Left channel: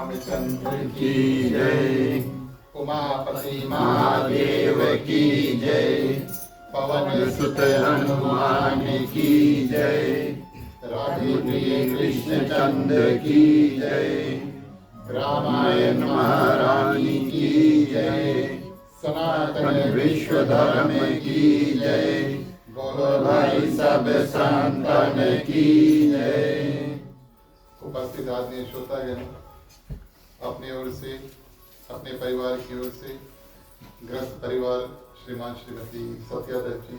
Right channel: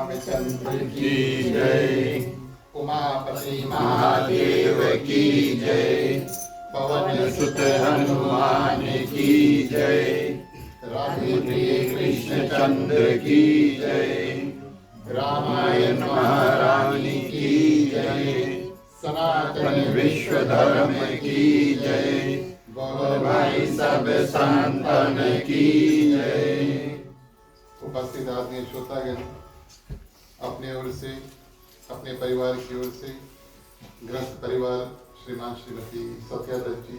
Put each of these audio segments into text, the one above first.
रामचंद्र की जय। उमापति महादेव की जय। पवन सुत हनुमान की जय। राधे प्रिय कृष्ण चंद्र की जय। रामायण महारानी की जय। सनातन विश्व धर्म की जय। बोलो भाई सब संतन की जय। उपस्थित आदरणीय श्रोतागण, अपनी ओर से, अपने परिवार की ओर से, ग्रस्त परिवार श्रीमान श्रीमती सत्या दत्त जी,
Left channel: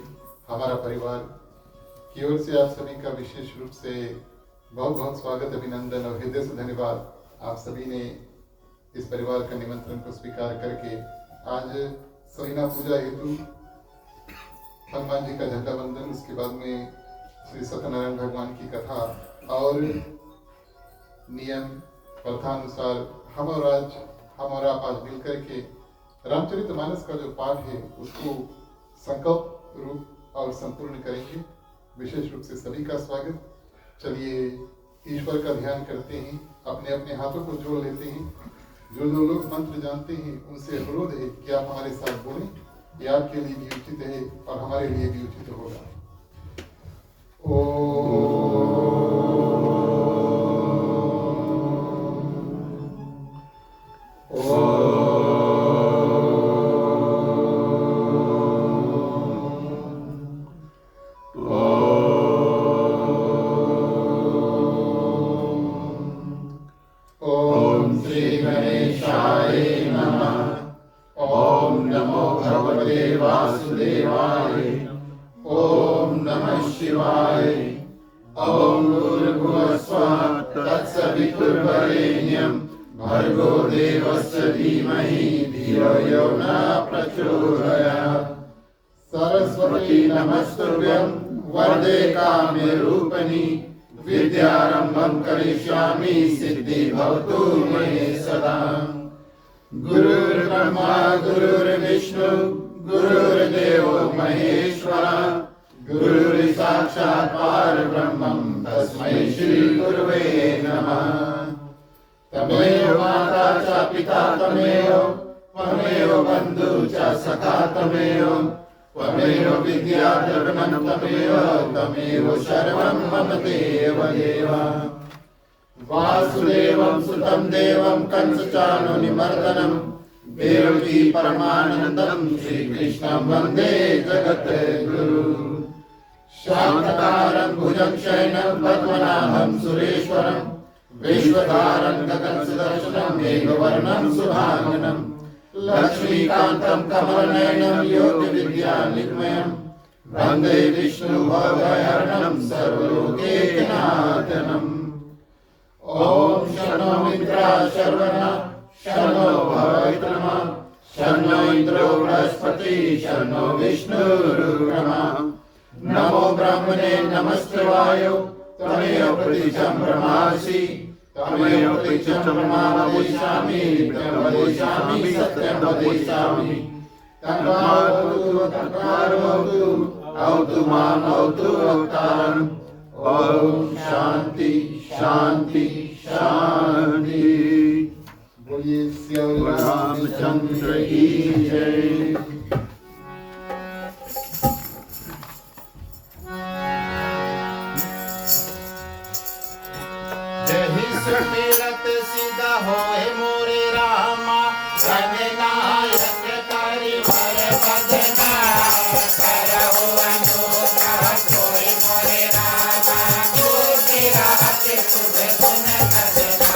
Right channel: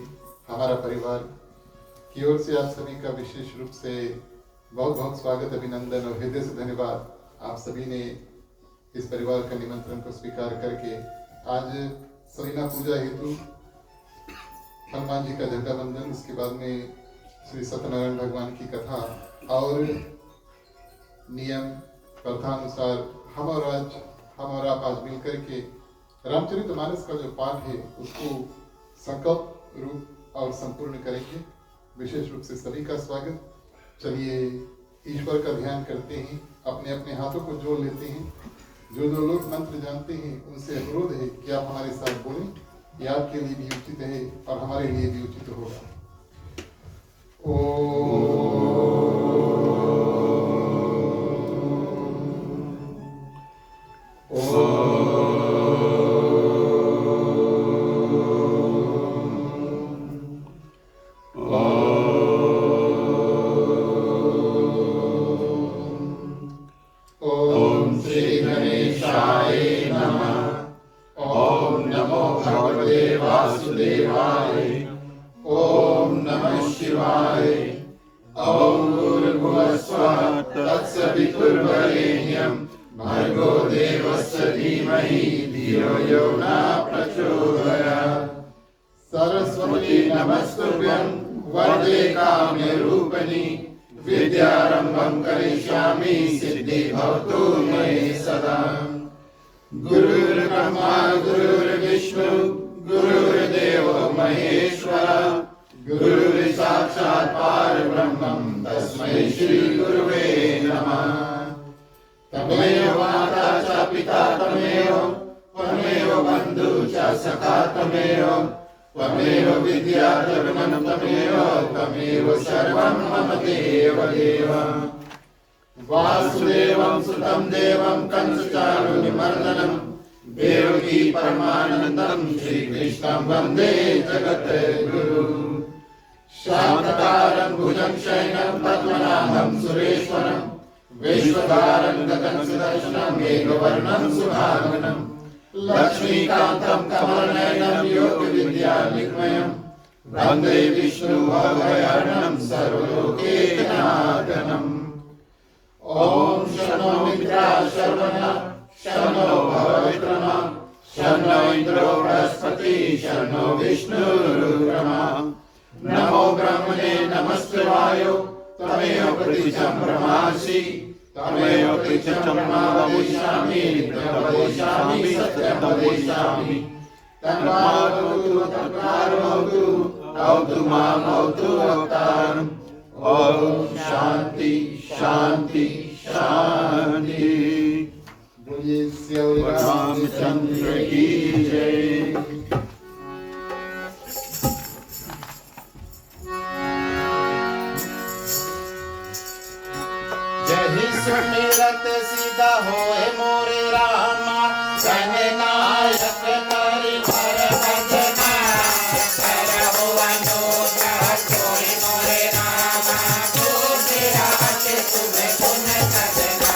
हमारा परिवार की ओर से आप सभी का विशेष रूप से बहुत बहुत स्वागत, अभिनंदन और हृदय से धन्यवाद। आप सभी ने इस परिवार का निमंत्रण को स्वीकार करके आज सलीना पूजा हेतु हनुमान जी का झंडा वंदन, उसके बाद में श्री सत्यनारायण भगवान की कथा और नियम प्रथानुसार हम और आप आज मिलकर के रामचरितमानस का जो पाठ है उसको संकल्प रूप और संपूर्ण करेंगे। विशेष रूप से सभी का स्वागत। चलिए ईश्वर का ध्यान करते हैं, अपने अपने हाथों को जोड़ लेते हैं। जो लोग मंत्र जानते हैं उनसे अनुरोध है कि आप हमारे साथ बोलें, ये आपके लिए भी उचित है और हमारे लिए भी उचित होगा। सरस्वती नमस्तुभ्यं वरदे काम्यरूपिणी विद्यारंभं करिष्यामि सिद्धि भवतु मे सदा। गुरुर्ब्रह्मा गुरुर्विष्णु गुरुर्देवो महेश्वर गुरुर्साक्षात् परब्रह्मं तस्मै श्री गुरुवे नमः। तमेव माता च पिता त्वमेव बन्धु च सखा त्वमेव विद्या जगन्नाथ त्वमेव सर्वं मम देव। वासुदेवं सुतं देवं कंसचाणूरमर्दनं देवकी परमानन्दं श्रीकृष्णं वन्दे जगद्गुरु। शान्ताकारं भुजगशयनं पद्मनाभं सुरेश्वरं विश्वधारं गगनसदर्शनं मेघवर्णं शुभांगं लक्ष्मीकान्तं कमलनयनं योगविद्यानिलयं वन्दे विष्णुभवभयहरणं सर्वलोकैकनाथम्। ॐ शन्नो मित्राः शर्वणः शन्नो भवत्रमा शन्नो इन्द्रो बृहस्पतिः शन्नो विष्णुरुग्रमा। नमो ब्रह्मणे नमस्ते वायो त्वमेव प्रतिजं ब्रह्मासि तमेव प्रतिजं वदिष्यामि सत्यं वदिष्यामि। तन्मार्गमवतु भवतु मां भवतु अवतारम्। ओम शांति शांति शांति। बोलिए श्री रामचंद्र की जय। सुमिरत सीधा होए मोरे रामा जननायक करि भर भजना करहु अनुग्रह कोई मोरे रामा गुरु रात तुम्हें गुण सजना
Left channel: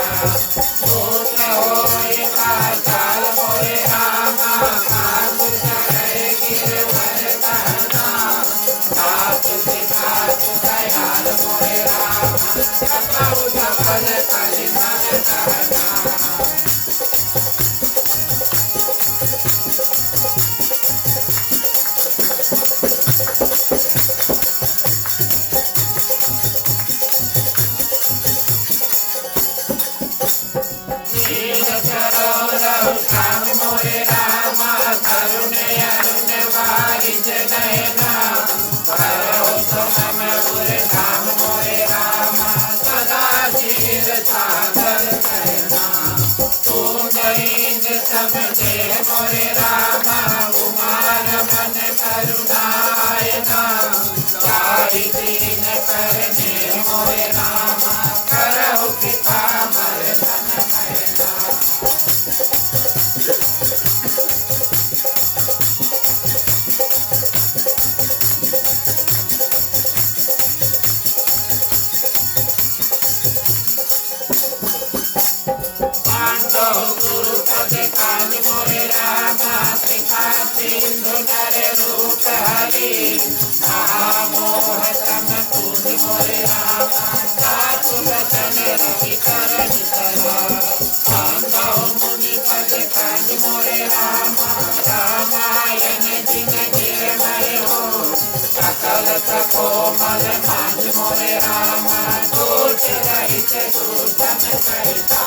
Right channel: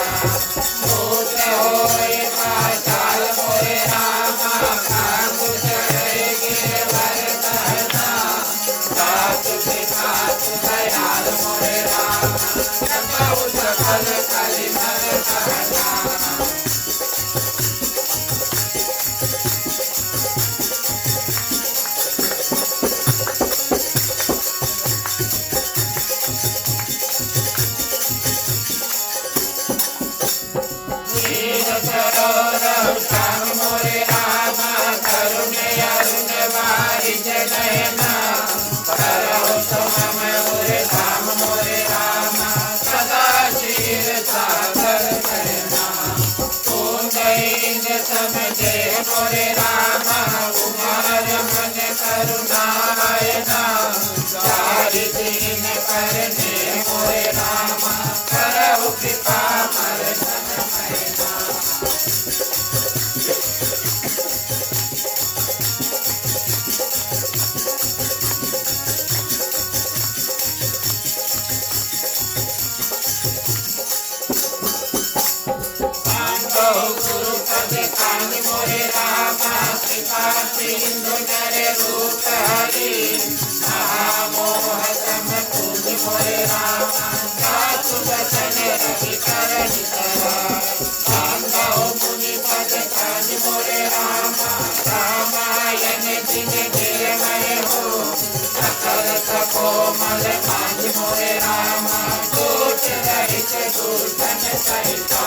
भूत होए पाताल मोरे रामा कांग चढ़े गिरवर कहना सासु विकास दयाल मोरे रामा सपाउ सकल करि भर कहना। समझे मोरे रामा कुमार मन करुणायना चारि दीन करने मोरे रामा करहु कृपा मर धन मैना गुरु पद काल मोरे रामा कृपा सिंधु नर रूप हरि महामोह सम तुझ मोरे रामा जातु बचन रवि कर मुनि पद काल मोरे रामा रामायण दिन गिरमय हो सकल कोमल मांझ मोरे रामा दोष रहित दूषण सहिता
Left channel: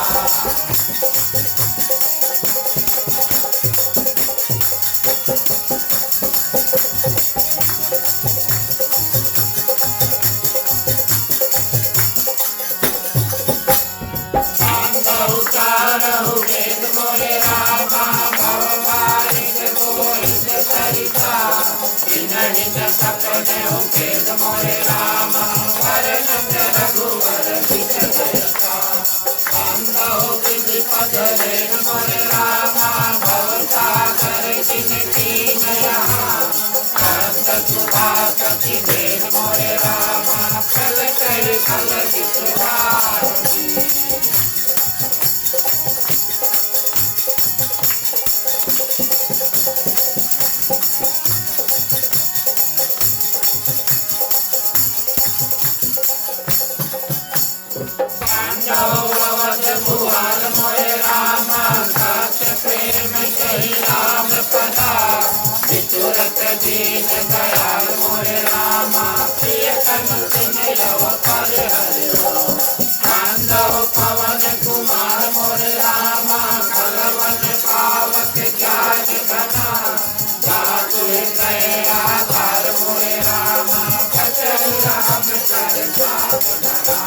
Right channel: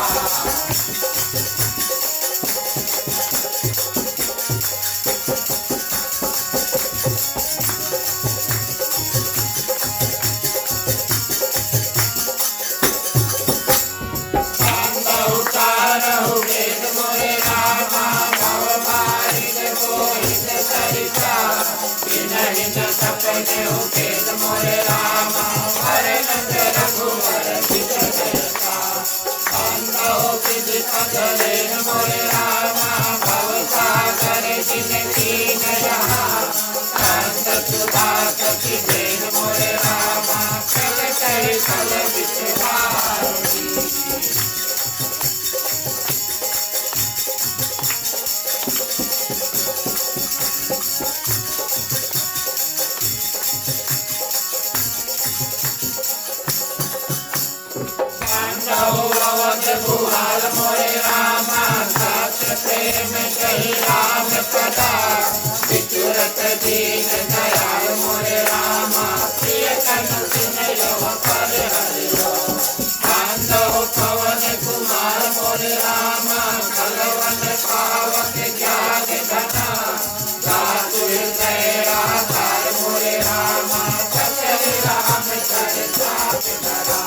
वेद मोरे रामा भव बारिक मोहित सरिता विनहित सपने वेद मोरे रामा वरनंद रघुवर विज जयता अंधो विधि पद वेद मोरे रामा भव सागर जिन कीन यहाँ अंत सुधा सखी वेद मोरे रामा प्रगट फल विषधारी भुआल मोरे रामा सत्य प्रेम कही राम कथा विचुरत दीन दयाल मोरे रामा प्रिय कनु सिन यव पर हरिओ कांदो पवन कुमार मोरे रामा कलवन पावक ज्ञान घना गातु हृदय आधार मोरे रामा कचरि राम चर जात धरा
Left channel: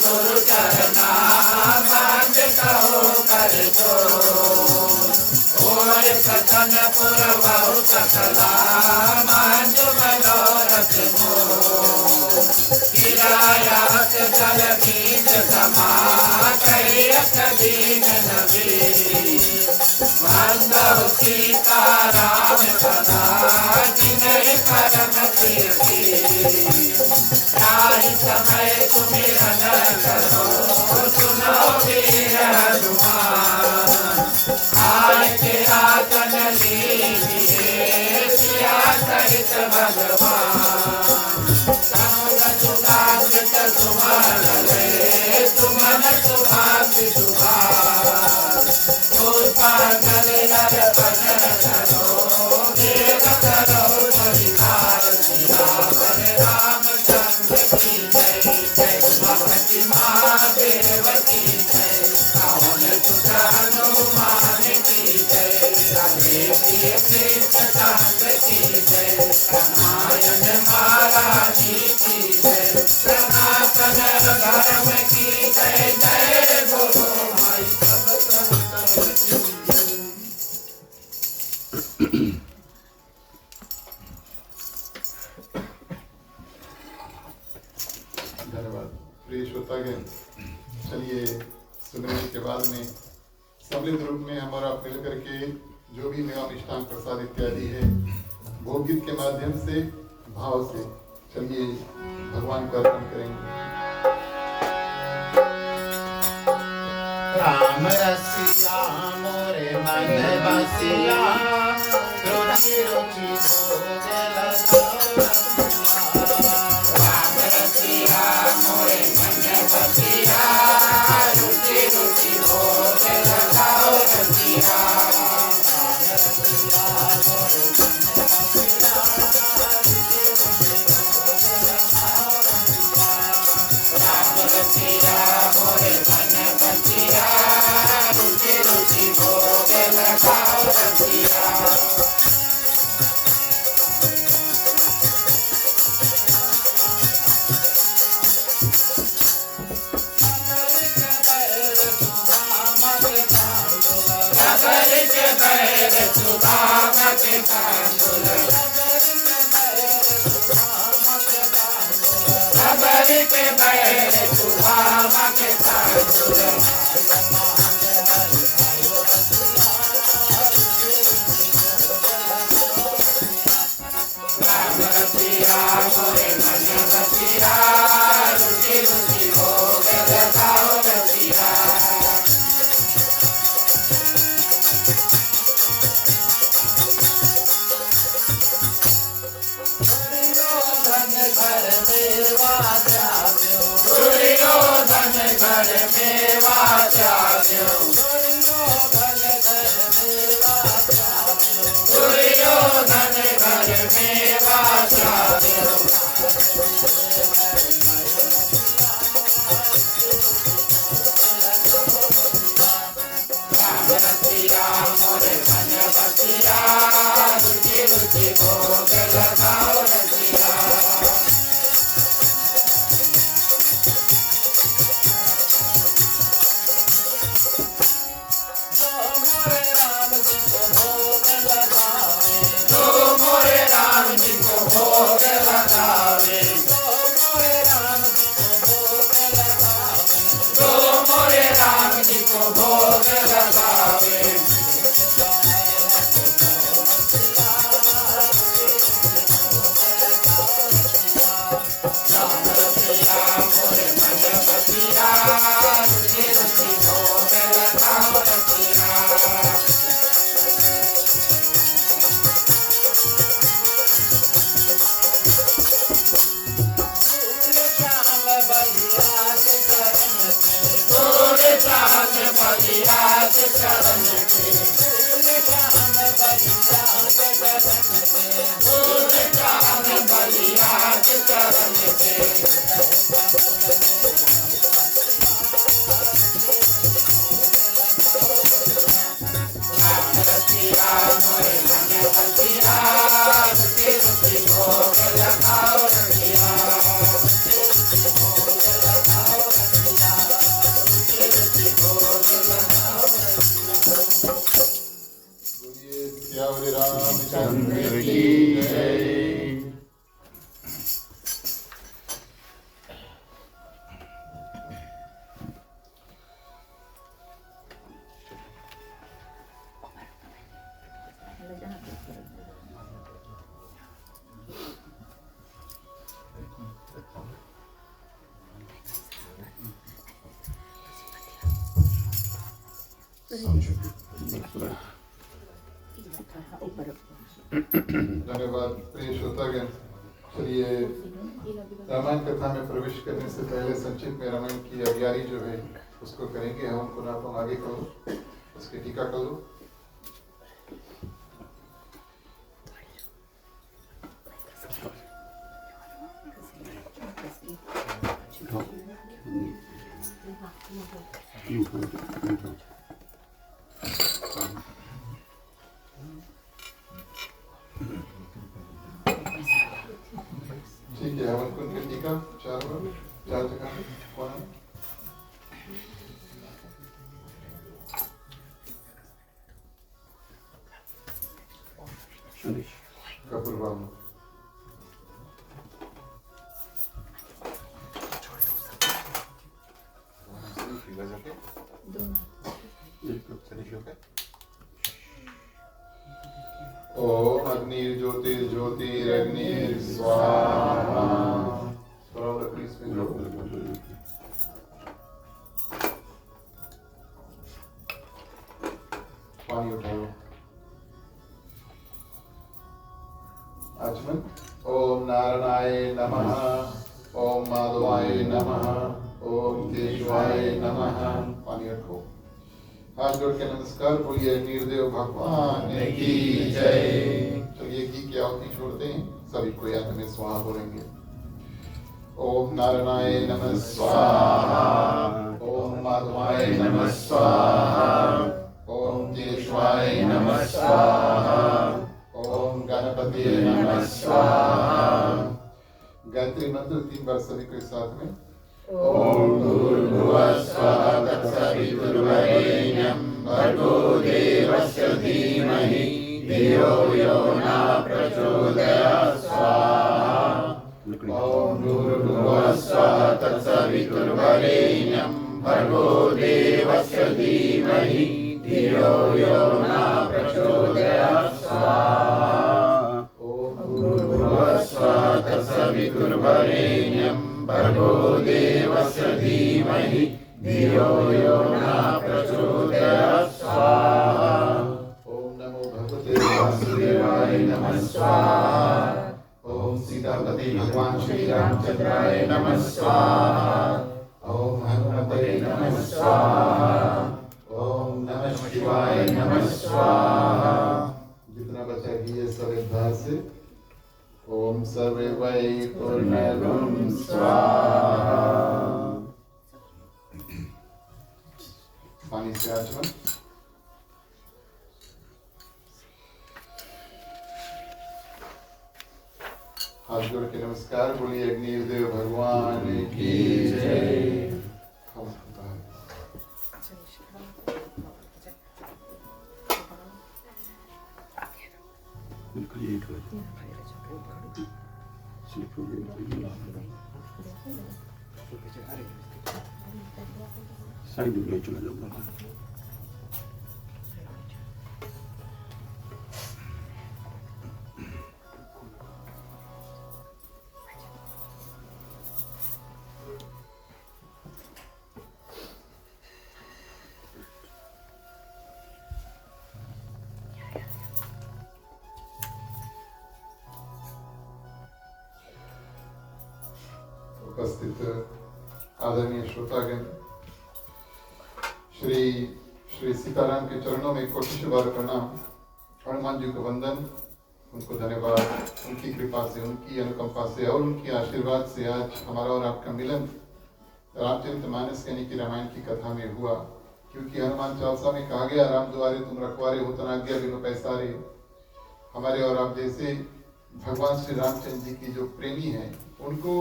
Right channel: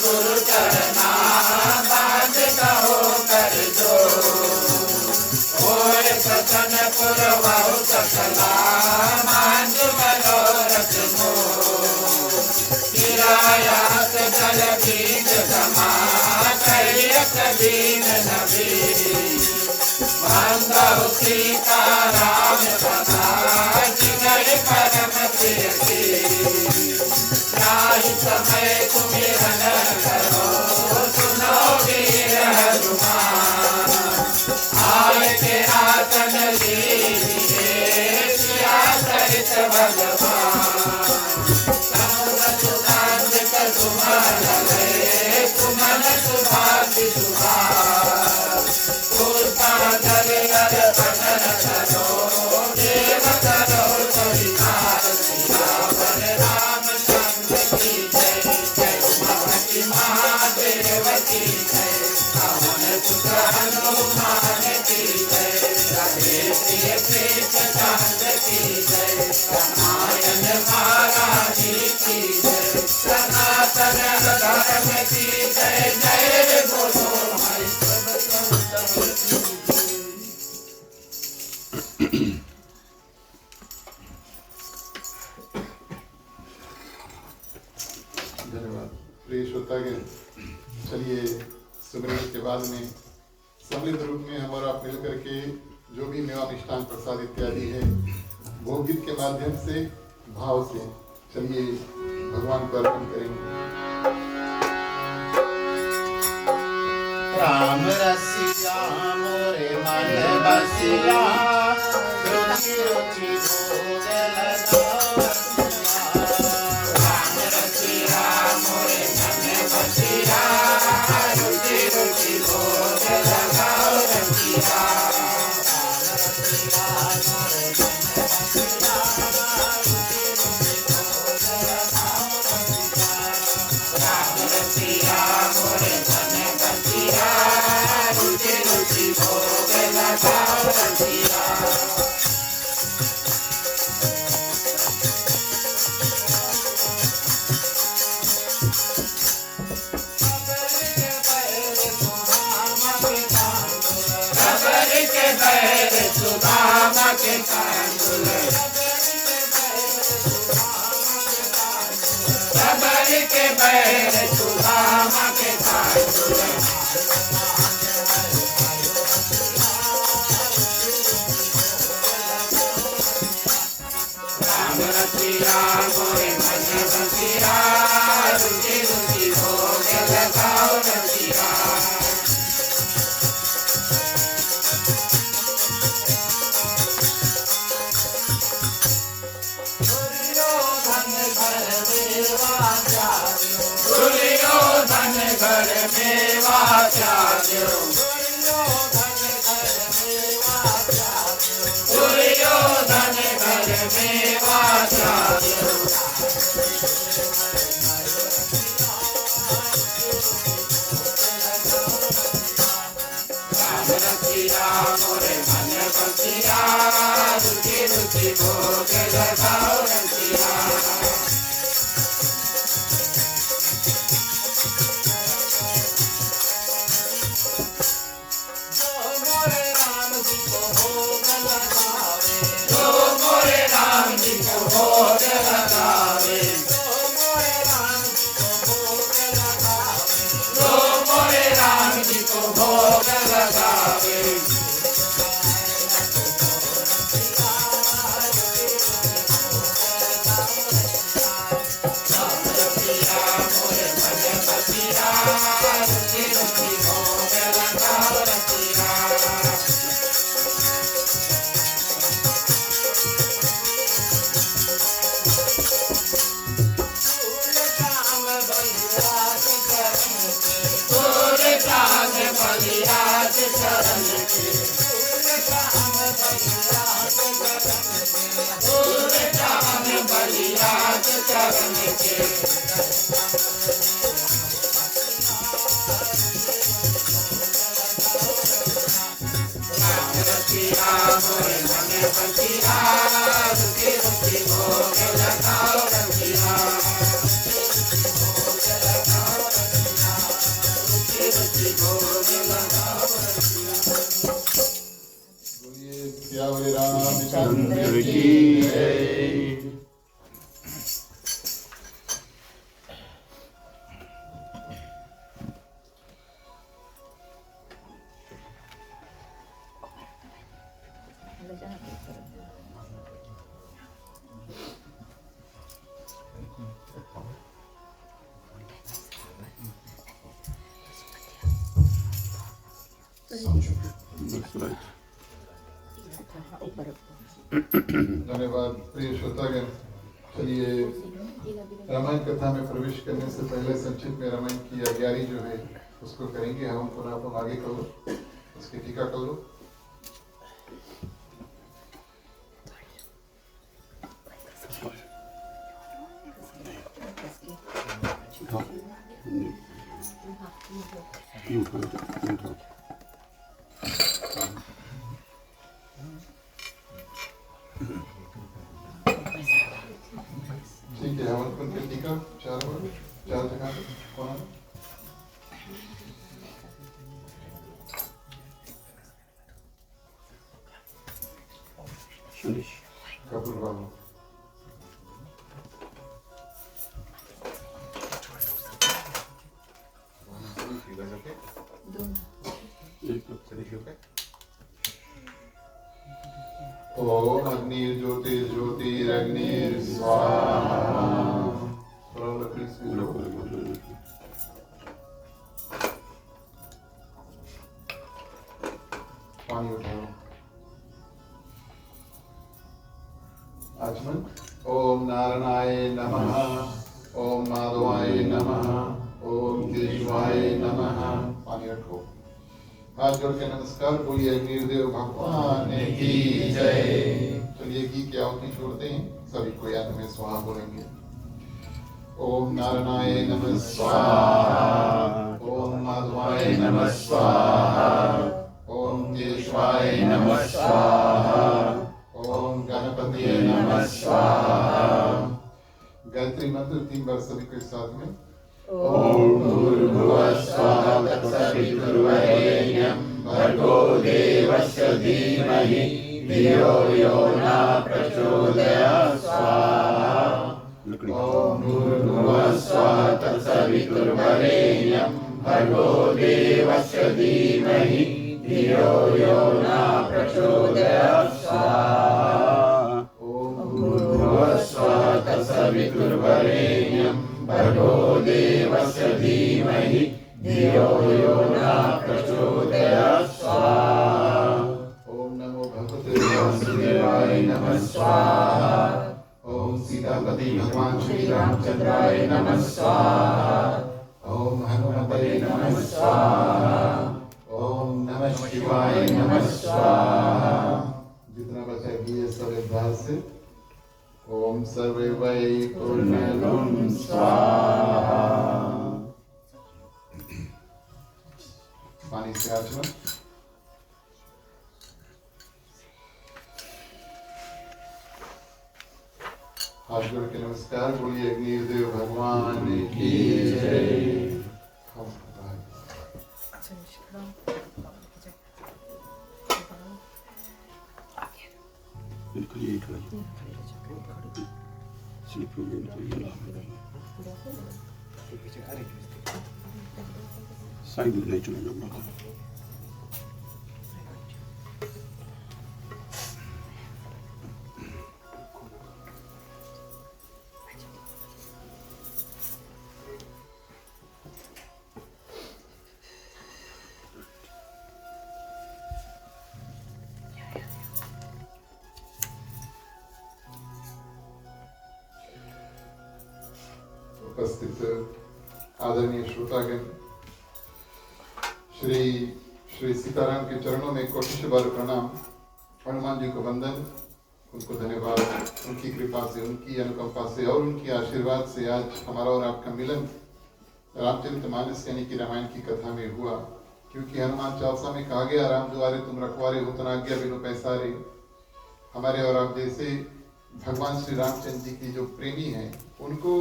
गुरु चरना बांध कहो कर दो ओय सतन पुर बहु सकला मांझ मनोरथ मो किरायात जल बीज समा कैयत बीन नबी बंदो सीता राम कथा जिनहि करम सियति ताहि समय सुमिरन करो सुनो वीर हनुमान आय के आतन लीजिए सिया सहित भगवान तनुज सुभाषित सुमन लय सुमन सुभाषि सुभाष पुष्पांजलि अर्पण करो देव करो परिवार सिया वर रामचंद्र की जय जय उमावती महादेवती जय पवन सुत हनुमान की जय राधे प्रिय कृष्ण चंद्र की जय रामायण महाराज की जय सनातन धर्म की जय जय बोलो भाई सब संतन की धन्यवाद प्रिय श्रोतागण। चलिए सुमिरन के बाद में सम्मिलित रूप में हम और आप मिलकर के जो भी मेवा मिष्ठान प्रसाद इत्यादि है भोग गीत के माध्यम से भाव से चलिए भगवान को अर्पण करेंगे। राम रसिया मोरे मन बसिया रुचि रुचि भोग लगा राम रसिया मोरे मन बसिया रुचि रुचि भोग लगाओ रसिया राम रसिया मोरे मन बसिया रुचि रुचि भोग लगाओ के तांबुल सबरी के बैर सुदामा के तांबुल राम रसिया मोरे मन रसिया रुचि रुचि भोग लगाओ रसिया दुर्योधन घर मेवा त्याग्यो दुर्योधन घर मेवा त्याग्यो दुर्योधन घर मेवा त्याग्यो राम रसिया मोरे मन रसिया रुचि रुचि भोग लगाओ रसिया मोरे राम जी को भोग लगावे तो मोरे राम जी को भोग लगावे तो मोरे राम जी को भोग लगावे तो मोरे राम जी को भोग लगावे राम रसिया मोरे मन रसिया रुचि रुचि भोग लगाओ रसिया श्याम बलिया के चरण के श्याम बलिया के चरण के श्याम बलिया के चरण के श्याम बलिया के चरण के राम रसिया मोरे मन रसिया रुचि रुचि भोग लगाओ रसिया रुचि रुचि भोग लगाओ रसिया बोलिए सियावरे रामचंद्र की जय। धन्यवाद प्रिय श्रोतागण। चलिए रामायण कथा में प्रवेश करने से पहले संक्षिप्त में रामायण की अभियारी जो है उसको करेंगे हम पुनः आप आगे करो उसकी टीका करो। ठीक है हवन कुंड की टीका चार जगह पे कौन है? कपूर बाबू ओम अग्नि ज्योतिर्ज्योतिरग्निर स्वाहा। थोड़ा लकड़ी से जोड़ो। पानी उठाओ। आचमन। ओम नारायणाय नमः। ओम माधवाय नमः। ओम केशवाय नमः। पानी रखो। हाथ जोड़ के नमस्कार बोलिए नीरदेव भगवान की जय। चलिए घी की आहुति छोड़ते हैं सभी को याद में स्वाहा बोलेंगे। ओम नारायणाय नमः स्वाहा। ओम माधवाय नमः स्वाहा। ओम केशवाय नमः स्वाहा। ओम गणपति नमः स्वाहा। गायत्री मंत्र 3 बार सभी के साथ में। ओम भूर्भुवः स्वः तत्सवितुर्वरेण्यं भर्गो देवस्य धीमहि धियो यो न प्रचोदयात् स्वाहा। ॐ भूर्भुवः स्वः तत्सवितुर्वरेण्यं भर्गो देवस्य धीमहि धियो यो न प्रचोदयात् स्वाहा। ॐ भूर्भुवः स्वः तत्सवितुर्वरेण्यं भर्गो देवस्य धीमहि धियो यो न प्रचोदयात् स्वाहा। ॐ नमो भगवते वासुदेवाय नमः स्वाहा। ॐ सीतापति भगवान श्री रामचंद्राय नमः स्वाहा। ॐ हनुमते नमः स्वाहा। ॐ नमः शिवाय नमः स्वाहा। जितना बचा गया सब अभ्यास से ओम सर्वे वै पूर्णगुं स्वाहा। पानी से आचमन। हाथ जोड़ के नमस्कार बोलिए अग्निदेव भगवान की जय। उपस्थित आदरणीय श्रोतागण, श्री सीताराम के चरणों में कोटि बार प्रणाम। हनुमान जी को वंदन, उनको धन्यवाद, उनकी कृपा से, उनकी अनुकंपा से और उनकी आशीर्वाद से आज हमारा और आपका मिलन रामचरितमानस यानी कि रामायण की कथा में हुआ। क्योंकि हनुमान चालीसा में कहा गया, राम द्वारे तुम रखवारे हो तनाज्ञा बिनु पैसारे। हमारे और आप जैसे भगवान श्री रामचंद्र जी की जो प्रेमी हैं, उनको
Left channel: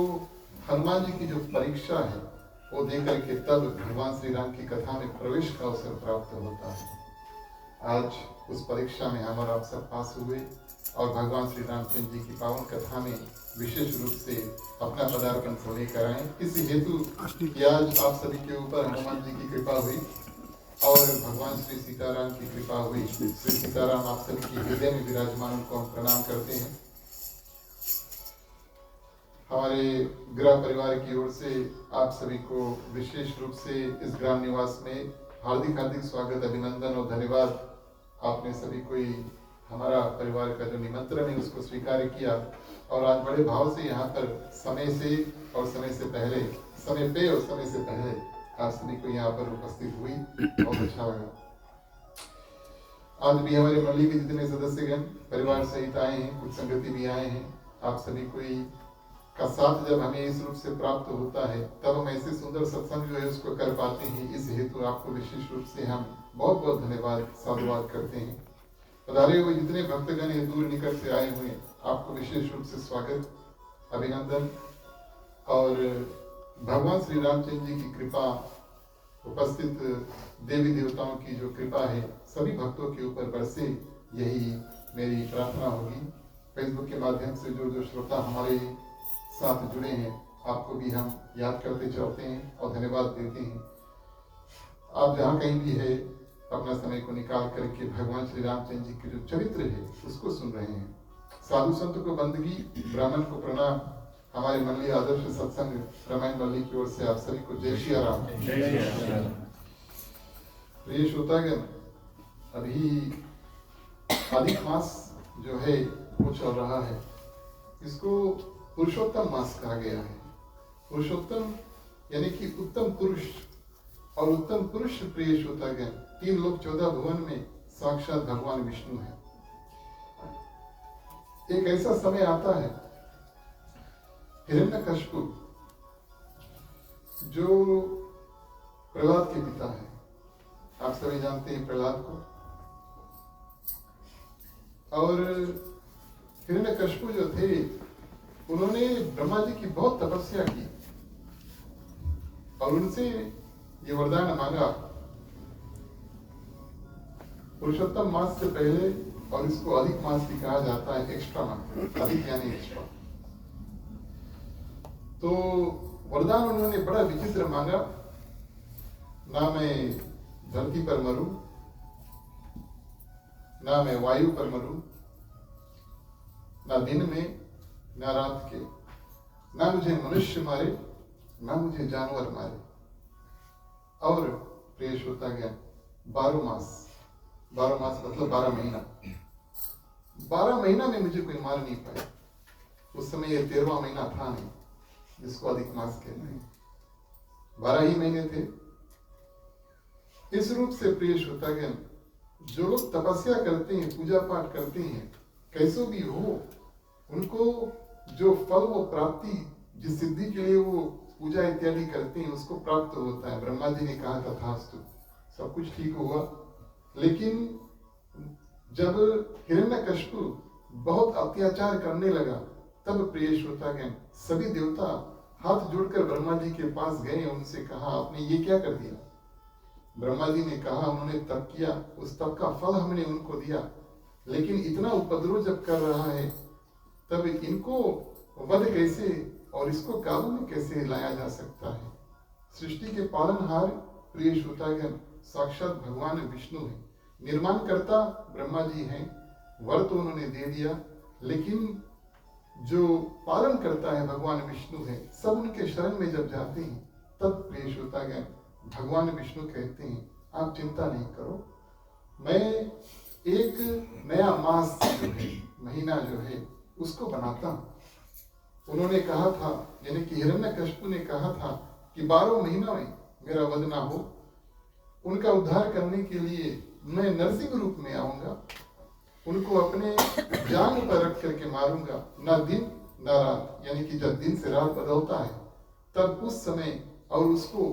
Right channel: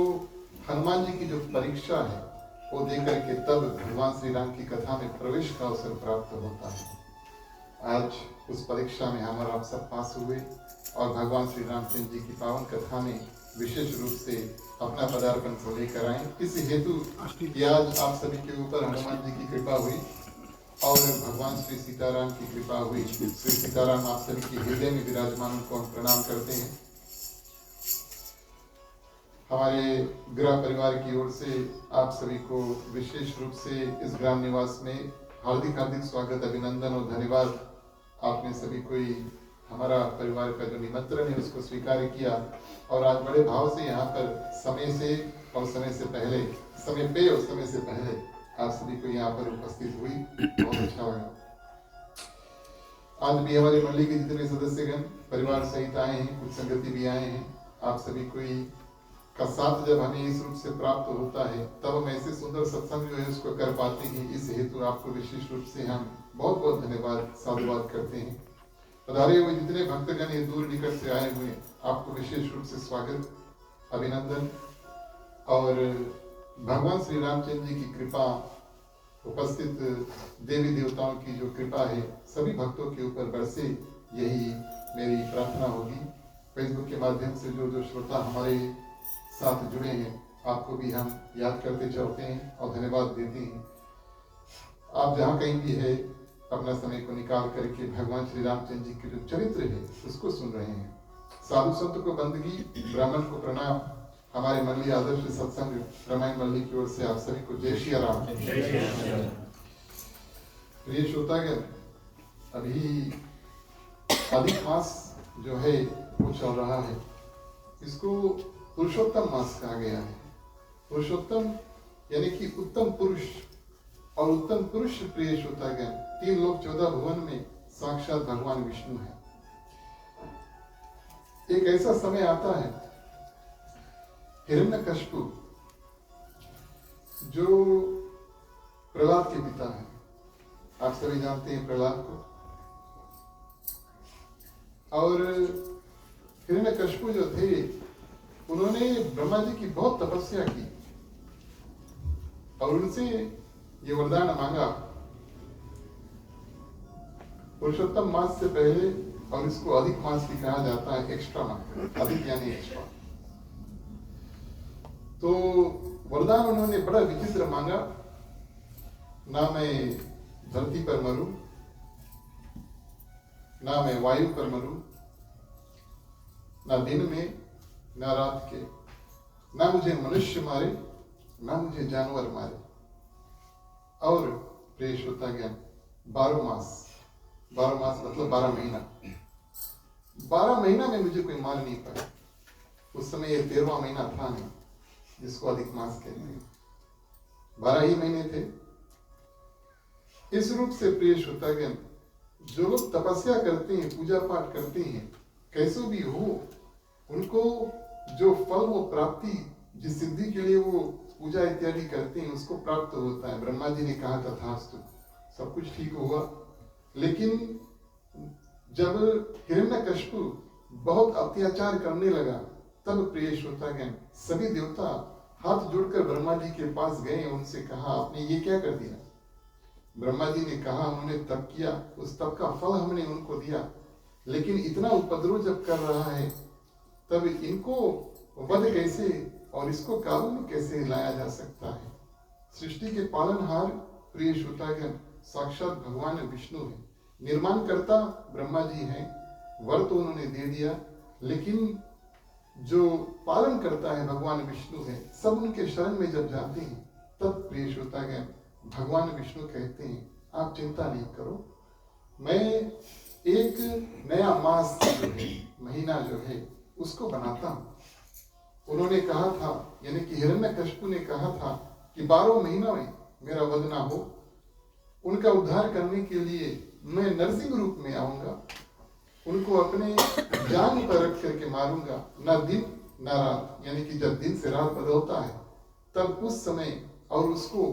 हनुमान जी की जो परीक्षा है वो दे करके तब भगवान श्री राम की कथा में प्रवेश का अवसर प्राप्त होता है। आज उस परीक्षा में हम और आप सब पास हुए और भगवान श्री रामचंद्र जी की पावन कथा में विशेष रूप से अपना पदार्पण को लेकर आए। इस हेतु कि आज आप सभी के ऊपर हनुमान जी की कृपा हुई और भगवान श्री सीताराम की कृपा हुई। श्री सीताराम आप सभी के हृदय में विराजमान, उनको हम प्रणाम करते हैं। हमारे गृह परिवार की ओर से आप सभी को विशेष रूप से इस ग्राम निवास में हार्दिक हार्दिक स्वागत, अभिनंदन और धन्यवाद। आपने सभी कोई हमारा परिवार का जो निमंत्रण है उसको स्वीकार किया और आज बड़े भाव से यहाँ पर समय से और समय से पहले, समय पे और समय से पहले आप सभी को यहाँ पर उपस्थित हुई। बहुत अच्छा लगा। आज भी हमारे मंडली के जितने सदस्यगण परिवार सहित आए हैं, कुछ संगति भी आए हैं। आप सभी कोई का साथ जब हमें इस रूप से प्राप्त होता है तब हम ऐसे सुंदर सत्संग जो है उसको कर पाते हैं। इस हेतु आपको विशेष रूप से हम बहुत बहुत धन्यवाद, साधुवाद करते हैं। पधारे हुए जितने भक्तगण ये दूर निकट से आए हुए, आपको विशेष रूप से स्वागत, अभिनंदन। और भगवान श्री रामचंद्र जी की कृपा, उपस्थित देवी देवताओं की जो कृपा है सभी भक्तों के ऊपर बरसे, यही मेरी प्रार्थना होगी। फेसबुक के माध्यम से जो श्रोता हमारे साथ जुड़े हैं, आपको भी हम याद करते चलते हैं और धन्यवाद देते हैं। आप जहाँ कहीं भी है, अपना समय को निकाल करके भगवान श्री रामचंद्र जी के जो चरित्र है उसको सुन रहे हैं। साधु संत को बंदगी, ब्राह्मण को प्रणाम। हमारे मंडली आदर्श सत्संग रामायण मंडली की ओर से आप सभी को जय श्री राम। प्रिय श्रोतागण, अभी अधिक मास जो है वो चल रहा है। इसको पुरुषोत्तम मास कहा गया है। पुरुषोत्तम यानी कि उत्तम पुरुष, और उत्तम पुरुष प्रिय श्रोतागण 3 लोक 14 भुवन में साक्षात भगवान विष्णु है। एक ऐसा समय आता है, हिरण्यकशिपु जो प्रहलाद के पिता है, आप सभी जानते हैं प्रहलाद को। और हिरण्यकशिपु जो थे उन्होंने ब्रह्मा जी की बहुत तपस्या की और उनसे ये वरदान मांगा, पुरुषोत्तम मास से पहले और इसको अधिक मास भी कहा जाता है, एक्स्ट्रा मंथ, अधिक यानी एक्स्ट्रा। तो वरदान उन्होंने बड़ा विचित्र मांगा, ना मैं धरती पर मरूं, ना मैं वायु पर मरूं, ना दिन में ना रात के, ना मुझे मनुष्य मारे ना मुझे जानवर मारे। और प्रिय श्रोता ज्ञान 12 मास, 12 मास मतलब 12 महीना, 12 महीना में मुझे कोई मार नहीं पाया। उस समय ये 13वां महीना था नहीं जिसको अधिक मास कहते हैं, 12 ही महीने थे। इस रूप से प्रिय श्रोतागण, जो लोग तपस्या करते हैं, पूजा पाठ करते हैं, कैसे भी हो, उनको जो फल वो प्राप्ति, जिस सिद्धि के लिए वो पूजा इत्यादि करते हैं, उसको प्राप्त होता है। ब्रह्मा जी ने कहा तथास्तु, सब कुछ ठीक हुआ। लेकिन जब हिरण्यकशिपु बहुत अत्याचार करने लगा, तब प्रिय श्रोतागण सभी देवता हाथ जोड़कर ब्रह्मा जी के पास गए, उनसे कहा आपने ये क्या कर दिया। ब्रह्मा जी ने कहा उन्होंने तप किया, उस तप का फल हमने उनको दिया, लेकिन इतना उपद्रव जब कर रहा है तब इनको वध कैसे और इसको काबू में कैसे लाया जा सकता है। सृष्टि के पालनहार प्रिय श्रोतागण साक्षात भगवान विष्णु है, निर्माणकर्ता ब्रह्मा जी हैं, वर तो उन्होंने दे दिया, लेकिन जो पालन करता है भगवान विष्णु है। सब उनके शरण में जब जाते हैं तब प्रिय श्रोतागण भगवान विष्णु कहते हैं आप चिंता नहीं करो, मैं एक नया मास जो है, महीना जो है उसको बनाता हूं। उन्होंने कहा था, यानी कि हिरण्यकशिपु ने कहा था कि 12 महीना में मेरा वध ना हो, उनका उद्धार करने के लिए मैं नरसिंह रूप में आऊंगा, उनको अपने जान पर रख करके मारूंगा, ना दिन ना रात, यानी कि जब दिन से रात बदलता है तब उस समय, और उसको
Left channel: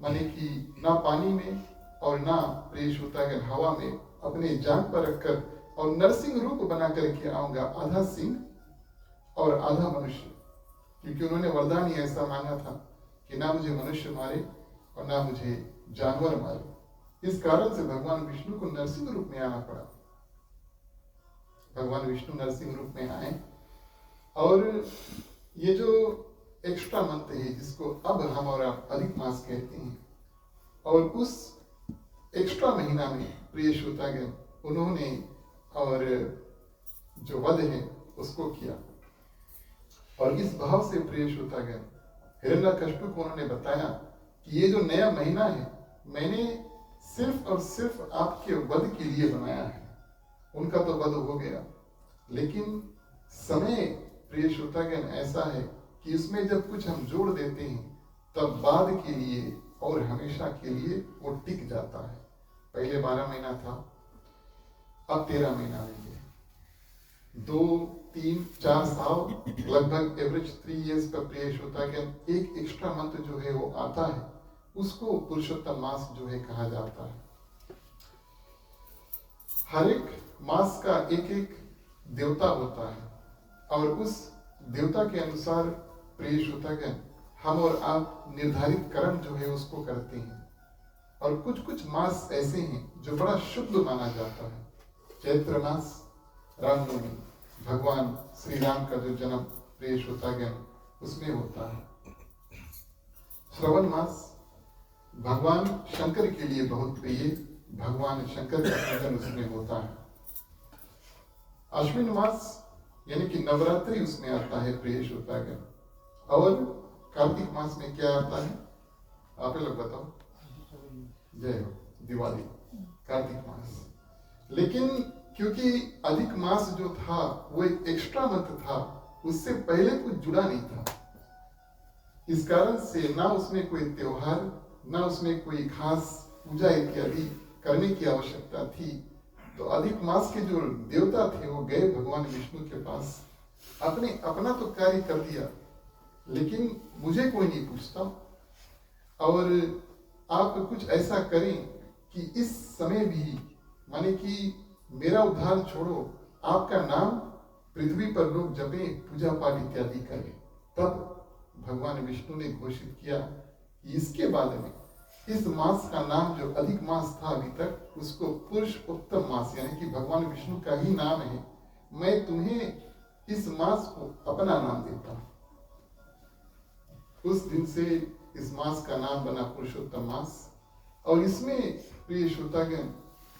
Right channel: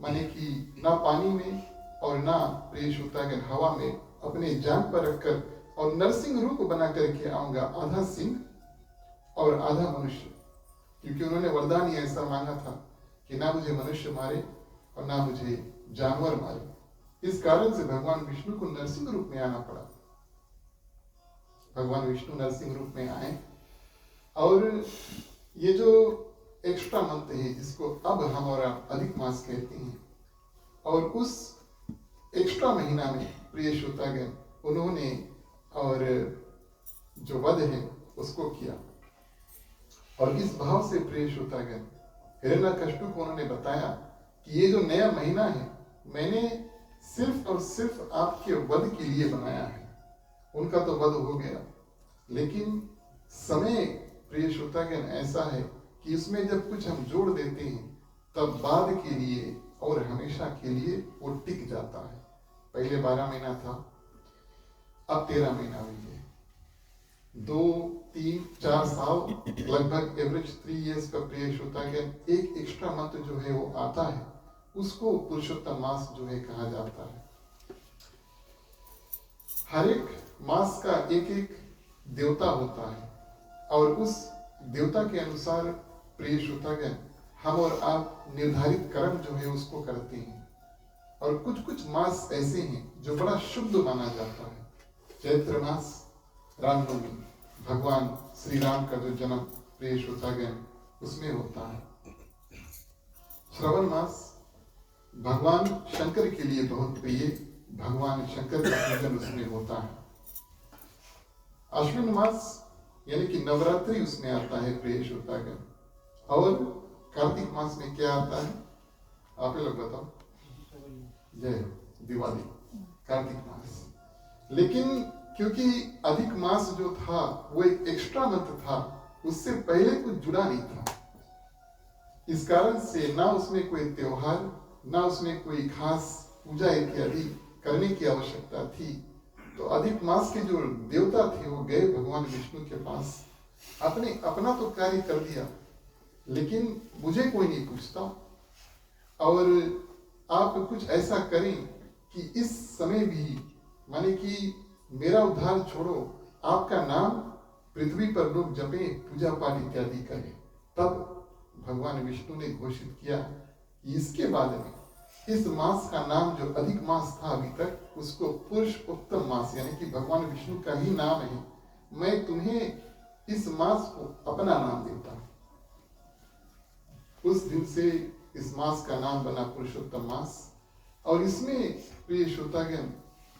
माने कि ना पानी में और ना प्रिय श्रोतागण हवा में, अपने जान पर रखकर और नरसिंह रूप बना करके आऊंगा, आधा सिंह और आधा मनुष्य। क्योंकि उन्होंने वरदान ही ऐसा मांगा था कि ना मुझे मनुष्य मारे और ना मुझे जानवर मारे। इस कारण से भगवान विष्णु को नरसिंह रूप में आना पड़ा। भगवान विष्णु नरसिंह रूप में आए, और ये जो एक्स्ट्रा मंथ है जिसको अब हम और आप अधिक मास कहते हैं, और उस एक्स्ट्रा महीना में प्रिय श्रोतागण उन्होंने और जो वध है उसको किया। और इस भाव से प्रिय श्रोतागण हिरण्यकशिपु को उन्होंने बताया कि ये जो नया महीना है मैंने सिर्फ और सिर्फ आपके वध के लिए बनाया है। उनका तो वध हो गया, लेकिन समय प्रिय श्रोतागण ऐसा है कि इसमें जब कुछ हम जोड़ देते हैं तब बाद के लिए और हमेशा के लिए वो टिक जाता है। पहले 12 महीना था, अब 13 महीना हो गए, 2, 3, 4 साल, लगभग एवरेज 3 इयर्स का प्रिय श्रोतागण एक एक्स्ट्रा मंथ जो है वो आता है, उसको पुरुषोत्तम मास जो है कहा जाता है। हर एक मास का एक एक देवता होता है, और उस देवता के अनुसार प्रिय श्रोतागण हम और आप निर्धारित कर्म जो है उसको करते हैं। और कुछ कुछ मास ऐसे हैं जो बड़ा शुद्ध माना जाता है। चैत्र मास, रामनवमी, भगवान श्री राम का जो जन्म प्रिय श्रोतागण उसमें होता है। श्रवण मास भगवान शंकर के लिए बहुत प्रिय, भगवान शंकर का पूजन उसमें होता है। अश्विन मास यानी कि नवरात्रि उसमें आता है प्रिय श्रोतागण। और कार्तिक मास में क्या आता है, आप लोग बताओ। जय हो, दिवाली, कार्तिक मास। लेकिन क्योंकि अधिक मास जो था वो एक एक्स्ट्रा मंथ था, उससे पहले कुछ जुड़ा नहीं था, इस कारण से ना उसमें कोई त्योहार, ना उसमें कोई खास पूजा इत्यादि करने की आवश्यकता थी। तो अधिक मास के जो देवता थे वो गए भगवान विष्णु के पास, अपने अपना तो कार्य कर दिया, लेकिन मुझे कोई नहीं पूछता, और आप कुछ ऐसा करें कि इस समय भी माने कि मेरा उद्धार छोड़ो, आपका नाम पृथ्वी पर लोग जपे, पूजा पाठ इत्यादि करें। तब भगवान विष्णु ने घोषित किया कि इसके बाद में इस मास का नाम जो अधिक मास था अभी तक, उसको पुरुषोत्तम मास, यानी कि भगवान विष्णु का ही नाम है। मैं तुम्हें इस मास को अपना नाम देता हूं। उस दिन से इस मास का नाम बना पुरुषोत्तम मास। और इसमें प्रिय श्रोतागण,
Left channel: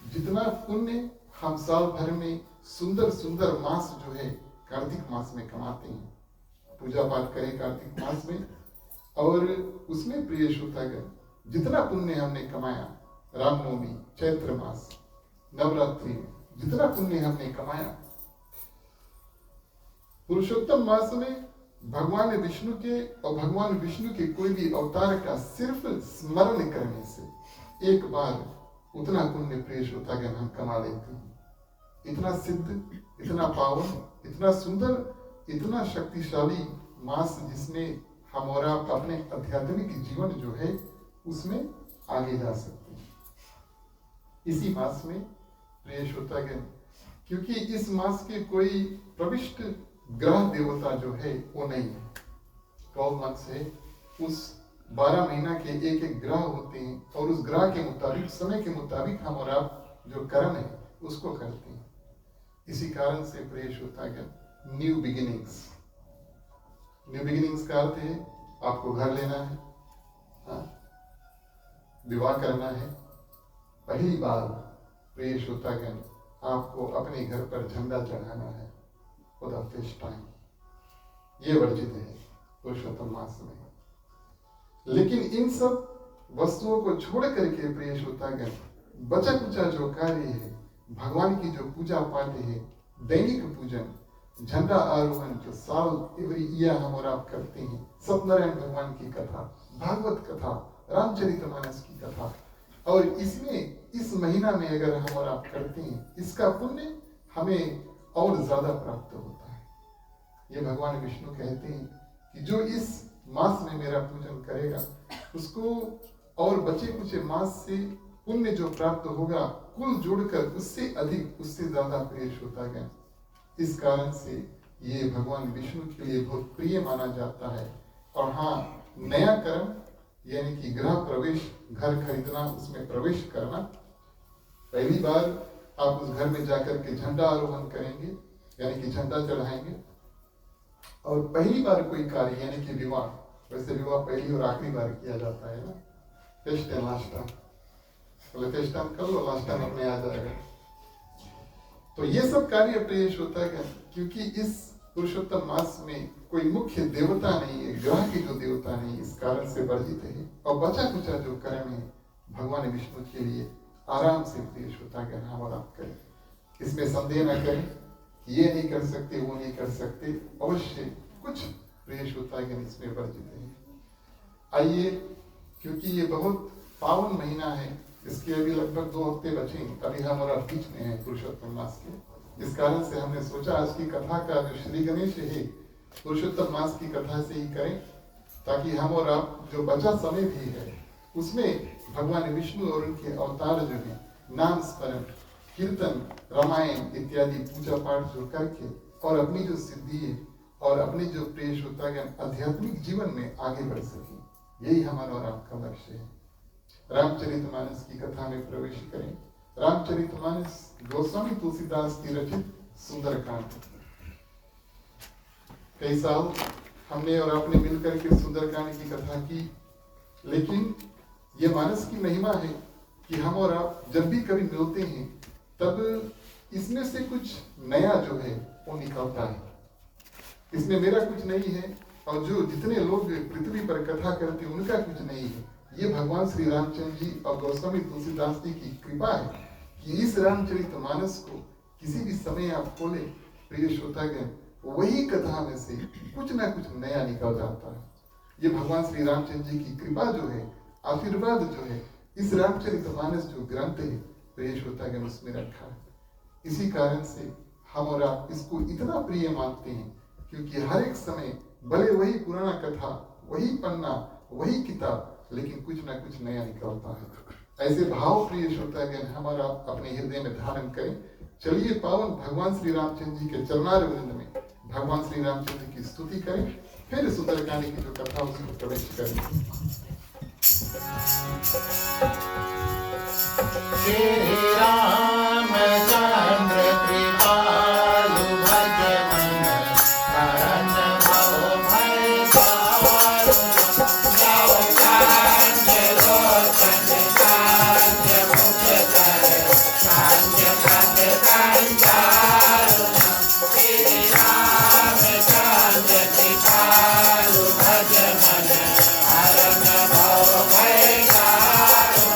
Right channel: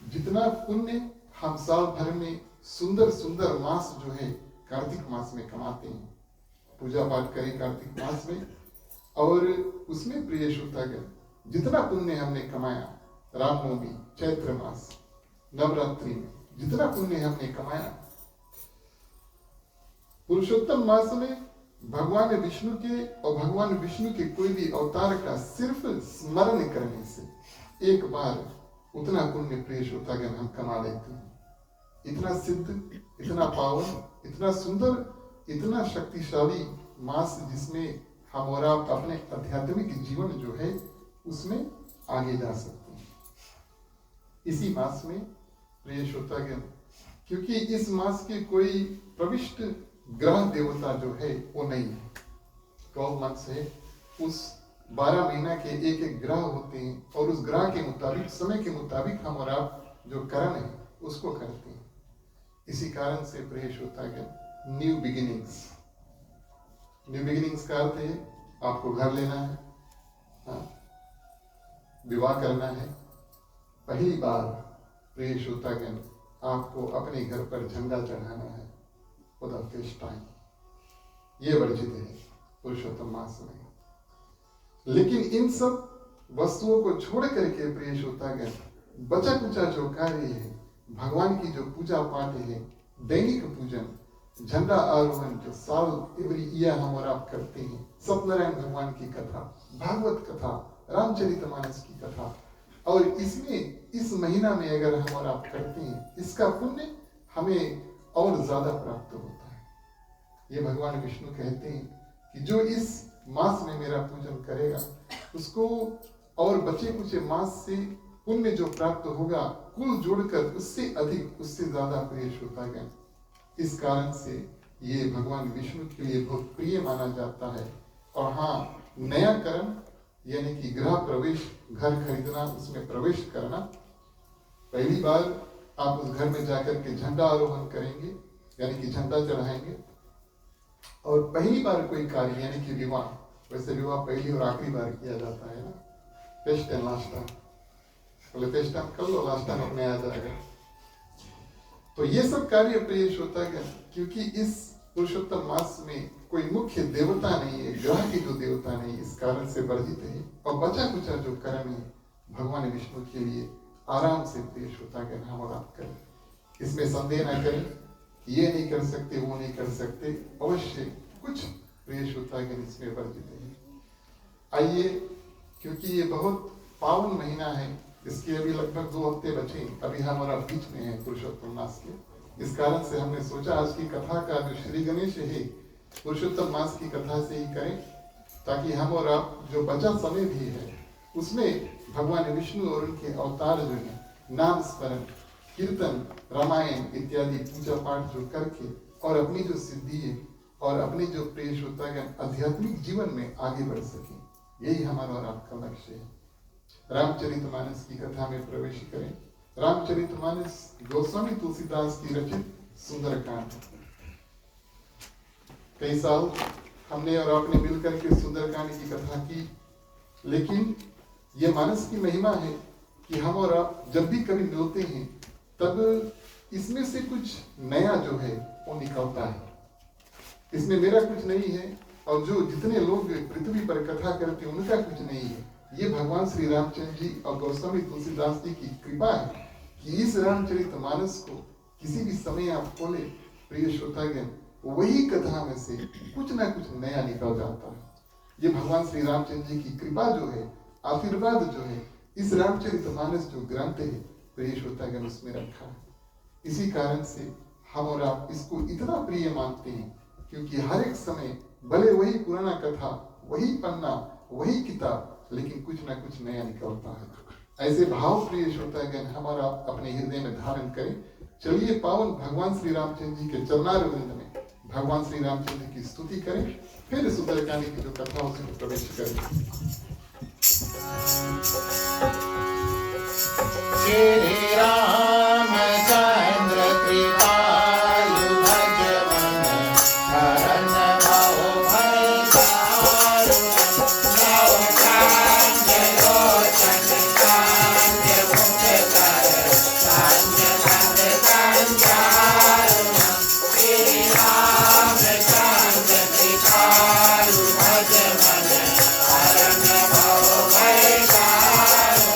जितना पुण्य हम साल भर में सुंदर सुंदर मास जो है कार्तिक मास में कमाते हैं, पूजा पाठ करें कार्तिक मास में, और उसमें प्रिय श्रोतागण जितना पुण्य हमने कमाया, रामनवमी, चैत्र मास, नवरात्रि में जितना पुण्य हमने कमाया, पुरुषोत्तम मास में भगवान विष्णु के और भगवान विष्णु के कोई भी अवतार का सिर्फ स्मरण करने से एक बार उतना पुण्य प्रिय श्रोतागण हम कमा लेते हैं। इतना सिद्ध, इतना पावन, इतना सुंदर, इतना शक्तिशाली मास, जिसमें हम और आप अपने आध्यात्मिक जीवन जो है उसमें आगे जा सकते हैं। इसी मास में प्रिय श्रोतागण, क्योंकि इस मास के कोई प्रविष्ट ग्रह देवता जो है वो नहीं है, 12 मंथ्स है, उस 12 महीना के एक एक ग्रह होते हैं, और उस ग्रह के मुताबिक, समय के मुताबिक हम और आप जो कर्म है उसको करते हैं। इसी कारण से प्रिय श्रोतागण, न्यू बिगिनिंग्स, न्यू बिगिनिंग्स का अर्थ है आपको घर लेना है, विवाह करना है। पहली बार प्रिय श्रोतागण आपको अपने घर पर झंडा चढ़ाना है, फॉर द फर्स्ट टाइम। ये वर्जित है पुरुषोत्तम मास में। लेकिन इन सब वस्तुओं को छोड़ करके प्रिय श्रोतागण, बचा कुचा जो कार्य है, भगवान की जो पूजा पाठ है, दैनिक पूजन, झंडा आरोहण जो साल एवरी ईयर हम और आप करते हैं, सत्यनारायण भगवान की कथा, भागवत कथा, रामचरितमानस की कथा, और इसमें इस महीना में अगर हम और आप करते हैं, इसका पुण्य हमें और ज्यादा प्राप्त होता है। ये भगवान विष्णु कहते हैं कि जो इस मास में मेरा पूजन करेगा उसको और बचे कुछ मास से पुण्य जो प्राप्त होगा, कुल जोड़कर उससे अधिक, उससे ज्यादा प्रिय श्रोतागण। इस कारण से ये भगवान विष्णु के लिए बहुत प्रिय माना जाता है। और हाँ, नया कर्म यानी कि गृह प्रवेश, घर खरीदना, उसमें प्रवेश करना, पहली बार आप उस घर में जाकर के झंडा आरोहण करेंगे, यानी कि झंडा चढ़ाएंगे। और पहली बार कोई कार्य यानी कि विवाह, वैसे विवाह पहली और आखिरी बार किया जाता है ना, फर्स्ट एंड लास्ट टाइम, पहले फर्स्ट टाइम कर लो, लास्ट टाइम अपने आ जाएगा। तो ये सब कार्य प्रिय श्रोतागण, क्योंकि इस पुरुषोत्तम मास में कोई मुख्य देवता नहीं है, ग्रह के जो देवता नहीं, इस कारण से वर्जित है। और बचा कुचा जो कर्म है भगवान विष्णु के लिए आराम से प्रिय श्रोतागण हम और आप करें। इसमें संदेह न करें कि ये नहीं कर सकते, वो नहीं कर सकते, अवश्य कुछ प्रिय श्रोतागण इसमें वर्जित है। आइए, क्योंकि ये बहुत पावन महीना है, इसके अभी लगभग 2 हफ्ते बचे, अभी हमारा बीच में है पुरुषोत्तम मास के। इस कारण से हमने सोचा आज की कथा का जो श्री गणेश है पुरुषोत्तम मास की कथा से ही करें, ताकि हम और आप जो बचा समय भी है उसमें भगवान विष्णु और उनके अवतार जो है, नाम स्मरण, कीर्तन, रामायण इत्यादि पूजा पाठ जो करके और अपनी जो सिद्धि है और अपने जो प्रिय श्रोतागण आध्यात्मिक जीवन में आगे बढ़ सके, यही हमारा और आपका लक्ष्य है। रामचरितमानस की कथा में प्रवेश करें। रामचरितमानस गोस्वामी तुलसीदास की रचित सुंदरकांड। कई साल हमने और आपने मिलकर के सुंदरकांड की कथा की, लेकिन ये मानस की महिमा है कि हम और आप जब भी कभी मिलते हैं तब इसमें से कुछ नया जो है वो निकलता है। इसमें मेरा कुछ नहीं है, और जो जितने लोग पृथ्वी पर कथा करते हैं उनका कुछ नहीं है। ये भगवान श्री रामचंद्र जी और गोस्वामी तुलसीदास जी की कृपा है कि इस रामचरितमानस को किसी भी समय आप खोले प्रिय श्रोतागण, वही कथा में से कुछ ना कुछ नया निकल जाता है। ये भगवान श्री रामचंद्र जी की कृपा जो है, आशीर्वाद जो है, इस रामचरितमानस जो ग्रंथ है प्रिय श्रोतागण उसमें रखा है। इसी कारण से हम और आप इसको इतना प्रिय मानते हैं, क्योंकि हर एक समय भले वही पुराना कथा, वही पन्ना, वही किताब, लेकिन कुछ ना कुछ नया निकलता है। ऐसे भाव प्रिय श्रोतागण हमारा अपने हृदय में धारण करें। चलिए पावन भगवान श्री रामचंद्र जी के चरणारविंद में भगवान श्री रामचंद्र की स्तुति करें, फिर सुंदरकांड की जो कथा उसमें प्रवेश करें। श्री रामचंद्र कृपालु भज मन हरण भव भय दारुण नव कांज लोचन कांज मुख कर कांज कांज संचारुण श्री रामचंद्र कृपालु भज मन हरण भव भय दारुण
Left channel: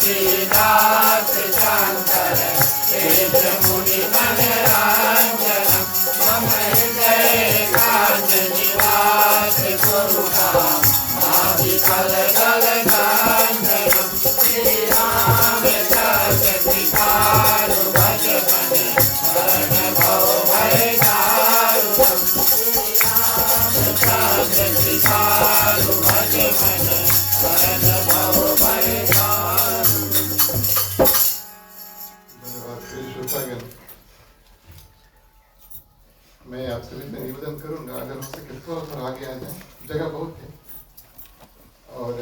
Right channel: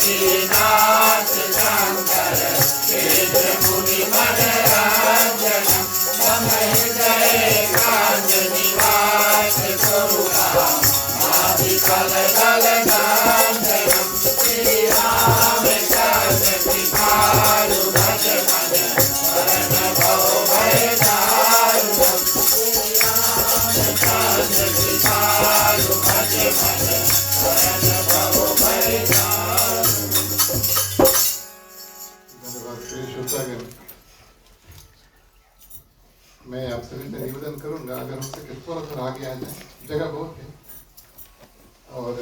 तुलसीदास शंकर केश मुनि मन रंजनम मम हृदय कांज निवास स्वरूपम माधिकल दल गांधनम श्री रामचंद्र कृपालु भज मन हरण भव भय दारुणम श्री रामचंद्र कृपालु भज मन हरण भव भय मैं आप सभी से निवेदन करूंगा, अगर हो सके थोड़ा थोड़ा आगे आ जाए, जगह बहुत है और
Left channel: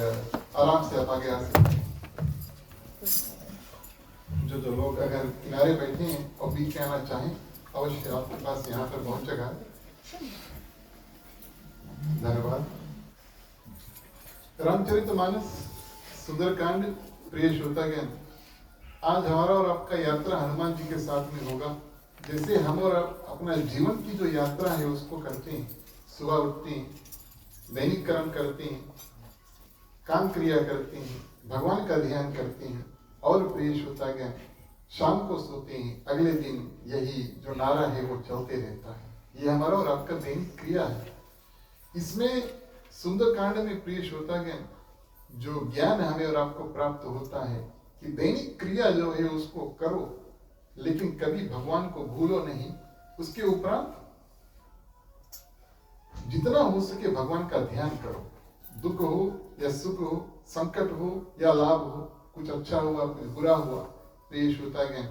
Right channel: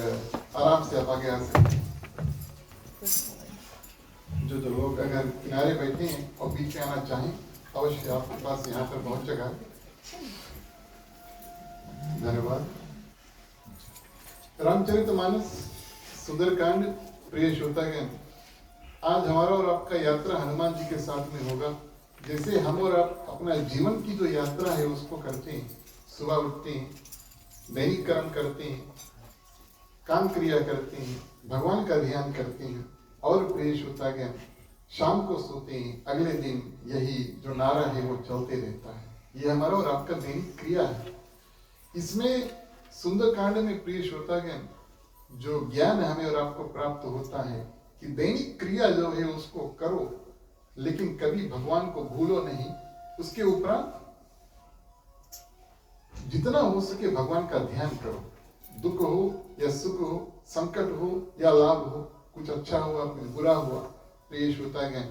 आराम से आप आगे आ सकते हैं। जो लोग अगर किनारे बैठे हैं और बीच में आना चाहें, अवश्य आपके पास यहाँ पर बहुत जगह है। धन्यवाद। रामचरितमानस सुंदरकांड प्रिय श्रोतागण, आज हमारा और आपका यात्रा हनुमान जी के साथ में होगा। जैसे हम और आप अपना जीवन की जो यात्रा है उसको करते हैं, सुबह उठते हैं, दैनिक कर्म करते हैं, काम क्रिया करते हैं, भगवान का ध्यान करते हैं और प्रिय श्रोतागण शाम को सोते हैं, अगले दिन यही जो नारा है वो चलते रहता है। ये हमारा और आपका दैनिक क्रिया है। इसमें सुंदरकांड में प्रिय श्रोतागण जो ज्ञान हमें और आपको प्राप्त होता है कि दैनिक क्रिया जो है उसको करो, लेकिन कभी भगवान को भूलो नहीं। उसके उपरांत जितना हो सके भगवान का ध्यान करो। दुख हो या सुख हो, संकट हो या लाभ हो, कुछ अच्छा हुआ कुछ बुरा हुआ, प्रिय श्रोतागण,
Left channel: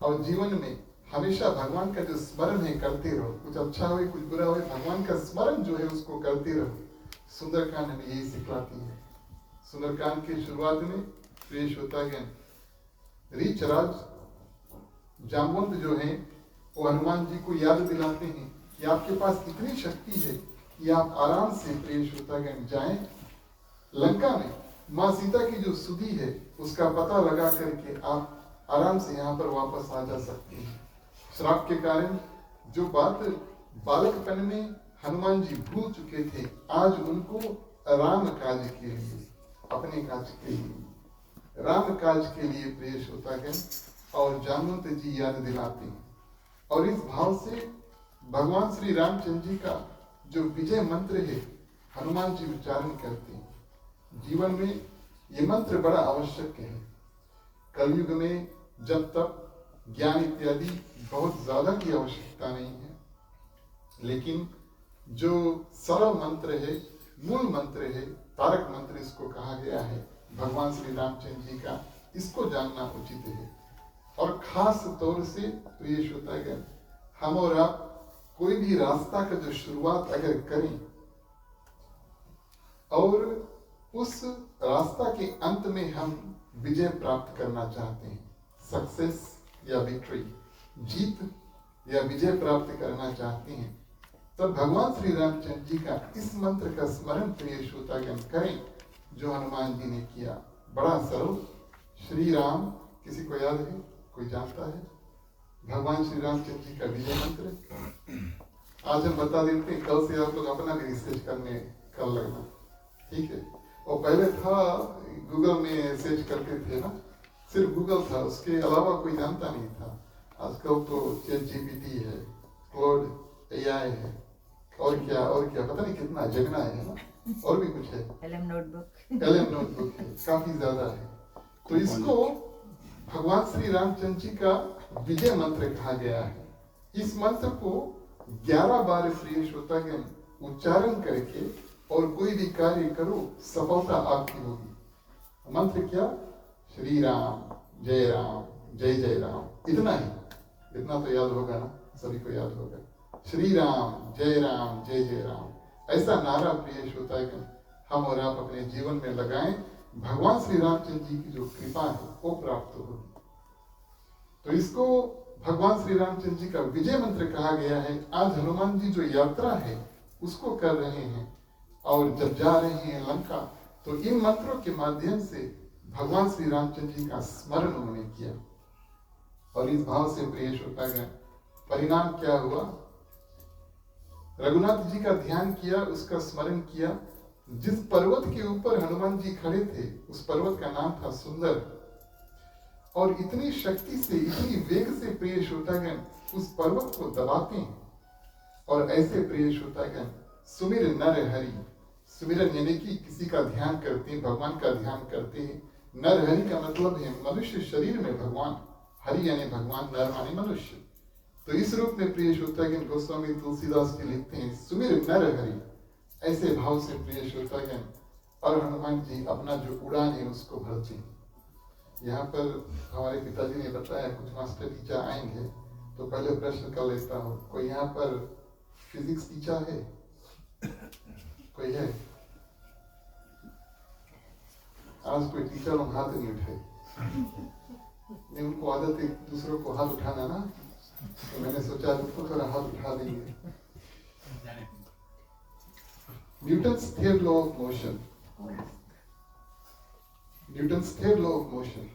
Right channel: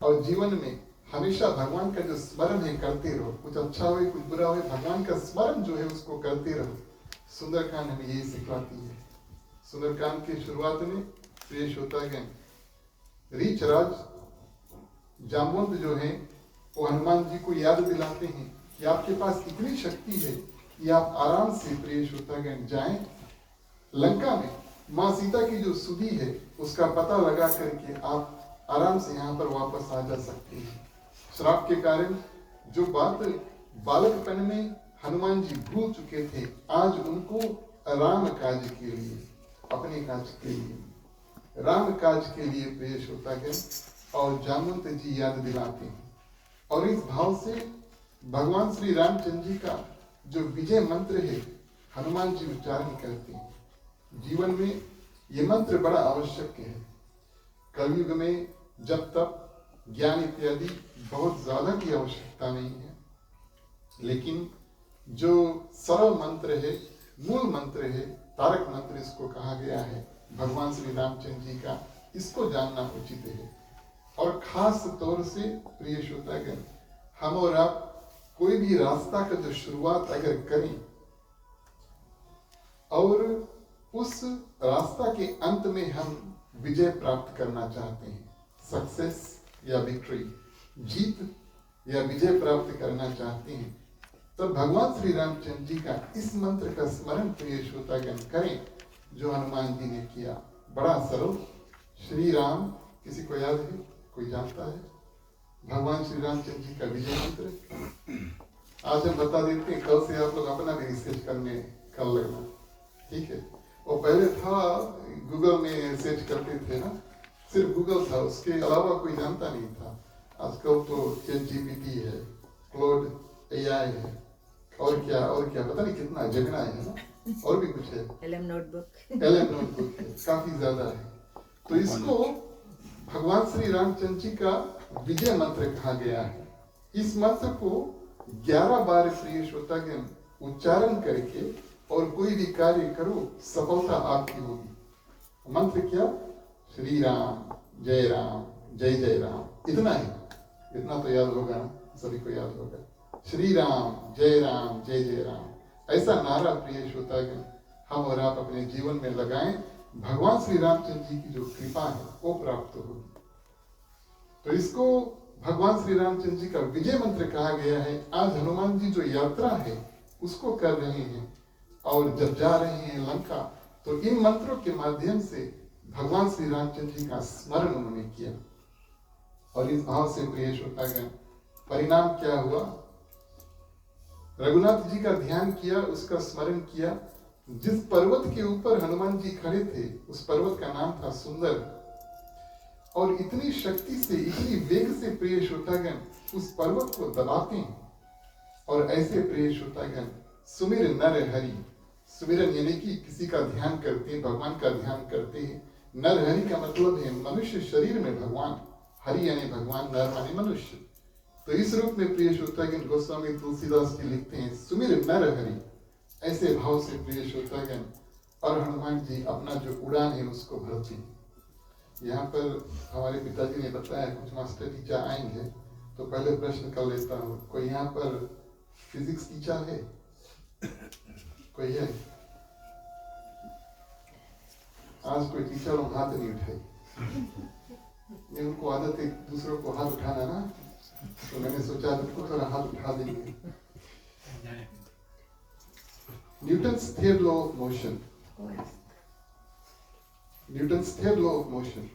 और जीवन में हमेशा भगवान का जो स्मरण है करते रहो। कुछ अच्छा हो कुछ बुरा हो, भगवान का स्मरण जो है उसको करते रहो। सुंदरकांड हमें यही सिखलाती है। सुंदरकांड की शुरुआत में प्रिय श्रोतागण रीच राज जामवंत जो हैं वो हनुमान जी को याद दिलाते हैं कि आपके पास इतनी शक्ति है कि आप आराम से प्रिय श्रोतागण जाएं लंका में माँ सीता की जो सुधि है उसका पता लगा करके आप आराम से यहाँ पर वापस आ जा सकते हैं। श्राप के कारण जो बात बालकपन में हनुमान जी भूल चुके थे, आज उनको राम काज के लिए, अपने काज के लिए, राम काज के लिए प्रिय श्रोतागण और जामवंत जी याद दिलाते हैं। और इस भाव से भगवान श्री रामचंद्र जी का जो विजय मंत्र है हनुमान जी उच्चारण करते हैं। जीवन में ये मंत्र बड़ा आवश्यक है। कलयुग में जब तक ज्ञान इत्यादि बहुत ज्यादा की आवश्यकता नहीं है, लेकिन जो सरल मंत्र है, मूल मंत्र है, तारक मंत्र इसको कहा गया है भगवान श्री रामचंद्र जी का, इसको जानना उचित है। और खास तौर से प्रिय श्रोतागण, हम और आप कोई भी रास्ता का जो शुरुआत अगर करें और उस रास्ता के अंत में हम विजय प्राप्त करना चाहते हैं, सक्सेस या विक्ट्री, जीत या विजय प्राप्त करना चाहते हैं, तब भगवान श्री रामचंद्र जी का इस मंत्र का स्मरण प्रिय श्रोतागण करें जो हनुमान जी ने किया। बड़ा सरल, श्री राम, किसी को याद है, कोई जानता है भगवान श्री रामचंद्र जी का विजय मंत्र? आज हम बता देते हैं, कल से आप लोग अपना भी रिसर्च करने कर लगना, ठीक है। और पहले था गूगल में सर्च करते थे ना, सिर्फ गूगल था, उसके अलावा कोई जानता नहीं था। आजकल तो ChatGPT है, क्लाउड AI है, और क्या पता नहीं कितना जगना है ना, और भी कुछ है, LM नोटबुक है, काफी ज्यादा है। तो इसको भगवान श्री रामचंद्र जी का विजय मंत्र कहा गया है। इस मंत्र को 11 बार प्रिय श्रोतागण उच्चारण करके और कोई भी कार्य करो, सफलता आपकी होगी। मंत्र क्या? श्री राम जय जय राम, इतना ही, इतना तो याद होगा ना, सभी को याद होगा। श्री राम जय जय राम, ऐसा नारा प्रिय श्रोतागण हम और आप अपने जीवन में लगाएं, भगवान श्री रामचंद्र जी की जो कृपा है वो प्राप्त होगी। तो इसको भगवान श्री रामचंद्र जी का विजय मंत्र कहा गया है। आज हनुमान जी जो यात्रा है उसको कर रहे हैं और जब जा रहे हैं लंका, तो इन मंत्रों के माध्यम से भगवान श्री रामचंद्र जी का स्मरण उन्होंने किया। और इस भाव से प्रिय श्रोतागण, परिणाम क्या हुआ? रघुनाथ जी का ध्यान किया, उसका स्मरण किया। जिस पर्वत के ऊपर हनुमान जी खड़े थे उस पर्वत का नाम था सुंदर। और इतनी शक्ति से, इतनी वेग से प्रिय श्रोतागण उस पर्वत को दबाते हैं। और ऐसे प्रिय श्रोतागण सुमिर नर हरि, सुमिरन यानी कि किसी का ध्यान करते हैं, भगवान का ध्यान करते हैं। नर हरि का मतलब है मनुष्य शरीर में भगवान, हरि यानी भगवान, नर माने मनुष्य। तो इस रूप में प्रिय श्रोतागण गोस्वामी तुलसीदास जी लिखते हैं सुमिर नर हरि, ऐसे भाव से प्रिय श्रोतागण। और हनुमान जी अपना जो उड़ान है उसको भरते हैं। यहाँ पर हमारे पिताजी ने बताया कुछ मास्टर टीचर आएंगे, तो पहले प्रश्न कर लेता हूँ, कोई यहाँ पर फिजिक्स टीचर है? कोई है? आज कोई टीचर लोग हाथ नहीं उठाए। नहीं, उनको आदत है दूसरों को हाथ उठाना ना, तो मैंने सोचा तो थोड़ा हाथ उठा देंगे। Newton's third law of motion. Newton's third law of motion.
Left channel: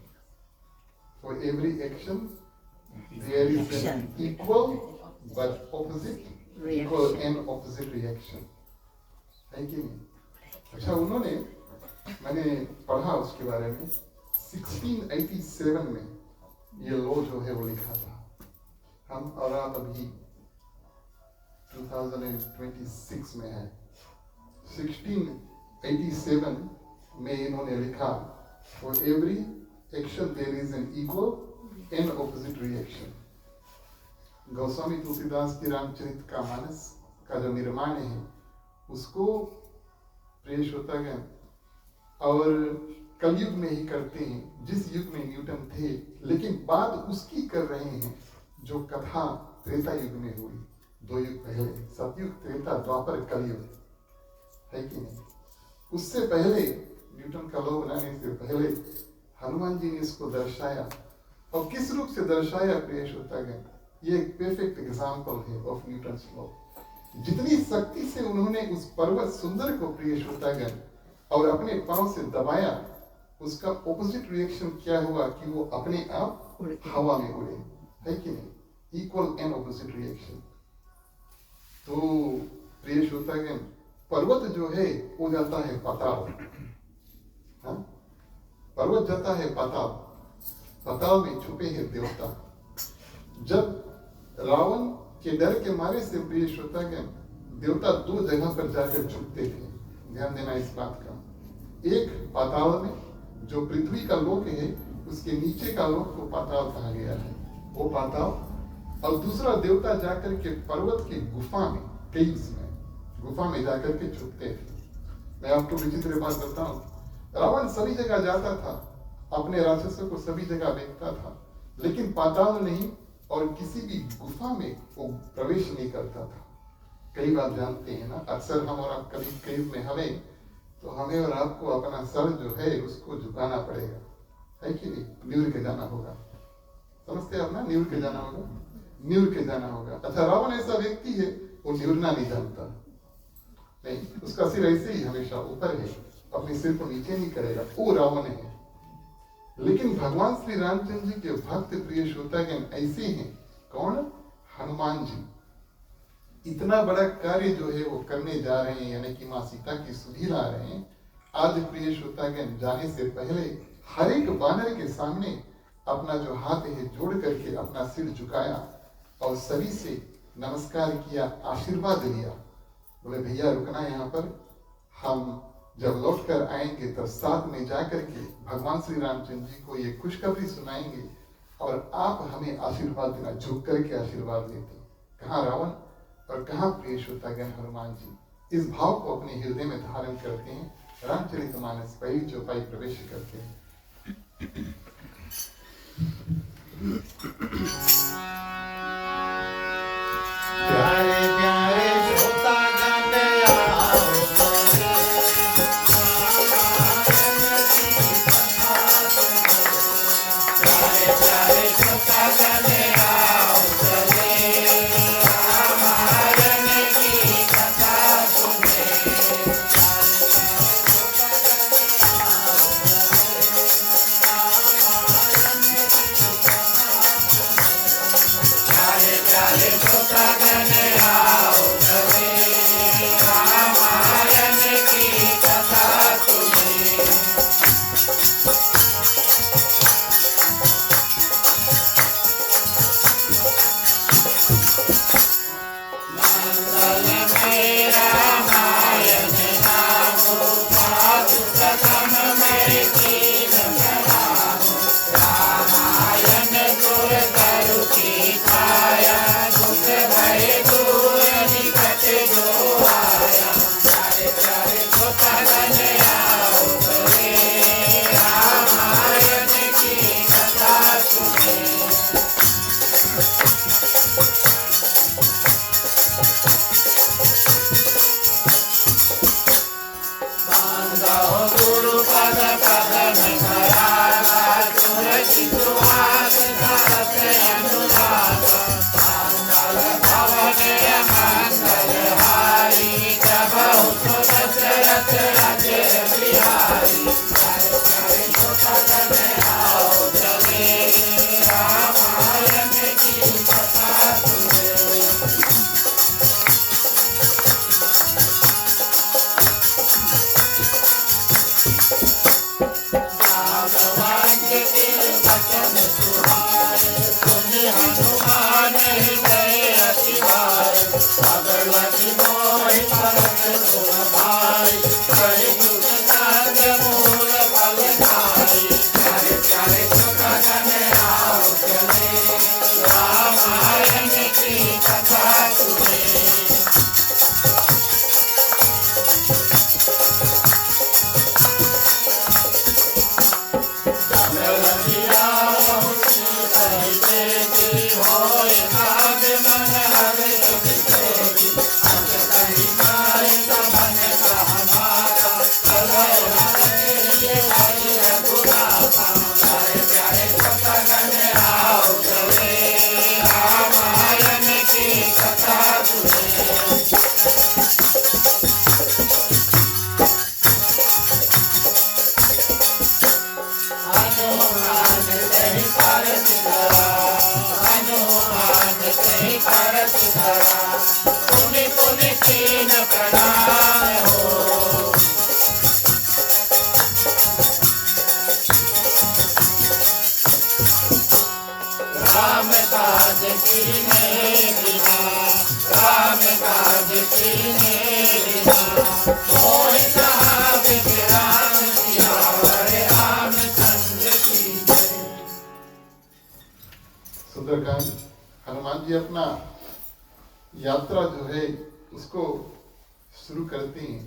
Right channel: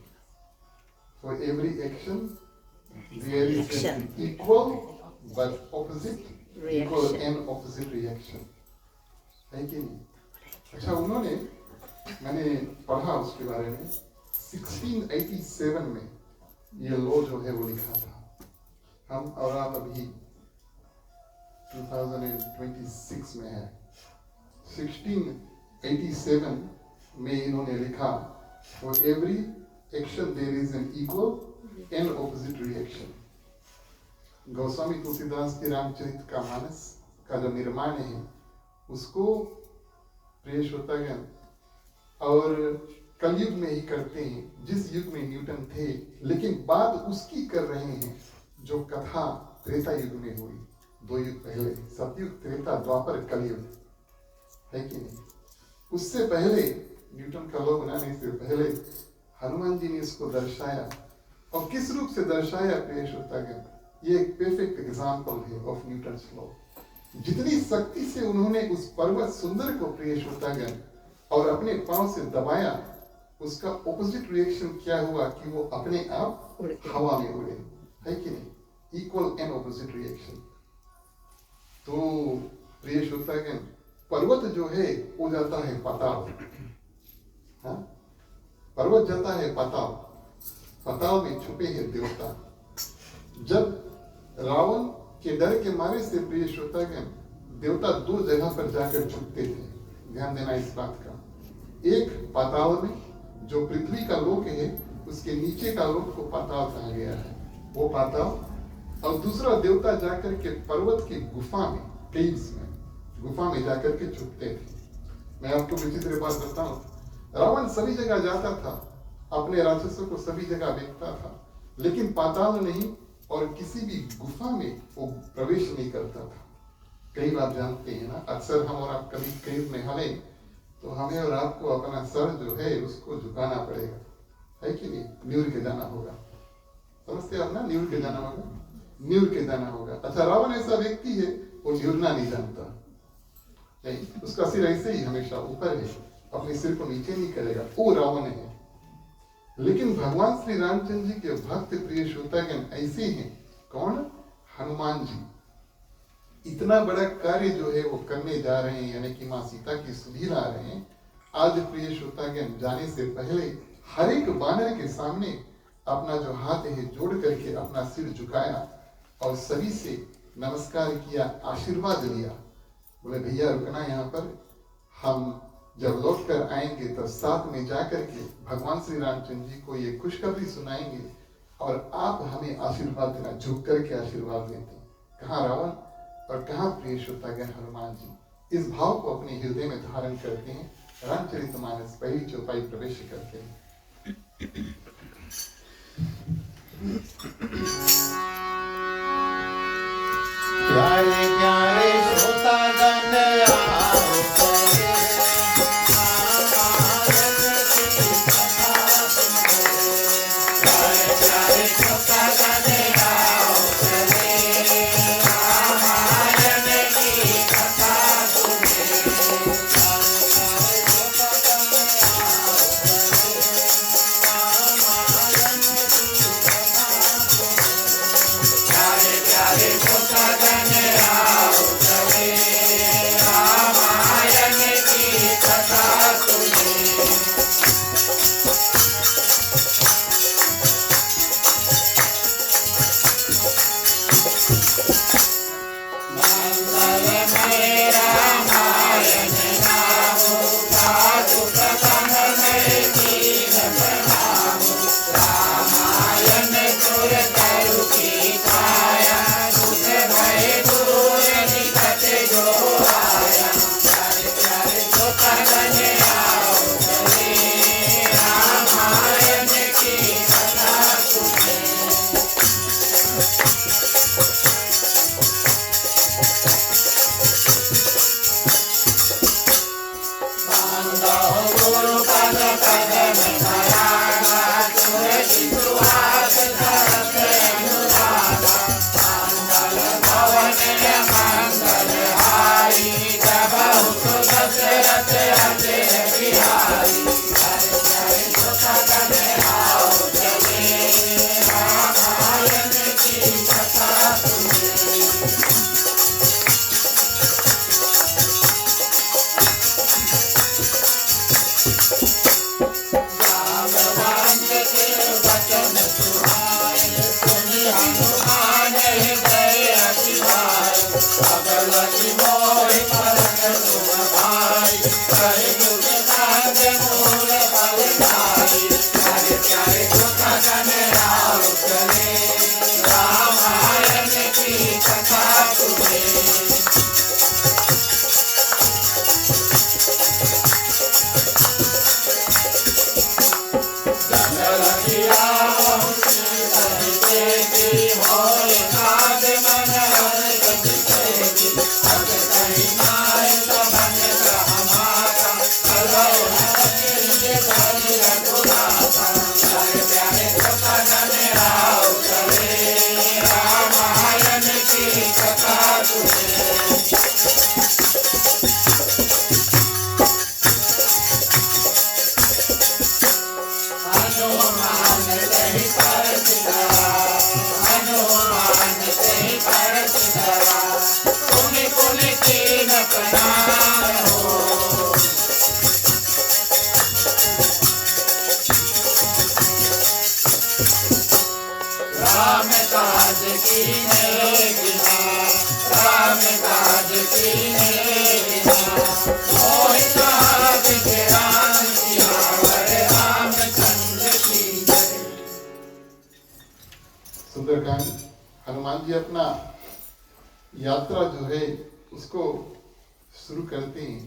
For every action, there is an equal but opposite, equal and opposite reaction. है कि नहीं? अच्छा, उन्होंने, मैंने पढ़ा उसके बारे में, 1687 में ये लॉ जो है वो लिखा था। हम और आप अभी 2026 में है। 1687 में इन्होंने लिखा, for every action there is an equal and opposite reaction. Goswami Tulsidas की रामचरित का मानस का जो निर्माण है उसको प्रिय श्रोतागण और कलयुग में ही करते हैं, जिस युग में न्यूटन थे, लेकिन बात उसकी कर रहे हैं जो कथा त्रेता युग में हुई, 2 युग पहले, सतयुग, त्रेता, द्वापर, कलयुग, है कि नहीं? उससे पहले, न्यूटन का लॉ बनाने से पहले हनुमान जी ने इसको दर्शाया और किस रूप से दर्शाया प्रिय श्रोतागण, ये एक परफेक्ट एग्जाम्पल है ऑफ न्यूटन्स लॉ। जितनी शक्ति से उन्होंने उस पर्वत सुंदर को प्रिय श्रोतागण और अपने पांव से दबाया, उसका ऑपोजिट रिएक्शन क्या हुआ कि वो अपने आप हवा में उड़े, है कि नहीं? Equal and opposite reaction. तो प्रिय श्रोतागण, पर्वत जो है वो जाता है पाताल, हाँ? पर्वत जाता है पाताल, पाताल में छुपे हैं देवता। जब रावण के डर के मारे से प्रिय श्रोतागण, देवता दो जगह पर जाकर छुपते थे, ध्यान देना इस बात का। एक पाताल में, जो पृथ्वी का लोक है, उसके नीचे का लोक को पाताल कहा गया है, वो पाताल। और दूसरा देवता जाकर के पर्वत के गुफा में, केव्स में, गुफा में जाकर के छुपते थे। मैं आपको विचित्र बात बताऊं, रावण सभी जगह जाता था, अपने राक्षसों को सभी जगह देखता था, लेकिन पाताल नहीं और किसी भी गुफा में वो प्रवेश नहीं करता था। कई बार जानते हैं ना, अक्सर हम और आप कभी केव में हमें, तो हमें और आपको अपना सर जो है उसको झुकाना पड़ेगा, है कि नहीं? न्यूर के जाना होगा, समझते आप ना? न्यूर के जाना होगा, न्यूर के जाना होगा। अच्छा, रावण ऐसा व्यक्ति है, वो न्यूरना नहीं जानता, नहीं, उसका सिर ऐसे ही हमेशा ऊपर है, अपने सिर को नीचे नहीं करेगा, वो रावण है। लेकिन भगवान श्री रामचंद्र जी के भक्त प्रिय श्रोतागण ऐसे हैं। कौन? हनुमान जी। इतना बड़ा कार्य जो है वो करने जा रहे हैं, यानी कि माँ सीता की सुधि ला रहे हैं। आज प्रिय श्रोतागण, जाने से पहले हर एक वानर के सामने अपना जो हाथ है जोड़ करके अपना सिर झुकाया और सभी से नमस्कार किया, आशीर्वाद लिया। बोले भैया रुकना यहाँ पर, हम जब लौट कर आएंगे तब साथ में जाकर के भगवान श्री रामचंद्र जी को ये खुशखबरी सुनाएंगे और आप हमें आशीर्वाद देना। झुक करके आशीर्वाद देते। कहाँ रावण और कहाँ प्रिय श्रोतागण हनुमान जी। इस भाव को अपने हृदय में धारण करते हैं, रामचरितमानस पहली चौपाई प्रवेश करते हैं। प्यारे प्यारे श्रोतागण आओ कीन्हे बिना, राम काज कीन्हे बिना, मोहि कहा बिन राम सियावर रामचंद्र की जय। सुंदरकांड हनुमान जी अपना यात्रा जो है उसको शुरू करते हैं।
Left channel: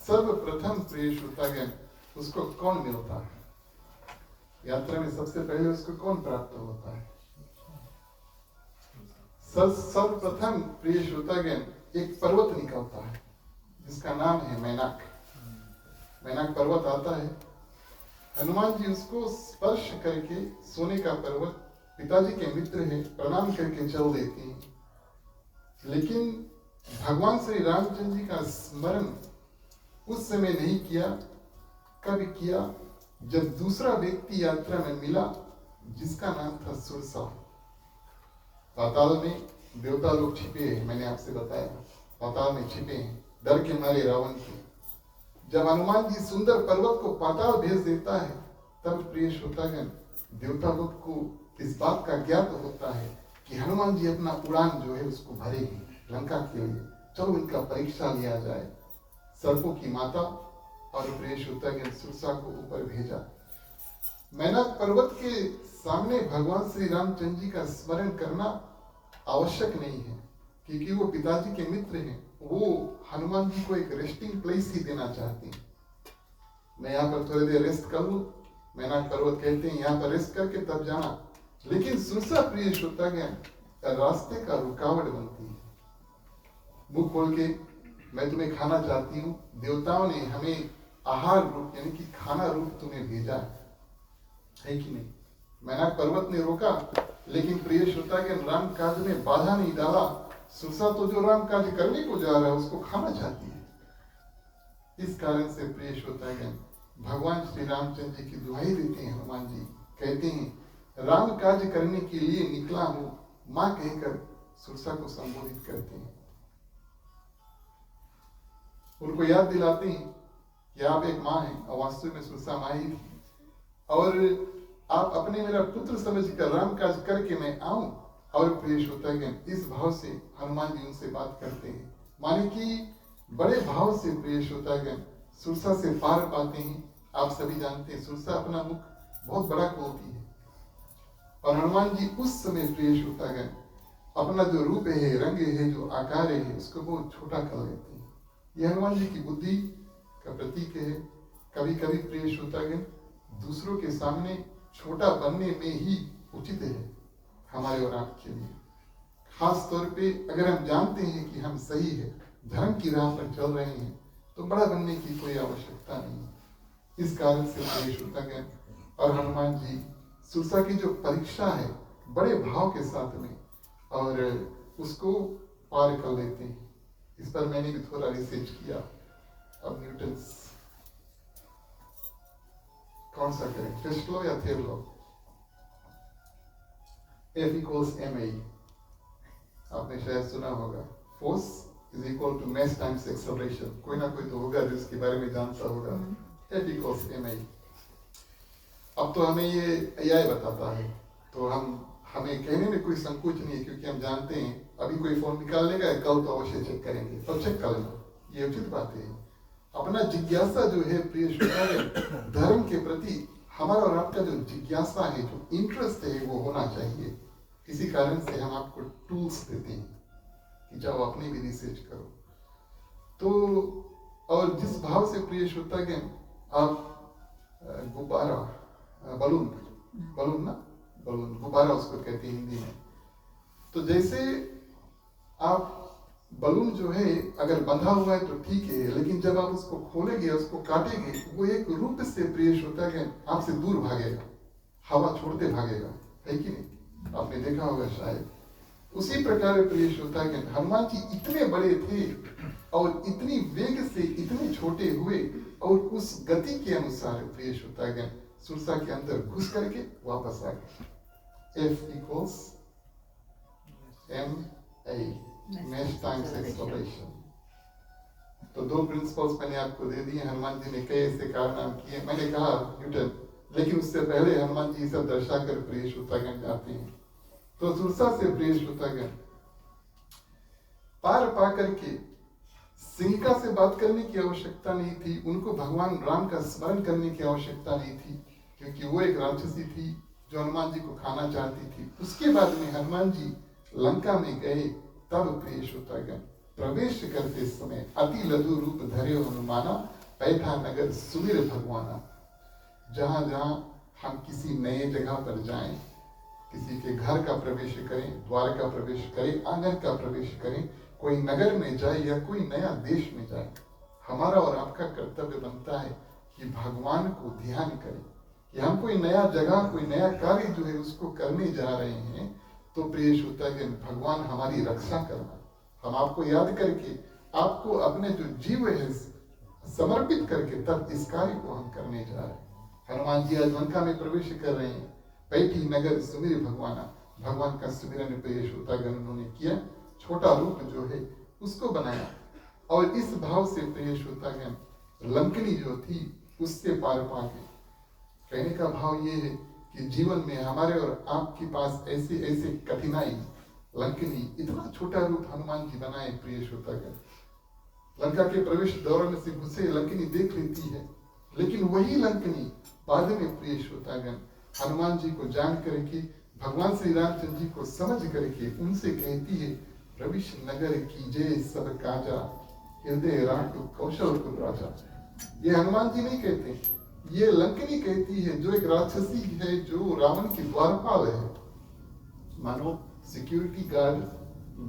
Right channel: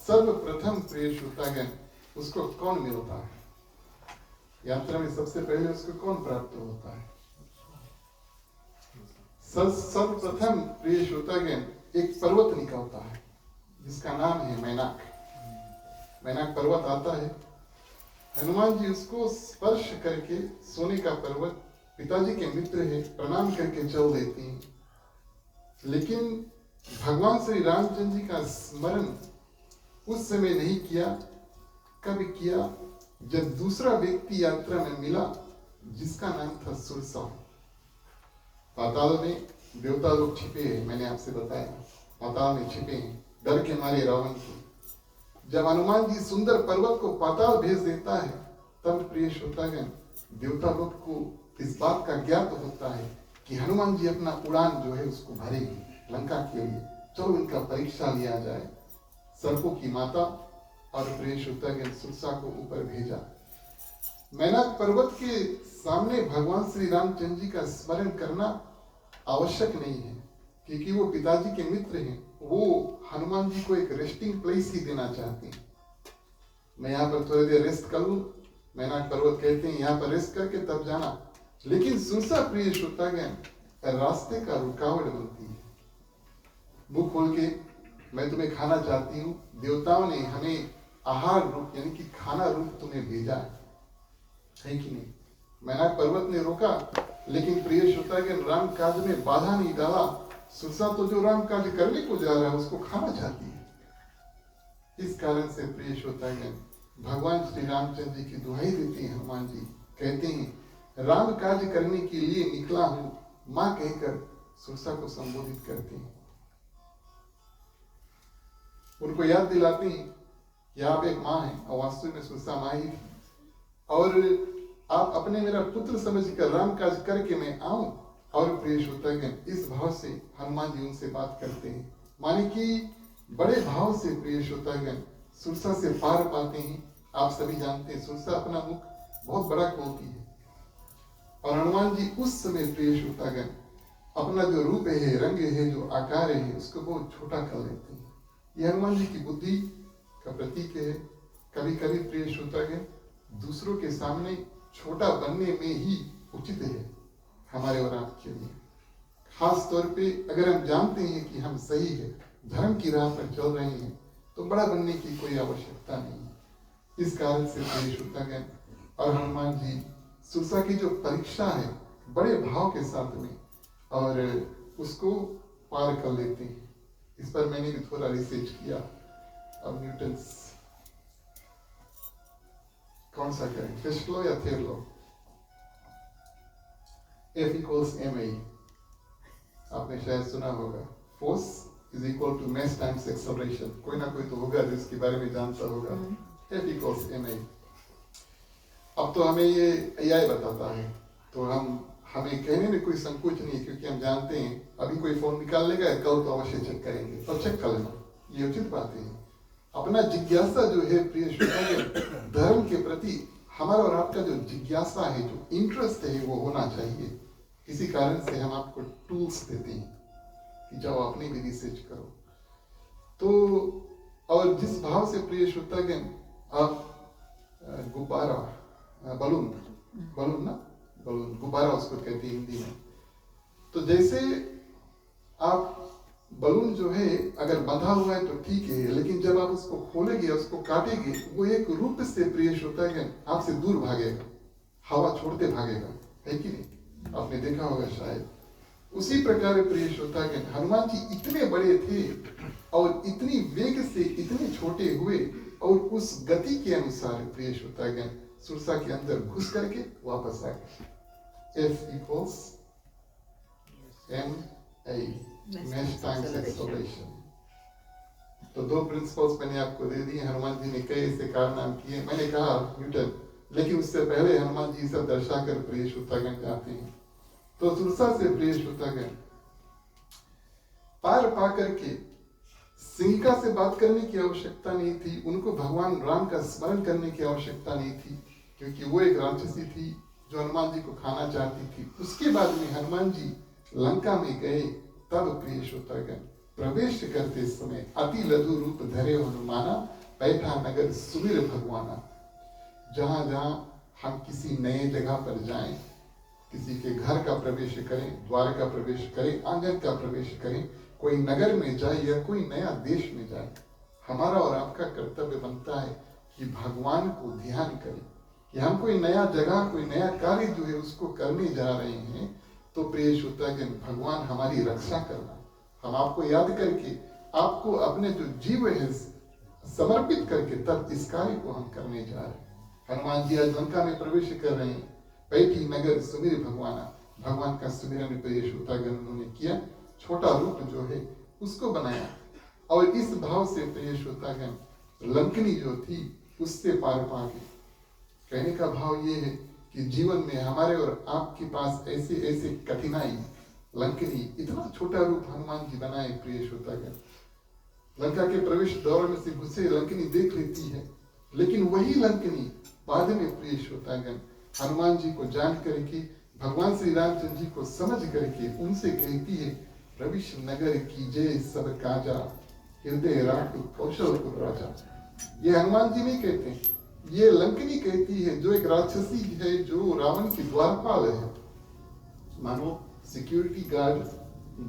सर्वप्रथम प्रिय श्रोतागण उसको कौन मिलता है? यात्रा में सबसे पहले उसको कौन प्राप्त होता है? सर्वप्रथम प्रिय श्रोतागण एक पर्वत निकलता है जिसका नाम है मैनाक। मैनाक पर्वत आता है। हनुमान जी उसको स्पर्श करके, सोने का पर्वत, पिताजी के मित्र है, प्रणाम करके चल देते हैं। लेकिन भगवान श्री रामचंद्र जी का स्मरण उस समय नहीं किया। कब किया? जब दूसरा व्यक्ति यात्रा में मिला जिसका नाम था सुरसा। पाताल में देवता लोग छिपे हैं, मैंने आपसे बताया, पाताल में छिपे हैं डर के मारे रावण के। जब हनुमान जी सुंदर पर्वत को पाताल भेज देता है तब प्रिय श्रोतागण देवता लोग को इस बात का ज्ञात होता है कि हनुमान जी अपना उड़ान जो है उसको भरेंगे लंका के लिए। चलो इनका परीक्षा लिया जाए। सर्पों की माता और प्रिय श्रोतागण सुरसा को ऊपर भेजा। मैनाक पर्वत के सामने भगवान श्री रामचंद्र जी का स्मरण करना आवश्यक नहीं है क्योंकि वो पिताजी के मित्र हैं। वो हनुमान जी को एक रेस्टिंग प्लेस ही देना चाहते हैं। मैं यहाँ पर थोड़ी देर रेस्ट कर लूं, मैनाक पर्वत कहते हैं यहाँ पर रेस्ट करके तब जाना। लेकिन सुरसा प्रिय श्रोतागण रास्ते का रुकावट बनती है। मुंह खोल के मैं तुम्हें खाना चाहती हूँ, देवताओं ने हमें आहार रूप यानी कि खाना रूप तुम्हें भेजा है कि नहीं? मैनाक पर्वत ने रोका लेकिन प्रिय श्रोतागण राम काज में बाधा नहीं डाला। सुरसा तो जो राम काज करने को जा रहा है उसको खाना चाहती है। इस कारण से प्रिय श्रोतागण भगवान श्री रामचंद्र जी की दुहाई देते हैं। हनुमान जी कहते हैं राम काज करने के लिए निकला हूं मां कहकर सुरसा को संबोधित करते हैं। उनको याद दिलाते हैं कि आप एक मां हैं और वास्तव में सुरसा मां ही थी और आप अपने मेरा पुत्र समझकर राम काज करके मैं आऊं। और प्रिय श्रोतागण इस भाव से हनुमान जी उनसे बात करते हैं, माने कि बड़े भाव से प्रिय श्रोतागण सुरसा से पार पाते हैं। आप सभी जानते हैं सुरसा अपना मुख बहुत बड़ा खोलती है और हनुमान जी उस समय प्रिय श्रोतागण अपना जो रूप है, रंग है, जो आकार है उसको बहुत छोटा कर लेते हैं। यह हनुमान जी की बुद्धि का प्रतीक है। कभी कभी प्रिय श्रोतागण दूसरों के सामने छोटा बनने में ही उचित है हमारे और आपके लिए। खास तौर पे अगर हम जानते हैं कि हम सही है, धर्म की राह पर चल रहे हैं तो बड़ा बनने की कोई आवश्यकता नहीं है। इस कारण से प्रिय श्रोतागण और हनुमान जी सुरसा की जो परीक्षा है बड़े भाव के साथ में और उसको पार कर लेते हैं। इस पर मैंने भी थोड़ा रिसर्च किया। अब न्यूटन कौन सा करें, फर्स्ट लॉ या third law? F equals ma, आपने शायद सुना होगा, force is equal to mass times acceleration. कोई ना कोई तो होगा जिसके बारे में जानता होगा। F equals ma। अब तो हमें ये AI बताता है तो हमें कहने में कोई संकोच नहीं है क्योंकि हम जानते हैं अभी कोई फोन निकाल लेगा, कल तो अवश्य चेक करेंगे और चेक कर लेना, ये उचित बात है। अपना जिज्ञासा जो है प्रिय श्रोतागण धर्म के प्रति हमारा और आपका जो जिज्ञासा है, जो इंटरेस्ट है वो होना चाहिए। इसी कारण से हम आपको टूल्स देते हैं कि जाओ अपनी भी रिसर्च करो। तो और जिस भाव से प्रिय श्रोतागण आप गुब्बारा, बलून गुब्बारा उसको कहते हैं हिंदी में। तो जैसे आप बलून जो है अगर बंधा हुआ है तो ठीक है, लेकिन जब आप उसको खोलेंगे, उसको काटेंगे, वो एक रूप से प्रिय श्रोतागण आपसे दूर भागेगा, हवा छोड़ते भागेगा, है कि नहीं? आपने देखा होगा शायद। उसी प्रकार प्रिय श्रोतागण हनुमान जी इतने बड़े थे और इतनी वेग से इतने छोटे हुए और उस गति के अनुसार प्रिय श्रोतागण सुरसा के अंदर घुस करके वापस आ गए। F equals ma, mass times acceleration। तो दो प्रिंसिपल्स मैंने आपको दे दिए। हनुमान जी ने कई ऐसे कारनाम किए, मैंने कहा न्यूटन, लेकिन उससे पहले हनुमान जी सब दर्शा कर प्रिय श्रोतागण जाते हैं तो सुरसा से प्रिय श्रोतागण पार पा करके सिंहिका से बात करने की आवश्यकता नहीं थी, उनको भगवान राम का स्मरण करने की आवश्यकता नहीं थी, क्योंकि वो एक राक्षसी थी जो हनुमान जी को खाना चाहती थी। उसके बाद में हनुमान जी लंका में गए, तब प्रिय श्रोतागण प्रवेश करते समय अति लघु रूप धरे हनुमाना, बैठा नगर सुमिर भगवाना। जहां जहां हम किसी नए जगह पर जाएं, किसी के घर का प्रवेश करें, द्वार का प्रवेश करें, आंगन का प्रवेश करें, कोई नगर में जाए या कोई नया देश में जाए, हमारा और आपका कर्तव्य बनता है कि भगवान को ध्यान करें कि हम कोई नया जगह, कोई नया कार्य जो है उसको करने जा रहे हैं। तो प्रिय श्रोतागण भगवान हमारी रक्षा करना, हम आपको याद करके आपको अपने जो जीव है समर्पित करके तब इस कार्य को हम करने जा रहे हैं। हनुमान जी आज लंका में प्रवेश कर रहे हैं, बैठी नगर सुमिर भगवाना, भगवान का सुमिरन प्रिय श्रोतागण उन्होंने किया, छोटा रूप जो है उसको बनाया। और इस भाव से प्रिय श्रोतागण लंकनी जो थी उससे पार पा गए। कहने का भाव ये है कि जीवन में हमारे और आपके पास ऐसे ऐसे कठिनाई, लंकनी इतना छोटा रूप हनुमान जी बनाए प्रिय श्रोतागण, लंका के प्रवेश द्वार में से घुसे लंकनी देख लेती है, लेकिन वही लंकनी बाद में प्रिय श्रोतागण हनुमान जी को जान करके, भगवान श्री रामचंद्र जी को समझ करके उनसे कहती है, प्रविश नगर कीजे सब काजा, हृदय राम कौशलपुर राजा। ये हनुमान जी नहीं कहते, ये लंकनी कहती है, जो एक राक्षसी है, जो रावण की द्वारपाल है। मानो सिक्योरिटी गार्ड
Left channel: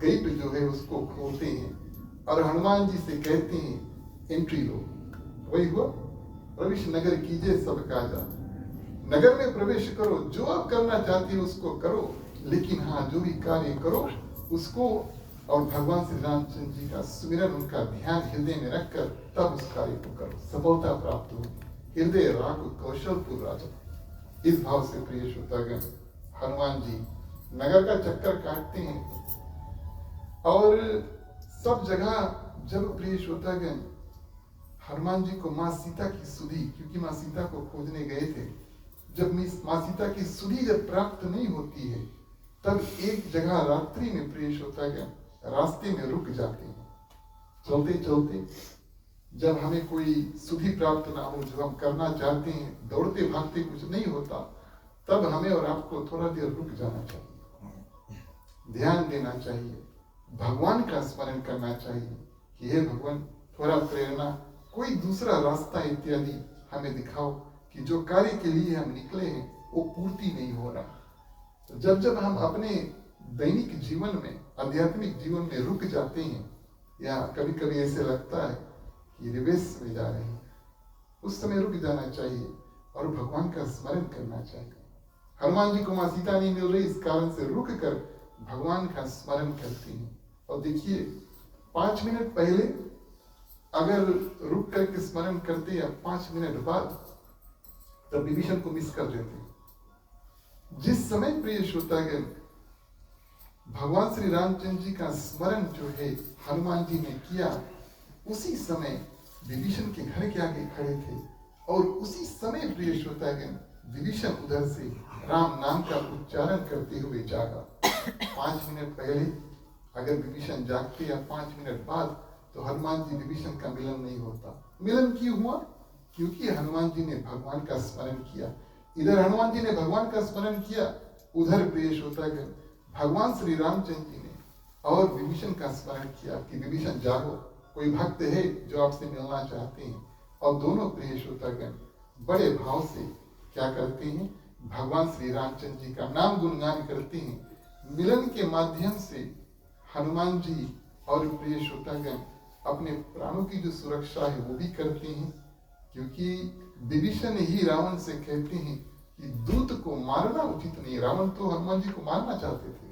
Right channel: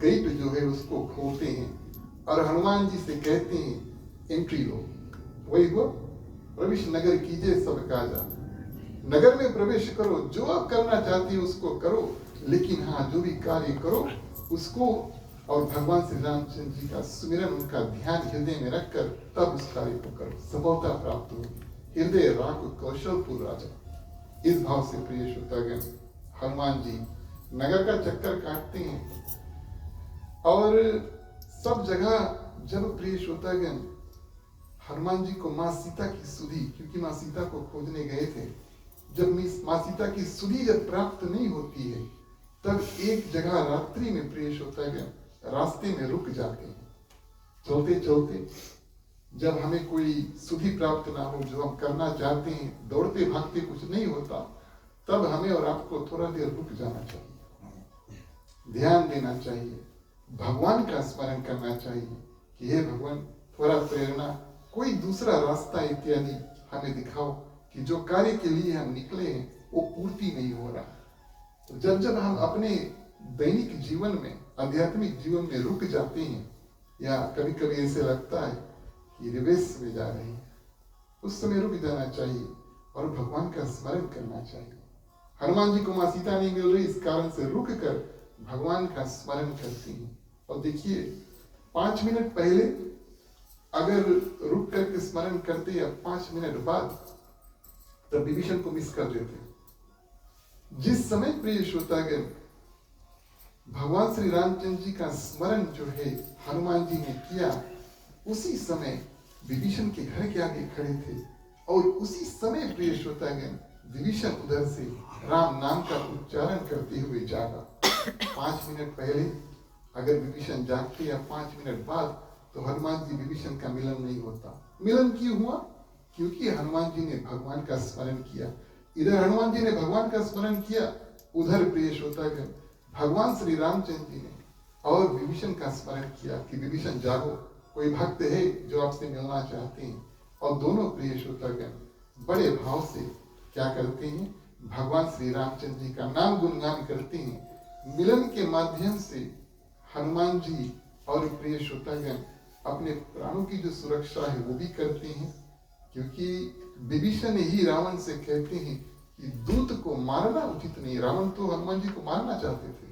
गेट जो है उसको खोलते हैं और हनुमान जी से कहते हैं एंट्री लो। वही हुआ, प्रवेश नगर कीजिए सब काजा, नगर में प्रवेश करो, जो आप करना चाहती हो उसको करो, लेकिन हाँ जो भी कार्य करो उसको और भगवान श्री रामचंद्र जी का सुमिरन, उनका ध्यान हृदय में रखकर तब उस कार्य को करो, सफलता प्राप्त होगी। हृदय राग कौशलपुर राजा। इस भाव से प्रिय श्रोतागण हनुमान जी नगर का चक्कर काटते हैं और सब जगह जब प्रिय श्रोतागण हनुमान जी को माँ सीता की सुधि, क्योंकि माँ सीता को खोजने गए थे, जब माँ सीता की सुधि जब प्राप्त नहीं होती है तब एक जगह रात्रि में प्रिय श्रोतागण रास्ते में रुक जाते हैं। चलते चलते जब हमें कोई सुधि प्राप्त ना हो, जो हम करना चाहते हैं, दौड़ते भागते कुछ नहीं होता, तब हमें और आपको थोड़ा देर रुक जाना चाहिए, ध्यान देना चाहिए, भगवान का स्मरण करना चाहिए कि हे भगवान थोड़ा प्रेरणा, कोई दूसरा रास्ता इत्यादि हमें दिखाओ कि जो कार्य के लिए हम निकले हैं वो पूर्ति नहीं हो रहा। तो जब जब हम अपने दैनिक जीवन में, आध्यात्मिक जीवन में रुक जाते हैं, या कभी कभी ऐसे लगता है कि रिवर्स में जा रहे हैं, उस समय रुक जाना चाहिए और भगवान का स्मरण करना चाहिए। हनुमान जी को माँ सीता नहीं मिल रही, इस कारण से रुक कर भगवान का स्मरण करती हैं। और देखिए 5 मिनट पहले अगर रुक करके स्मरण करते या 5 मिनट बाद, तब विभीषण को मिस कर देते। जिस समय प्रिय श्रोतागण भगवान श्री रामचंद्र जी का स्मरण जो है हनुमान जी ने किया, उसी समय विभीषण के घर के आगे खड़े थे और उसी समय प्रिय श्रोतागण विभीषण उधर से राम नाम का उच्चारण करते हुए जागा। 5 मिनट पहले अगर विभीषण जागते या 5 मिनट बाद, तो हनुमान जी विभीषण का मिलन नहीं होता। मिलन क्यों हुआ? क्योंकि हनुमान जी ने भगवान का स्मरण किया। इधर हनुमान जी ने भगवान का स्मरण किया, उधर प्रिय श्रोतागण भगवान श्री रामचंद्र जी ने और विभीषण का स्मरण किया कि विभीषण जागो, कोई भक्त है जो आपसे मिलना चाहते हैं। और दोनों प्रिय श्रोतागण बड़े भाव से क्या करते हैं, भगवान श्री रामचंद्र जी का नाम गुणगान करते हैं। मिलन के माध्यम से हनुमान जी और प्रिय श्रोतागण अपने प्राणों की जो सुरक्षा है वो भी करते हैं, क्योंकि विभीषण ही रावण से कहते हैं कि दूत को मारना उचित नहीं। रावण तो हनुमान जी को मारना चाहते थे,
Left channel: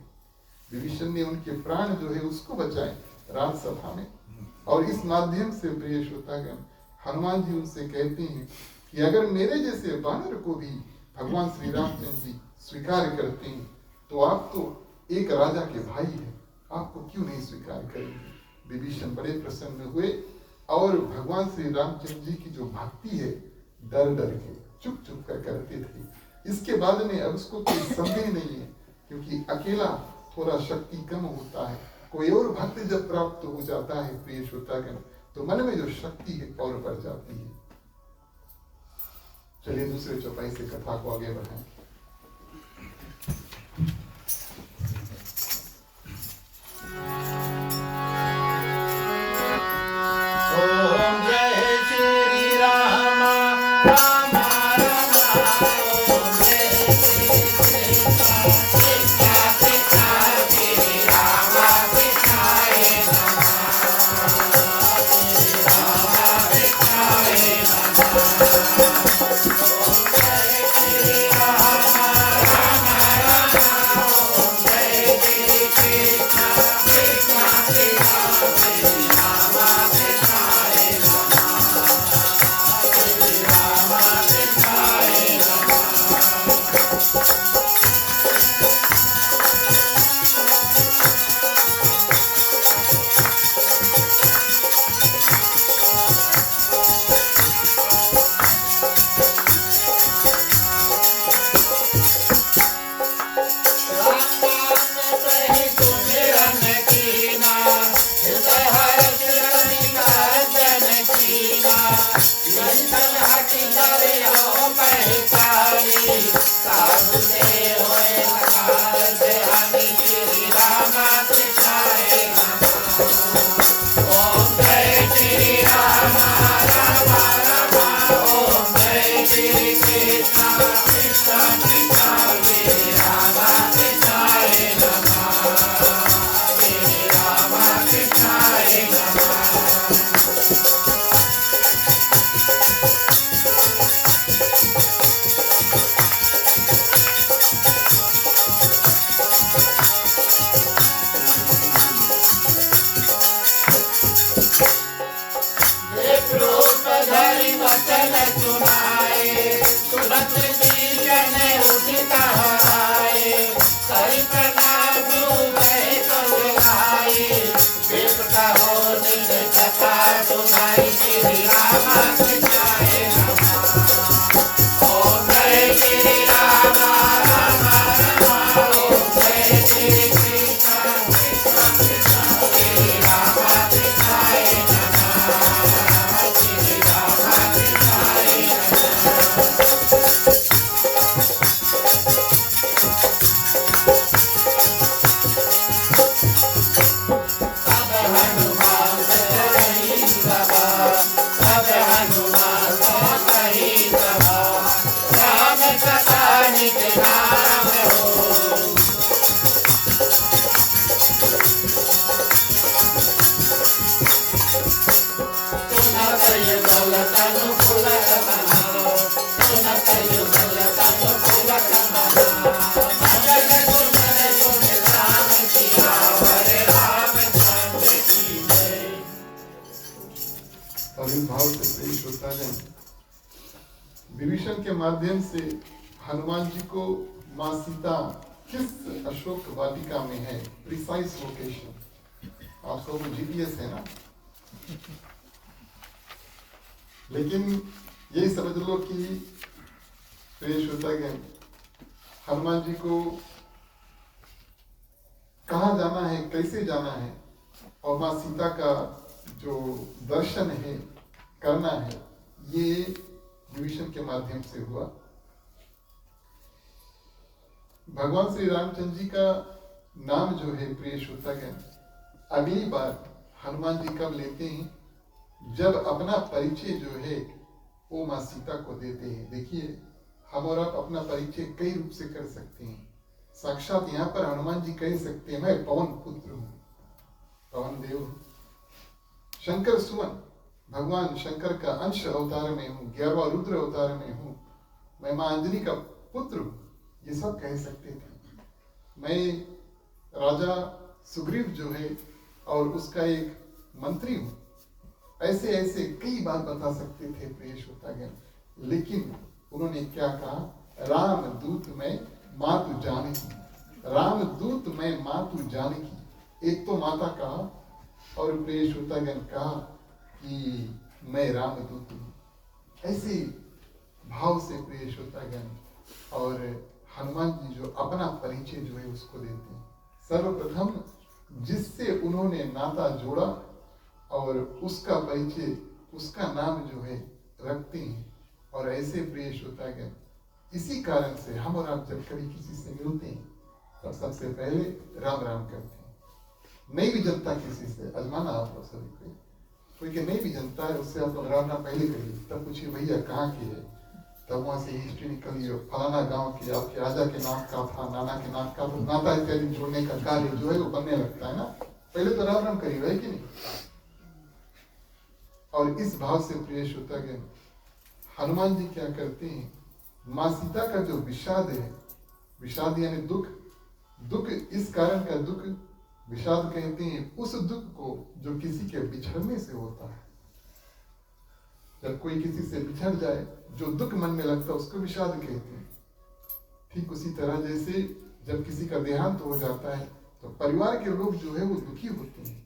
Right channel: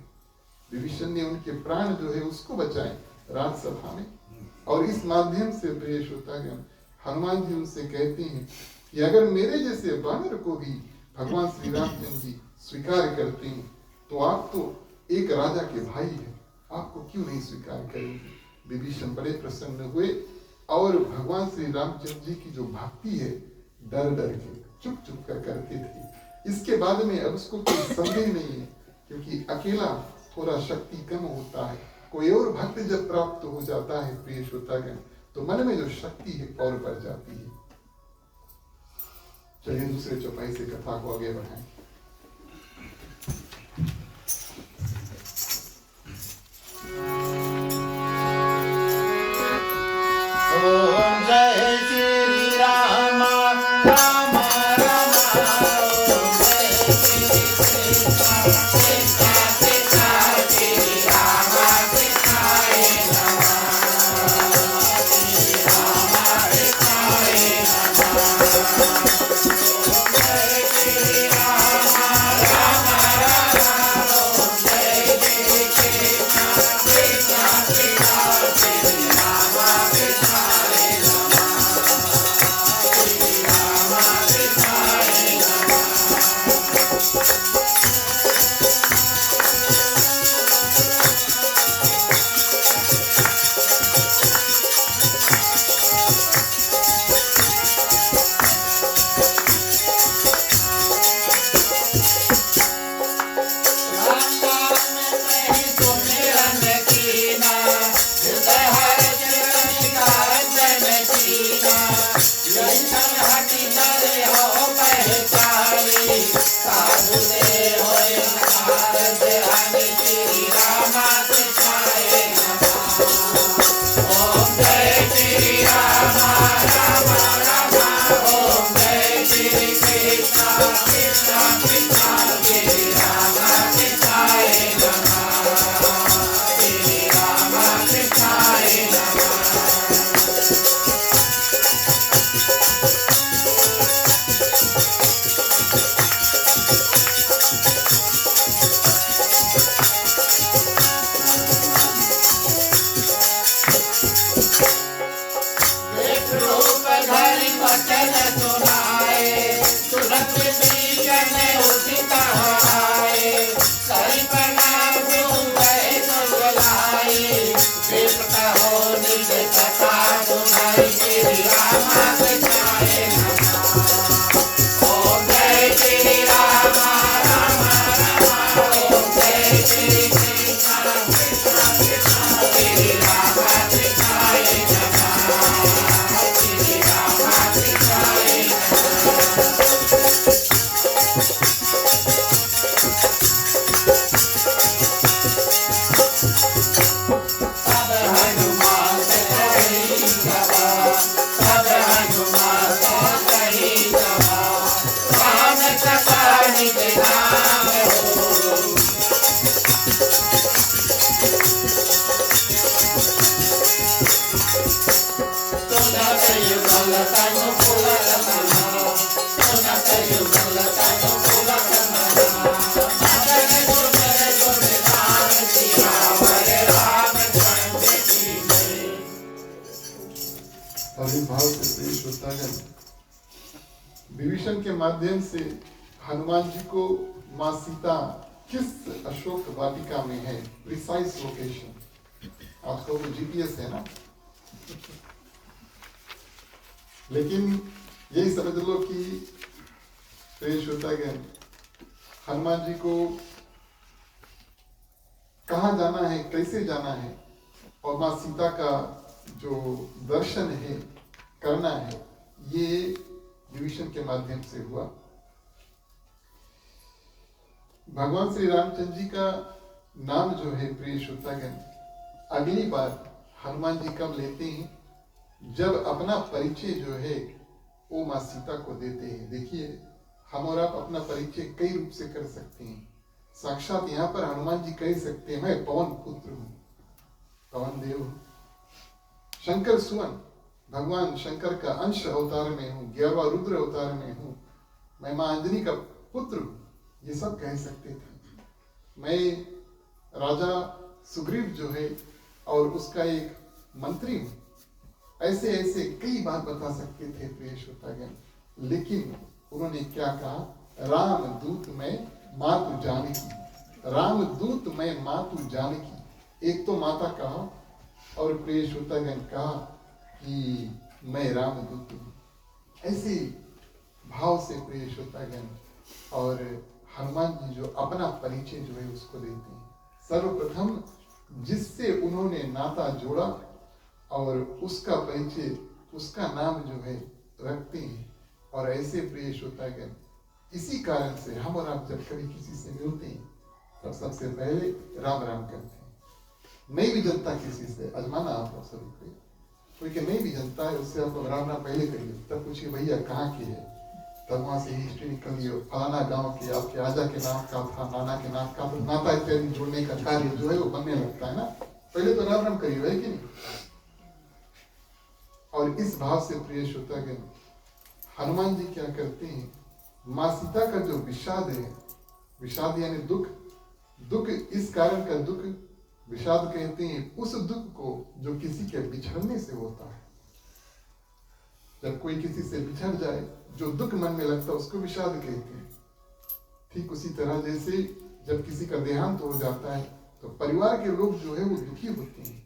विभीषण ने उनके प्राण जो है उसको बचाए राजसभा में। और इस माध्यम से प्रिय श्रोतागण हनुमान जी उनसे कहते हैं कि अगर मेरे जैसे वानर को भी भगवान श्री रामचंद्र जी स्वीकार करते हैं, तो आप तो एक राजा के भाई हैं, आपको क्यों नहीं स्वीकार करेंगे। विभीषण बड़े प्रसन्न हुए और भगवान श्री रामचंद्र जी की जो भक्ति है डर डर के चुप चुप कर करते थे। इसके बाद में अब उसको कोई संदेह नहीं है, क्योंकि अकेला थोड़ा शक्ति कम होता है। कोई और भक्त जब प्राप्त हो जाता है प्रिय श्रोतागण, तो मन में जो शक्ति है और बढ़ जाती है। चलिए दूसरे चौपाई से कथा को आगे बढ़ाएं। ओम जय श्री राम राम राम ओम जय श्री कृष्ण कृष्ण कृष्ण श्री राम कृष्णाय नमः श्री राम कृष्णाय नमः ओम जय श्री राम राम राम ओम जय श्री कृष्ण कृष्ण कृष्ण श्री राम कृष्णाय श्री राम कृष्णाय और इस भाव से प्रिय श्रोतागण, विभीषण के माध्यम से हनुमान जी को माँ सीता किस अशोक वाटिका में है, प्रिसाइज लोकेशन। आपको तो जीपीएस है ना, लेकिन यही समझ लो कि प्रिय श्रोतागण, हनुमान जी को कहाँ जाना है, कैसे जाना है, और माँ सीता का जो दर्शन है, करना है, ये विभीषण के माध्यम से हुआ। भगवान श्री रामचंद्र जी का नाम जो है प्रिय श्रोतागण, अगली बार हनुमान जी कब लेते हैं, जब अपना परिचय जो है वो माँ सीता को देते हैं। देखिए, हम और आप अपना परिचय कई रूप से कर सकते हैं। साक्षात यहाँ पर हनुमान जी कह सकते हैं, मैं पवन पुत्र हूँ, पवन देव हूँ, शंकर सुवन, भगवान शंकर का अंश अवतार में हूँ, 11वां रुद्र अवतार में हूँ, मैं माँ अंजनी का पुत्र हूँ, ये सब कह सकते थे। मैं राजा सुग्रीव जो है और उसका एक मंत्री हूँ, ऐसे ऐसे कई बात बता सकते थे प्रिय श्रोतागण। लेकिन उन्होंने क्या कहा, राम दूत में मातु जानकी, राम दूत में मातु जानकी। एक तो माता कहा और प्रिय श्रोतागण कहा कि मैं रामदूत हूँ। ऐसे भाव से प्रिय श्रोतागण, और हनुमान जी जो अपना परिचय जो है उसको देते हैं। सर्वप्रथम जिससे उन्होंने नाता जोड़ा और उसका परिचय, उसका नाम जो है रखते हैं। और ऐसे प्रिय श्रोतागण, इसी कारण से हम और आप जब कभी किसी से मिलते हैं तब सबसे पहले राम राम करते हैं। नहीं भी जनता किसी से, अजमाना आप लोग सभी कोई के नहीं भी जनता है उससे आप लोग राम राम पहले करिए, तब पूछिए भैया कहाँ की है, तब वहां से हिस्ट्री निकलिए, फलाना गांव के, आपके आजा के नाम का था, नाना के नाम का, तो नाता इत्यादि जोड़ने का कार्य जो है वो बनने लगता है ना। पहले तो राम राम करिए, है कि नहीं। और इस भाव से प्रिय श्रोतागण, हनुमान जी क्या करते हैं, माँ सीता का जो विषाद है, विषाद यानी दुख, दुख इस कारण का दुख विषाद कहते हैं उस दुख को जो किसी के बिछड़ने से होता है। जब कोई किसी से बिछड़ जाए, जो दुख मन में लगता है उसको विषाद कहते हैं। ठीक उसी तरह जैसे जब किसी का देहांत हो जाता है तो परिवार के लोग जो है वो दुखी होते हैं।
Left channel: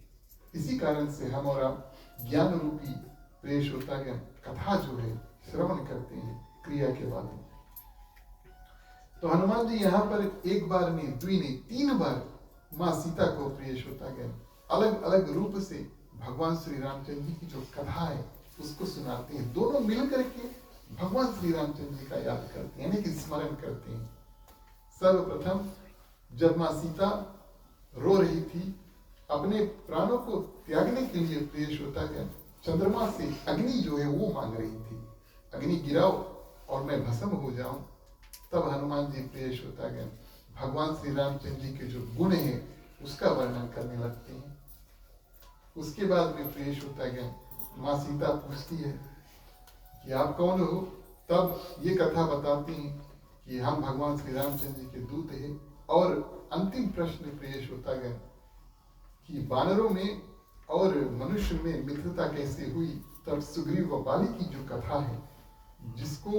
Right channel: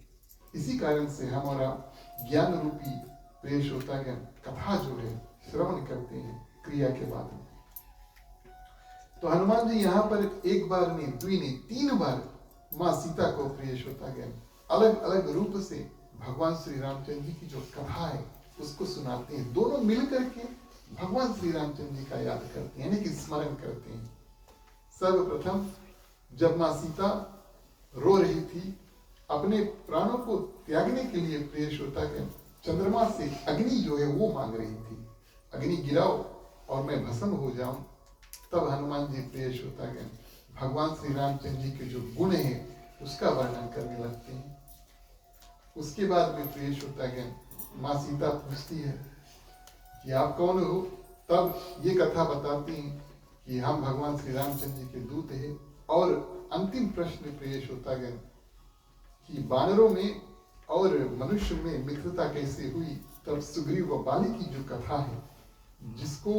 इसी कारण से हम और आप ज्ञान रूपी प्रिय श्रोतागण कथा जो है श्रवण करते हैं क्रिया के बाद। तो हनुमान जी यहाँ पर एक बार नहीं, दुई नहीं, 3 बार माँ सीता को प्रिय श्रोतागण अलग अलग रूप से भगवान श्री रामचंद्र जी की जो कथा है उसको सुनाते हैं। दोनों मिलकर के भगवान श्री रामचंद्र जी का याद करते हैं, यानी कि स्मरण करते हैं। सर्वप्रथम जब माँ सीता रो रही थी, अपने प्राणों को त्यागने के लिए प्रिय श्रोतागण चंद्रमा से अग्नि जो है वो मांग रही थी, अग्नि गिराओ और मैं भस्म हो जाऊं। तब हनुमान जी प्रिय श्रोतागण भगवान श्री रामचंद्र जी के जो गुण है उसका वर्णन करने लगते हैं। उसके बाद में प्रिय श्रोतागण माँ सीता पूछती है कि आप कौन हो, तब ये कथा बताती हैं कि हम भगवान श्री रामचंद्र जी के दूत हैं। और अंतिम प्रश्न प्रिय श्रोतागण कि वानरों में और मनुष्य में मित्रता कैसे हुई, तब सुग्रीव व बाली की जो कथा है, जिसको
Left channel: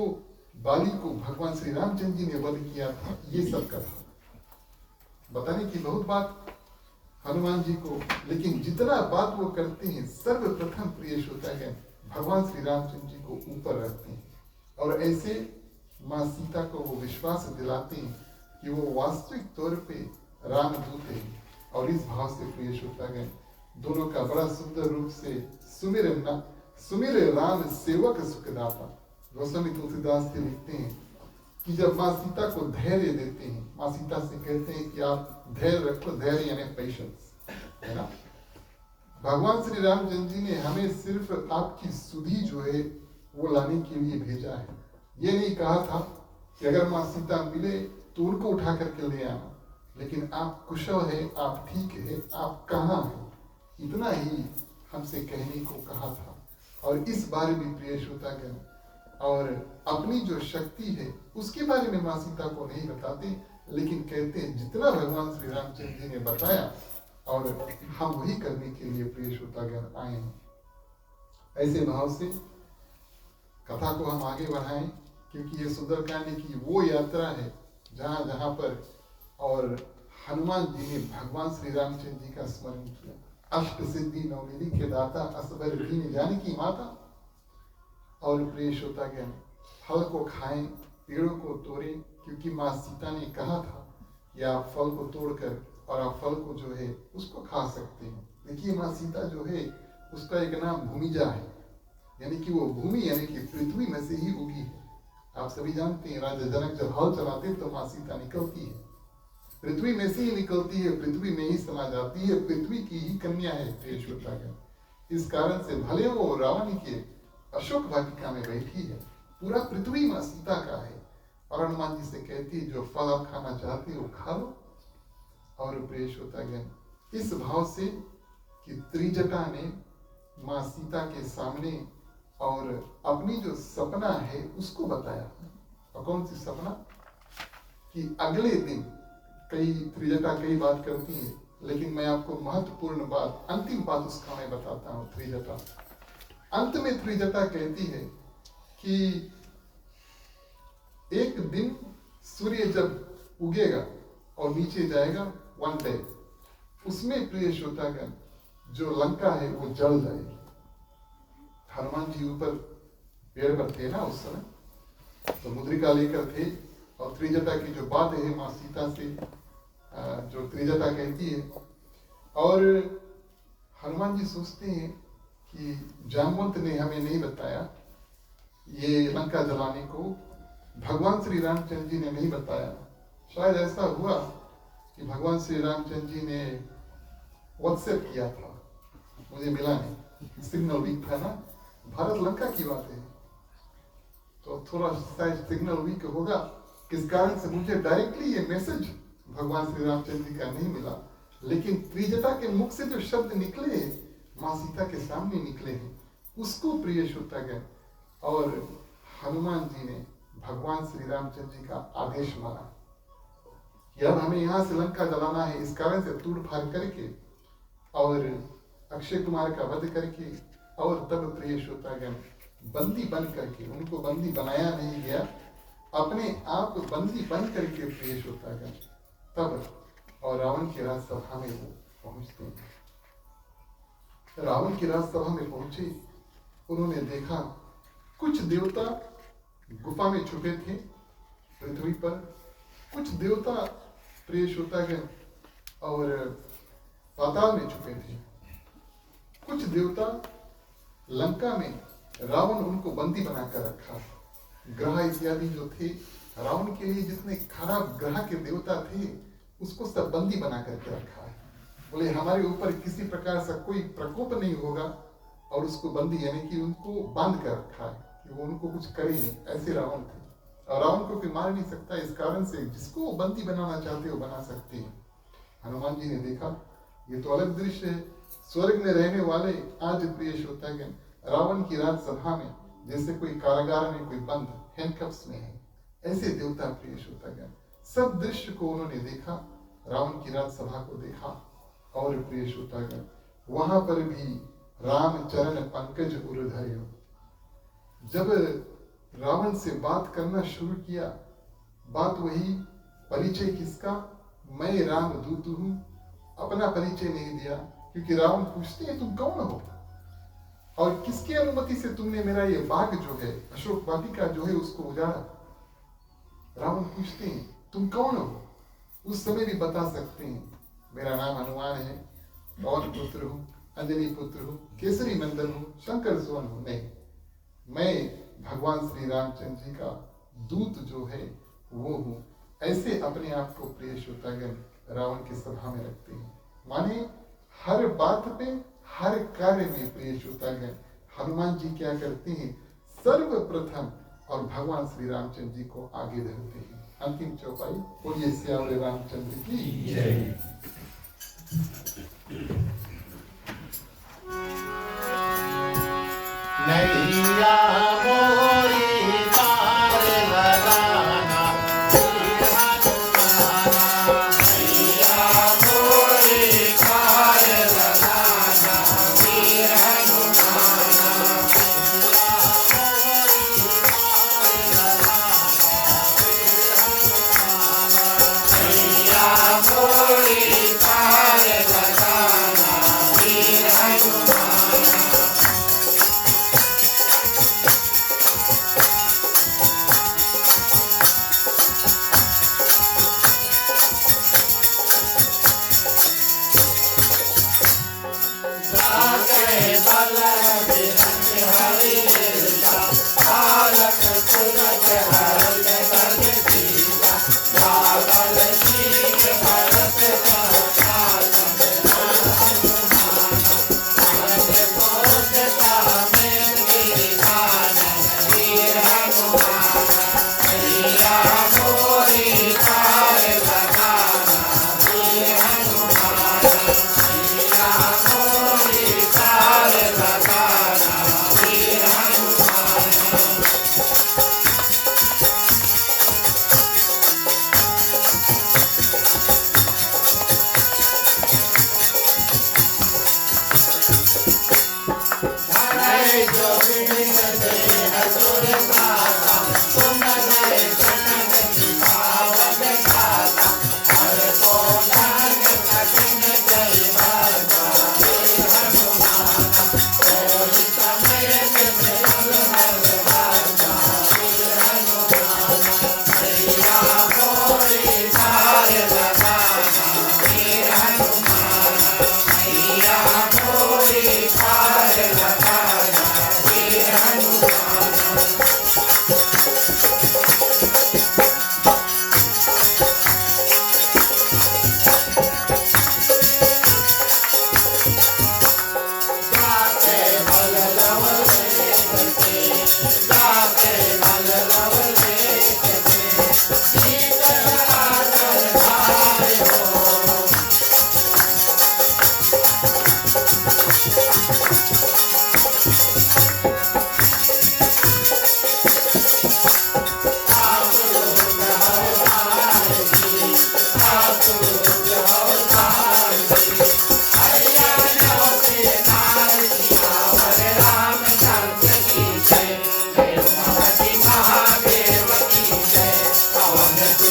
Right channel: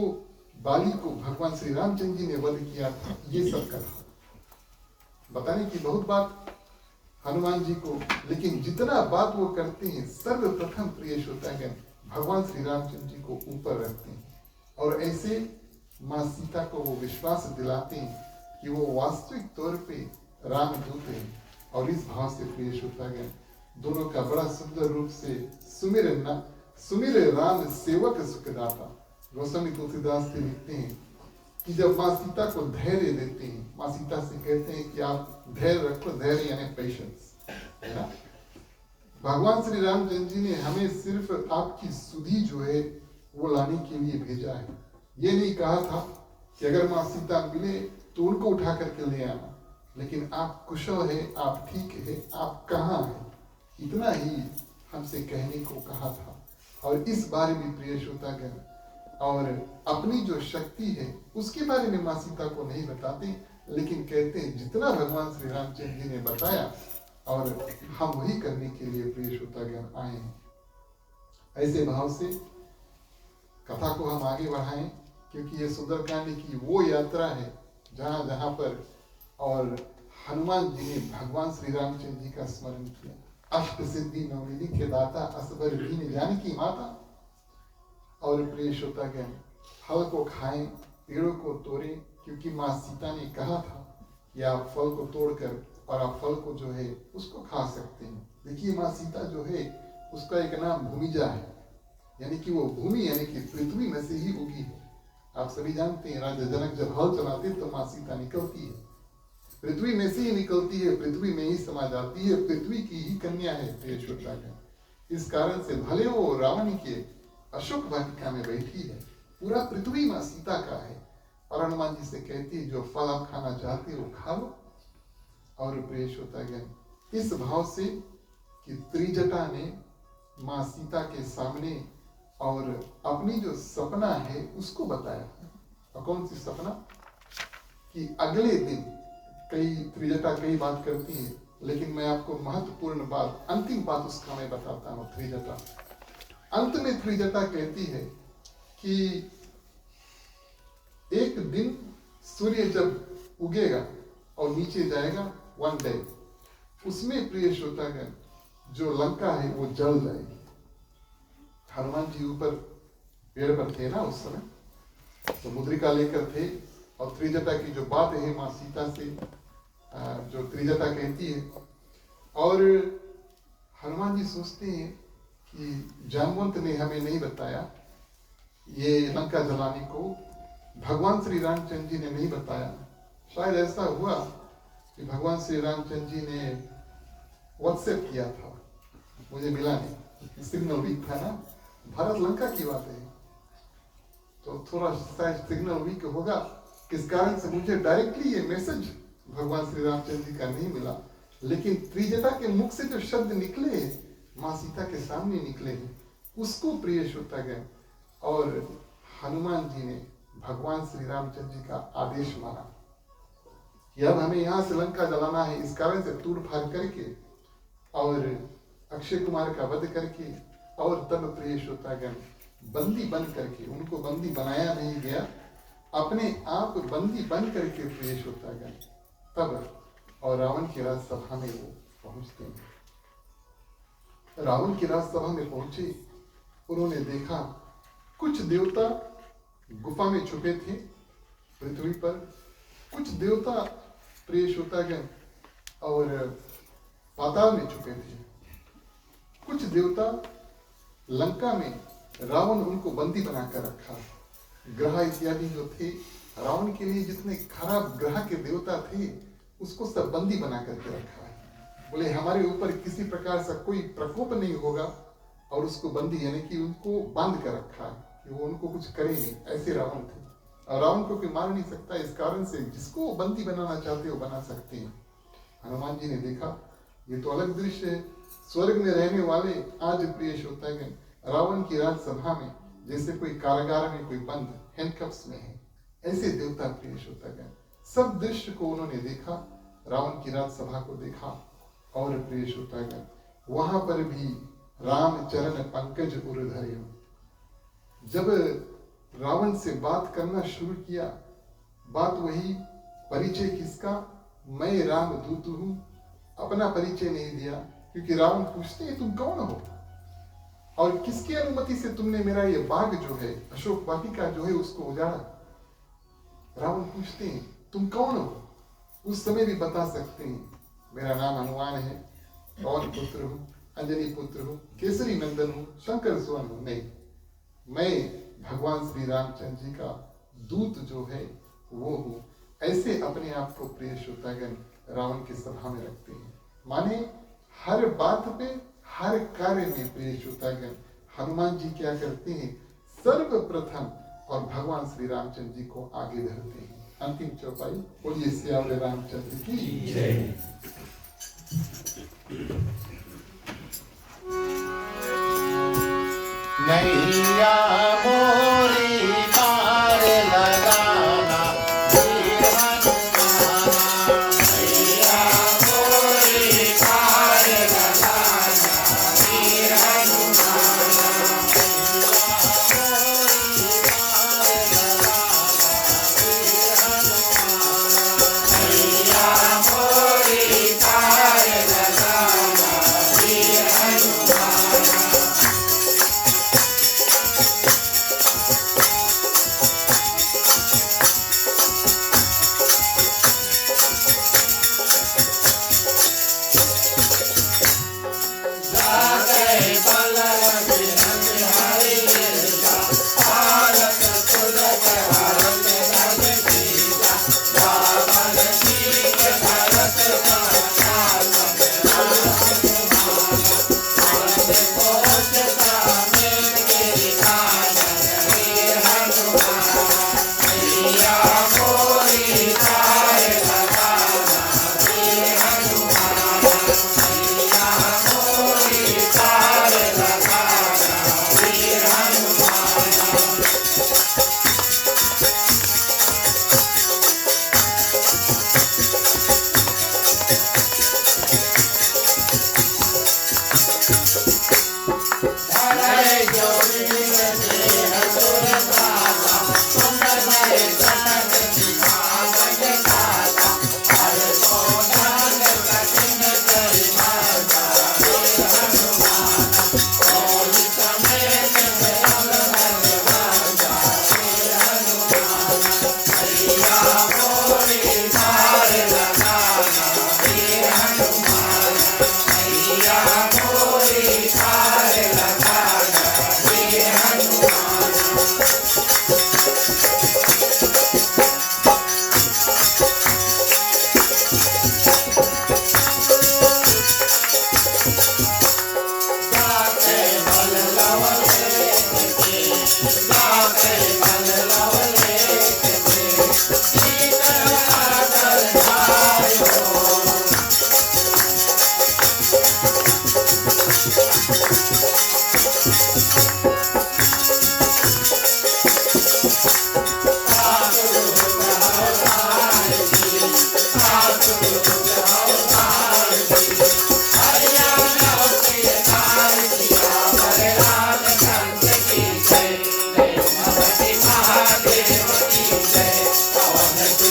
बाली को भगवान श्री रामचंद्र जी ने वध किया था, ये सब कथा बताने की बहुत बात हनुमान जी को, लेकिन जितना बात वो करते हैं सर्वप्रथम प्रिय श्रोतागण भगवान श्री रामचंद्र जी को ऊपर रखते हैं। और ऐसे माँ सीता को वो विश्वास दिलाते हैं कि वो वास्तविक तौर पे रामदूत है। और इस भाव से प्रिय श्रोतागण दोनों का बड़ा सुंदर रूप से सुमिर राम सेवक सुखदाता। गोस्वामी तुलसीदास जी लिखते हैं कि जब माँ सीता को धैर्य देते हैं, माँ सीता से कहते हैं कि आप धैर्य रखो, धैर्य यानी पेशेंस, है ना। भगवान श्री रामचंद्र जी ने हमें सिर्फ आपकी सुधि जो है वो लाने के लिए भेजा है। ये नहीं कहा था कि अगर माँ सीता मिले तो उनको उठा करके ले आना, लेकिन आप कुशल है, आप ठीक है, आप कहाँ हैं, इतना ही हमसे कहने को कहा था। और इस बारे में प्रिय श्रोतागण और अपनी जो शक्ति है उसके बारे में माँ सीता को नहीं बताते, लेकिन कहते हैं जितना भगवान श्री रामचंद्र जी ने बताया और हम वही करने के लिए प्रिय श्रोतागण आए हैं। ऐसे भाव से कथा को हम आगे बढ़ाएं, क्योंकि ये सुंदरकांड की वो यात्रा है जहाँ जहाँ पर और हनुमान जी ने भगवान श्री रामचंद्र जी का स्मरण किया। अष्ट सिद्धि नवनिधि के दाता असबर दीन जानकी माता। और प्रिय श्रोतागण फल को खाएं, पेड़ों को तोड़ें, क्योंकि माँ सीता ने कहा था कि आप फल को तोड़कर और आप फल को जो है उसको खा सकते हैं। देखिए माँ सीता जो है उसका एक नाम भूमिजा है, यानी कि वो भूमि यानी कि पृथ्वी में से ही उगी है। आप सभी जानते हैं राजा जनक जब हल चलाते तो माँ सीता निकलती है, पृथ्वी में से ही निकलती है, पृथ्वी में ही समा जाती है, पृथ्वी की ही कन्या है प्रिय श्रोतागण। इस कारण से भले वो रावण के अशोक वाटिका में बैठी है, पूरा पृथ्वी माँ सीता का है। और हनुमान जी से कहती है जो फल आप खाना चाहते हो खा लो। और प्रिय श्रोतागण इस भाव से कि त्रिजटा ने माँ सीता के सामने और अपनी जो सपना है उसको बताया। और कौन सी सपना कि अगले दिन कई त्रिजटा कई बात करती है, लेकिन मैं आपको महत्वपूर्ण बात, अंतिम बात उसका मैं बताता हूँ। त्रिजटा अंत में त्रिजटा कहती है कि एक दिन सूर्य जब उगेगा और नीचे जाएगा, वन डे, उसमें प्रिय श्रोतागण जो लंका है वो जल जाएगी। हनुमान जी ऊपर पेड़ पर थे ना उस समय, तो मुद्रिका लेकर थे और त्रिजटा की जो बात है माँ सीता से जो त्रिजटा कहती है। और हनुमान जी सोचते हैं कि जामवंत ने हमें नहीं बताया, ये लंका जलाने को भगवान श्री रामचंद्र जी ने नहीं बताया। शायद ऐसा हुआ कि भगवान श्री रामचंद्र जी ने व्हाट्सएप किया था, मुझे मिला नहीं, सिग्नल वीक था ना, भारत लंका की बात है, तो थोड़ा शायद सिग्नल वीक होगा, किस कारण से मुझे डायरेक्टली ये मैसेज भगवान श्री रामचंद्र जी का नहीं मिला। लेकिन त्रिजटा के मुख से जो शब्द निकले माँ सीता के सामने निकले हैं, उसको प्रिय श्रोतागण और हनुमान जी ने भगवान श्री रामचंद्र जी का आदेश माना कि अब हमें यहाँ से लंका जलाना है। इस कारण से तूड़ फाड़ करके और अक्षय कुमार का वध करके और तब प्रिय श्रोतागण बंदी बन करके, उनको बंदी बनाया नहीं गया, अपने आप बंदी बन करके प्रिय श्रोतागण तब और रावण की राजसभा में वो पहुंचते हैं। रावण की राजसभा में पहुंचे, उन्होंने देखा कुछ देवता गुफा में छुपे थे पृथ्वी पर, कुछ देवता प्रिय श्रोतागण और पाताल में छुपे थे, कुछ देवता लंका में रावण उनको बंदी बनाकर रखा। ग्रह इत्यादि जो थे, रावण के लिए जितने खराब ग्रह के देवता थे उसको सब बंदी बना करके रखा है। बोले हमारे ऊपर किसी प्रकार से कोई प्रकोप नहीं होगा, और उसको बंदी यानी कि उनको बांध कर रखा है कि वो उनको कुछ करे नहीं, ऐसे रावण थे। और रावण को कोई मार नहीं सकता, इस कारण से जिसको वो बंदी बनाना चाहते हो बना सकते हैं। हनुमान जी ने देखा ये तो अलग दृश्य है, स्वर्ग में रहने वाले आज प्रिय श्रोतागण रावण की राजसभा में जैसे कोई कारागार में कोई बंद हैंडकफ्स में है, ऐसे देवता प्रिय श्रोतागण सब दृश्य को उन्होंने देखा, रावण की राजसभा को देखा। और प्रिय श्रोतागण वहां पर भी राम चरण पंकज उर धर्यो, जब रावण से बात करना शुरू किया, बात वही, परिचय किसका, मैं राम दूत हूं, अपना परिचय नहीं दिया, क्योंकि रावण पूछते हैं तुम कौन हो और किसकी अनुमति से तुमने मेरा ये बाग जो है अशोक वाटिका जो है उसको उजाड़ा। रावण पूछते हैं तुम कौन हो, उस समय भी बता सकते हैं मेरा नाम हनुमान है, पवन पुत्र हूँ, अंजनी पुत्र हूँ, केसरी नंदन हूँ, शंकर सुवन हूँ। नहीं, मैं भगवान श्री रामचंद्र जी का दूत जो है वो हूँ, ऐसे अपने आप को प्रिय श्रोतागण रावण की सभा में रखते हैं। माने हर बात पे, हर कार्य में प्रिय श्रोतागण हनुमान जी क्या करते हैं, सर्वप्रथम और भगवान श्री रामचंद्र जी को आगे धरते हैं। अंतिम चौपाई, बोलिए सियावर रामचंद्र की जय। नैया मोरी पार लगाना वीर हनुमाना, नैया मोरी पार लगाना वीर हनुमाना, नैया मोरी पार लगाना वीर हनुमाना, नैया मोरी पार लगाना वीर हनुमाना।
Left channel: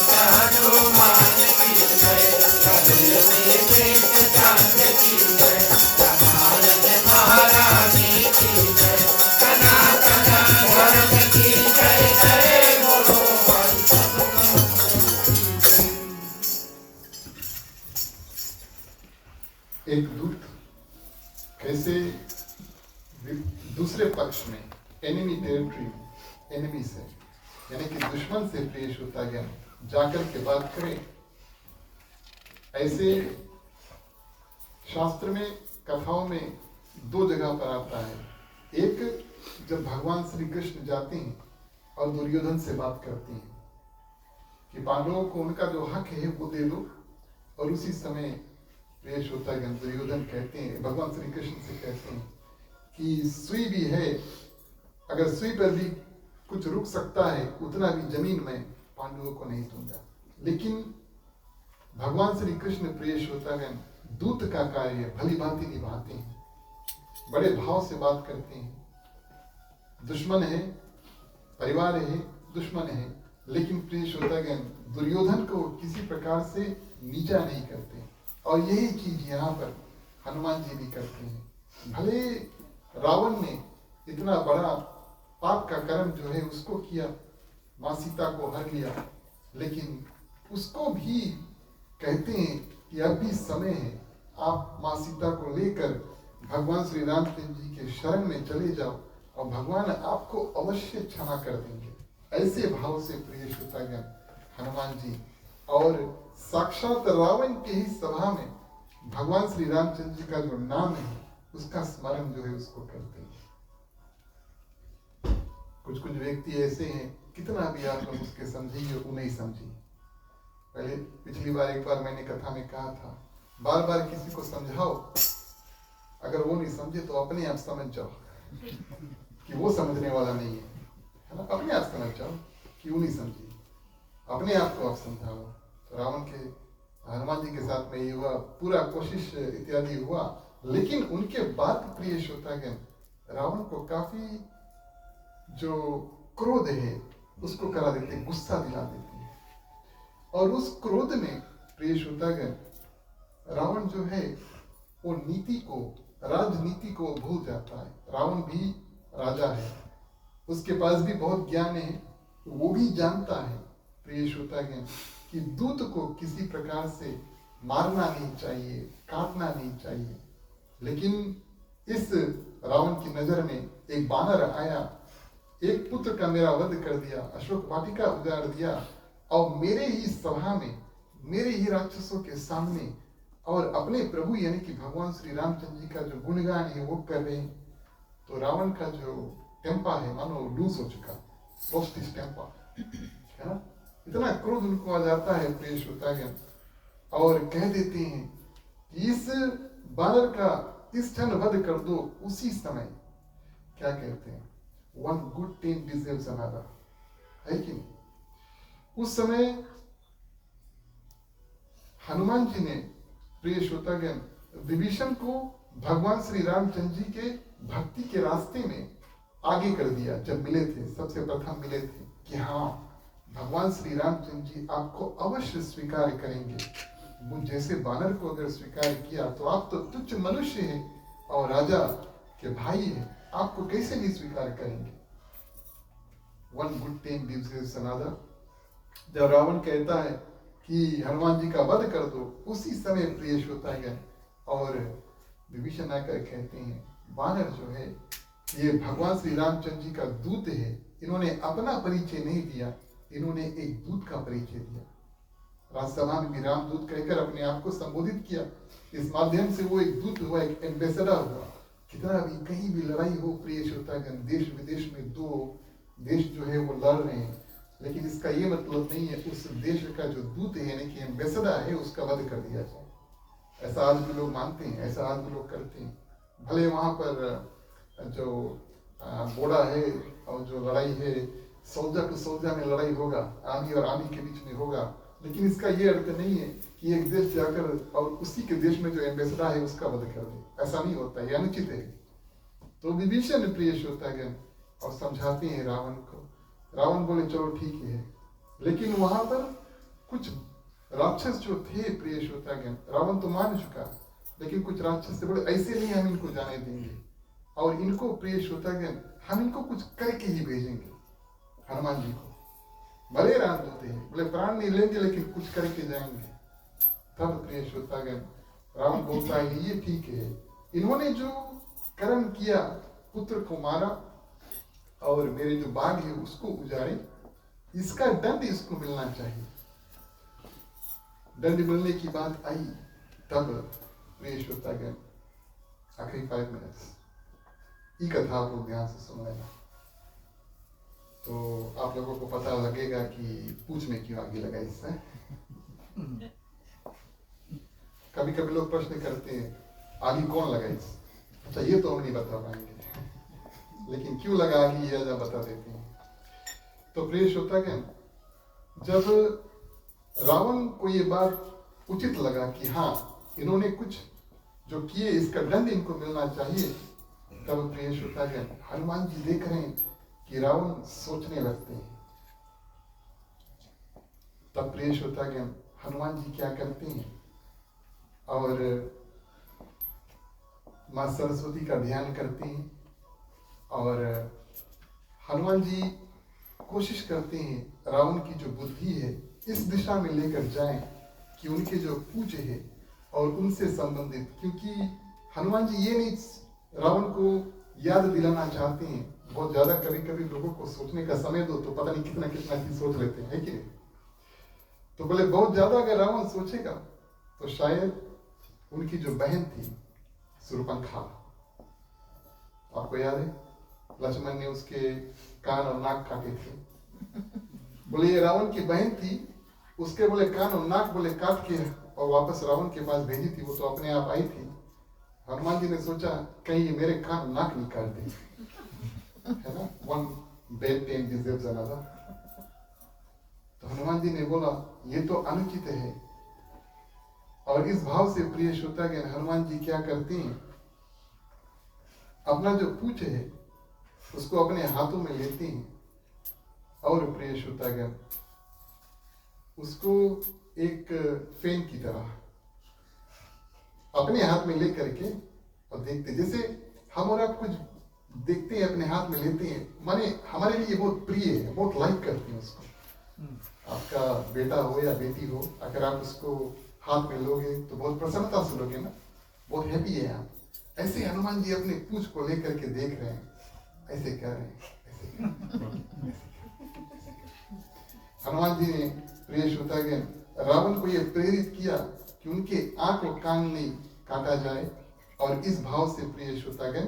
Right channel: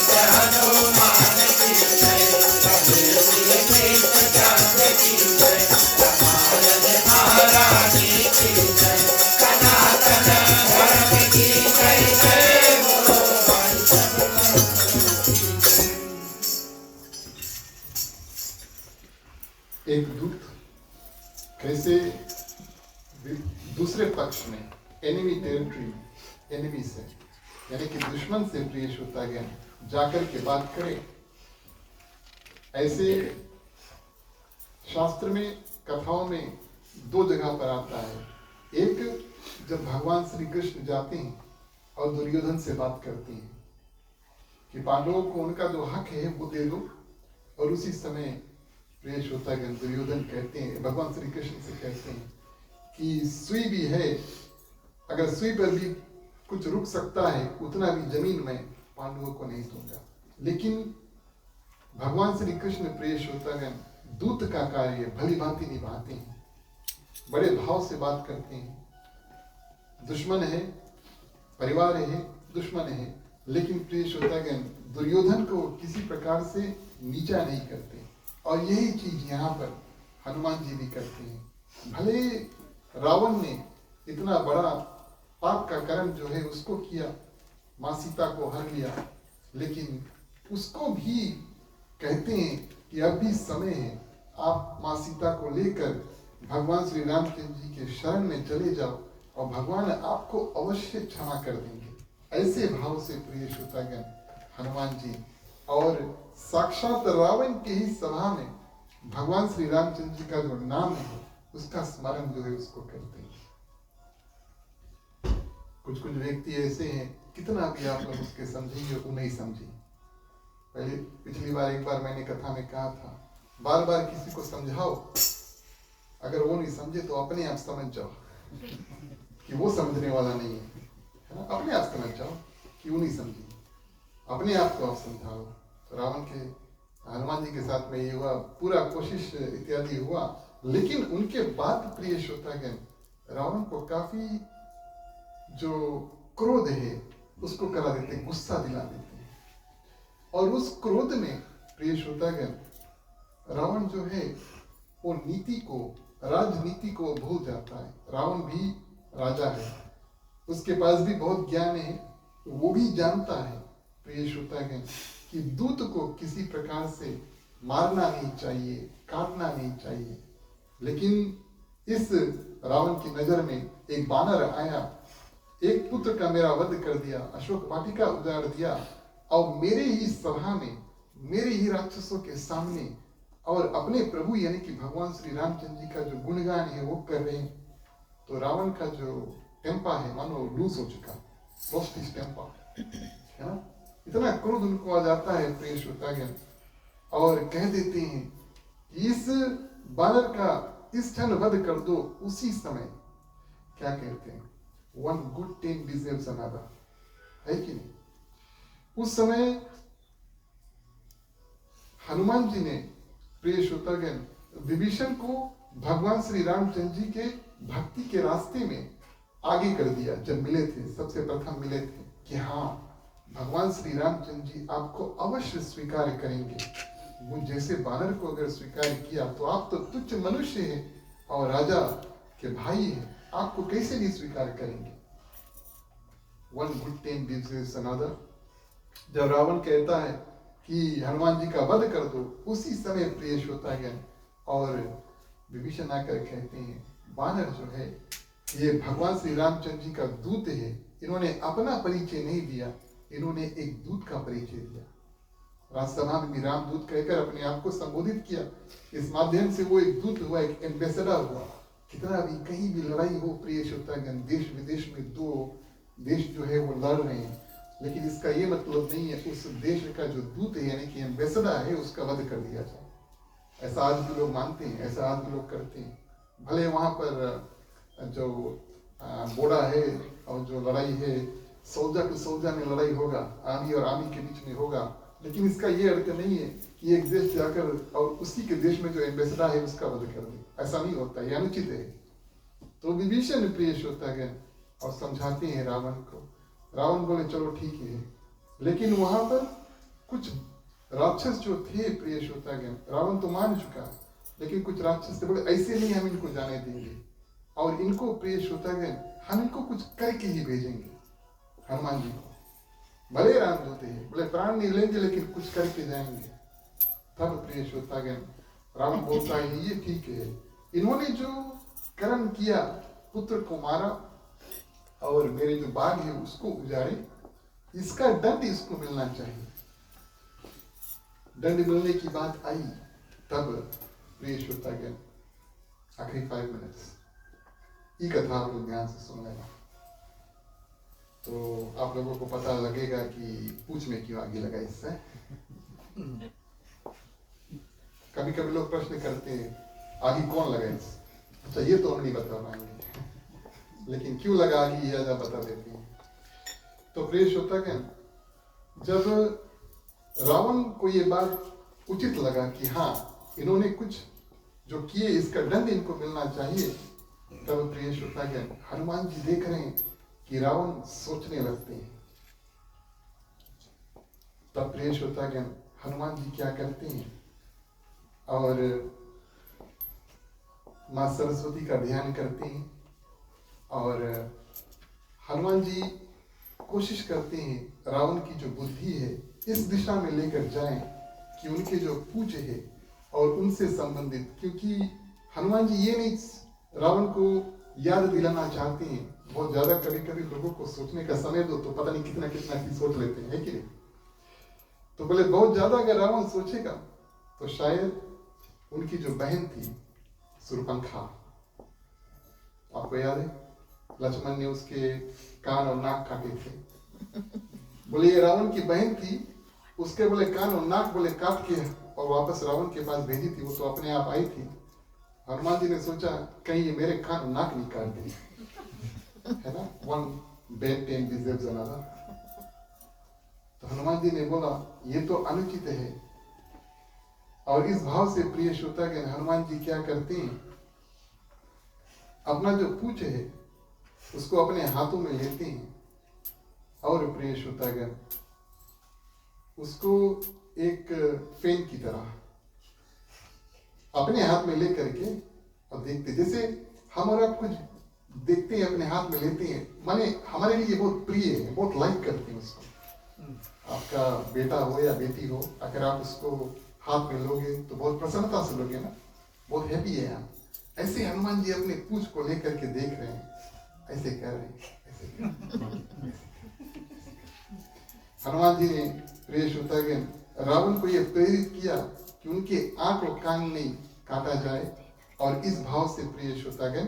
हनुमान की जय, रघुवीर कृष्ण चंद्र की जय, कनौज महारानी की जय, सनातन धर्म की जय, जय बोलो भाई सब एक दूत कैसे दूसरे पक्ष में एनिमी टेरिटरी में एनिमी से यानी कि दुश्मन से प्रिय श्रोतागण जाकर के बात करें। ऐसे शास्त्र में कथाओं में दो जगह पर आता है। एक जब भगवान श्री कृष्ण जाते हैं और दुर्योधन से बात करते हैं कि पांडवों को उनका जो हक है वो दे दो, और उसी समय प्रिय श्रोतागण दुर्योधन कहते हैं, भगवान श्री कृष्ण से कहते हैं कि सुई भी है, अगर सुई पर भी कुछ रुक सकता है उतना भी जमीन में पांडवों को नहीं दूंगा। लेकिन भगवान श्री कृष्ण प्रिय श्रोतागण दूत का कार्य भली भांति निभाते हैं, बड़े भाव से बात करते हैं। दुश्मन है, परिवार है, दुश्मन है, लेकिन प्रिय श्रोतागण दुर्योधन को किसी प्रकार से नीचा नहीं करते। और यही चीज यहाँ पर हनुमान जी भी करते हैं। भले रावण ने इतना बड़ा पाप का कर्म जो है उसको किया, माँ सीता को हर लिया, लेकिन उसको भी कहते हैं कि अब भी समय है, आप माँ सीता को लेकर भगवान श्री रामचंद्र जी के शरण में चले जाओ और भगवान आपको अवश्य क्षमा कर देंगे। ऐसे भाव से प्रिय श्रोतागण हनुमान जी और साक्षात रावण के ही सभा में भगवान श्री रामचंद्र जी का जो नाम है उसका स्मरण जो है उसको करते हैं। कुछ कुछ व्यक्ति ऐसे हैं, कितना भी आप लोग उसके समझिए वो नहीं समझिए। पहले पिछली बार एक बार मैंने कथा में कहा था, बार बार किसी को समझाओ, अगर वो नहीं समझे तो अपने आप समझ जाओ कि वो समझने वाला नहीं है ना। अपने आप समझ जाओ कि वो नहीं समझी, अपने आप को आप समझाओ। तो रावण के हनुमान जी के साथ में ये हुआ, पूरा कोशिश इत्यादि हुआ, लेकिन उनके बाद प्रिय श्रोतागण रावण को काफी जो क्रोध है उसको करा देते हैं, गुस्सा दिला देते हैं। और उस क्रोध में प्रिय श्रोतागण रावण जो है वो नीति को, राजनीति को भूल जाता है। रावण भी राजा है, उसके पास भी बहुत ज्ञान है, वो भी जानता है प्रिय श्रोतागण कि दूत को किसी प्रकार से मारना नहीं चाहिए, काटना नहीं चाहिए। लेकिन इस रावण की नजर में एक बानर आया, एक पुत्र का मेरा वध कर दिया, अशोक वाटिका उजाड़ दिया, और मेरे ही सभा में, मेरे ही राक्षसों के सामने, और अपने प्रभु यानी कि भगवान श्री रामचंद्र जी का जो गुणगान है वो कर रहे हैं। तो रावण का जो टेम्पा है मानो लूज हो चुका, लोस्ट हिज टेम्पा, है ना। इतना क्रोध उनको आ जाता है प्रिय श्रोतागण, और कह देते हैं कि इस बानर का इस क्षण वध कर दो। उसी समय क्या कहते हैं, one good thing deserves another, है कि नहीं। उस समय हनुमान जी ने प्रिय श्रोतागण विभीषण को भगवान श्री रामचंद्र जी के भक्ति के रास्ते में आगे कर दिया। जब मिले थे, सबसे प्रथम मिले थे कि हाँ भगवान श्री रामचंद्र जी आपको अवश्य स्वीकार करेंगे। वो जैसे बानर को अगर स्वीकार किया तो आप तो तुच्छ मनुष्य हैं और राजा के भाई हैं, आपको कैसे नहीं स्वीकार करेंगे। One good thing deserves another. जब रावण कहता है कि हनुमान जी का वध कर दो, उसी समय प्रिय श्रोतागण और विभीषण आकर कहते हैं बानर जो है ये भगवान श्री रामचंद्र जी का दूत है, इन्होंने अपना परिचय नहीं दिया, इन्होंने एक दूत का परिचय दिया। राजसभा में भी रामदूत कहकर अपने आप को संबोधित किया। इस माध्यम से वो एक दूत हुआ, एक एम्बेसडर हुआ। कितना भी कहीं भी लड़ाई हो प्रिय श्रोतागण, देश विदेश में दो देश जो है वो लड़ रहे हैं, लेकिन इसका ये मतलब नहीं है उस देश का जो दूत है यानी कि एम्बेसडर है उसका वध कर दिया जाए। ऐसा आज भी लोग मानते हैं, ऐसा आज भी लोग करते हैं। भले वहाँ पर जो बोड़ा है और जो लड़ाई है सोल्जर टू सोल्जर में लड़ाई होगा, आर्मी और आर्मी के बीच में होगा, लेकिन इसका ये अर्थ नहीं है कि एक देश जाकर और उसी के देश में जो एम्बेसडर है उसका वध कर दे। ऐसा नहीं होता, ये अनुचित है। तो विभीषण प्रिय श्रोतागण और समझाते हैं रावण को। रावण बोले चलो ठीक है, लेकिन वहां पर कुछ राक्षस जो थे प्रिय श्रोतागण, रावण तो मान चुका, लेकिन कुछ राक्षस थे बोले ऐसे नहीं हम इनको जाने देंगे, और इनको प्रिय श्रोतागण हम इनको कुछ करके ही भेजेंगे हनुमान जी को। भले रामदूत हैं, बोले प्राण नहीं लेंगे लेकिन कुछ करके जाएंगे। तब प्रिय श्रोतागण रावण बोलता है ये ठीक है, इन्होंने जो कर्म किया, पुत्र को मारा और मेरे जो बाग है उसको उजाड़े, इसका दंड इसको मिलना चाहिए। दंड मिलने की बात आई, तब प्रिय श्रोतागण आखिरी 5 मिनट्स ये कथा आप लोग ध्यान से सुन लेना, तो आप लोगों को पता लगेगा कि पूछ में क्यों आगे लगा इससे। कभी कभी लोग प्रश्न करते हैं आगे कौन लगा इससे, अच्छा ये तो हम नहीं बता पाएंगे, लेकिन क्यों लगा आगे ये आजा बता देते हैं। तो प्रिय श्रोतागण, जब रावण को ये बात उचित लगा कि हाँ इन्होंने कुछ जो किए इसका दंड इनको मिलना चाहिए, तब प्रिय श्रोतागण हनुमान जी देख रहे हैं कि रावण सोचने लगते हैं। तब प्रिय श्रोतागण हनुमान जी क्या करते हैं, और मां सरस्वती का ध्यान करते हैं, और हनुमान जी कोशिश करते हैं रावण की जो बुद्धि है इस दिशा में लेकर जाएं कि उनके जो पूज्य है और उनसे संबंधित, क्योंकि हनुमान जी ये नहीं रावण को याद दिलाना चाहते हैं। बहुत ज्यादा कभी कभी लोगों को सोचने का समय दो तो पता नहीं कितना कितना चीज सोच लेते हैं, है कि नहीं। तो बोले बहुत ज्यादा अगर रावण सोचेगा तो शायद उनकी जो बहन थी सुरपंखा, आपको याद है लक्ष्मण ने उसके कान और नाक काटे थे, बोले ये रावण की बहन थी, उसके बोले कान और नाक बोले काट के और वापस रावण के पास भेजी थी, वो तो अपने आप आई थी। हनुमान जी ने सोचा कहीं ये मेरे कान और नाक नहीं काट दी, है ना, one bad time deserves another. तो हनुमान जी ने बोला ये तो अनुचित है, और इस भाव से प्रिय श्रोतागण हनुमान जी क्या करते हैं, अपना जो पूछ है उसको अपने हाथों में लेते हैं, और प्रिय श्रोतागण उसको एक फेन की तरह अपने हाथ में लेकर के और देखते, जैसे हम और आप कुछ देखते हैं अपने हाथ में लेते हैं, माने हमारे लिए बहुत प्रिय है, बहुत लाइक करते हैं उसको। आपका बेटा हो या बेटी हो, अगर आप उसको हाथ में लोगे तो बहुत प्रसन्नता से लोगे ना, बहुत हैप्पी है आप। ऐसे हनुमान जी अपने पूंछ को लेकर के देख रहे हैं, ऐसे कर रहे हैं, ऐसे कर रहे हैं। हनुमान जी ने प्रिय श्रोतागण रावण को यह प्रेरित किया कि उनके आंख और कान नहीं काटा जाए, और इस भाव से प्रिय श्रोतागण,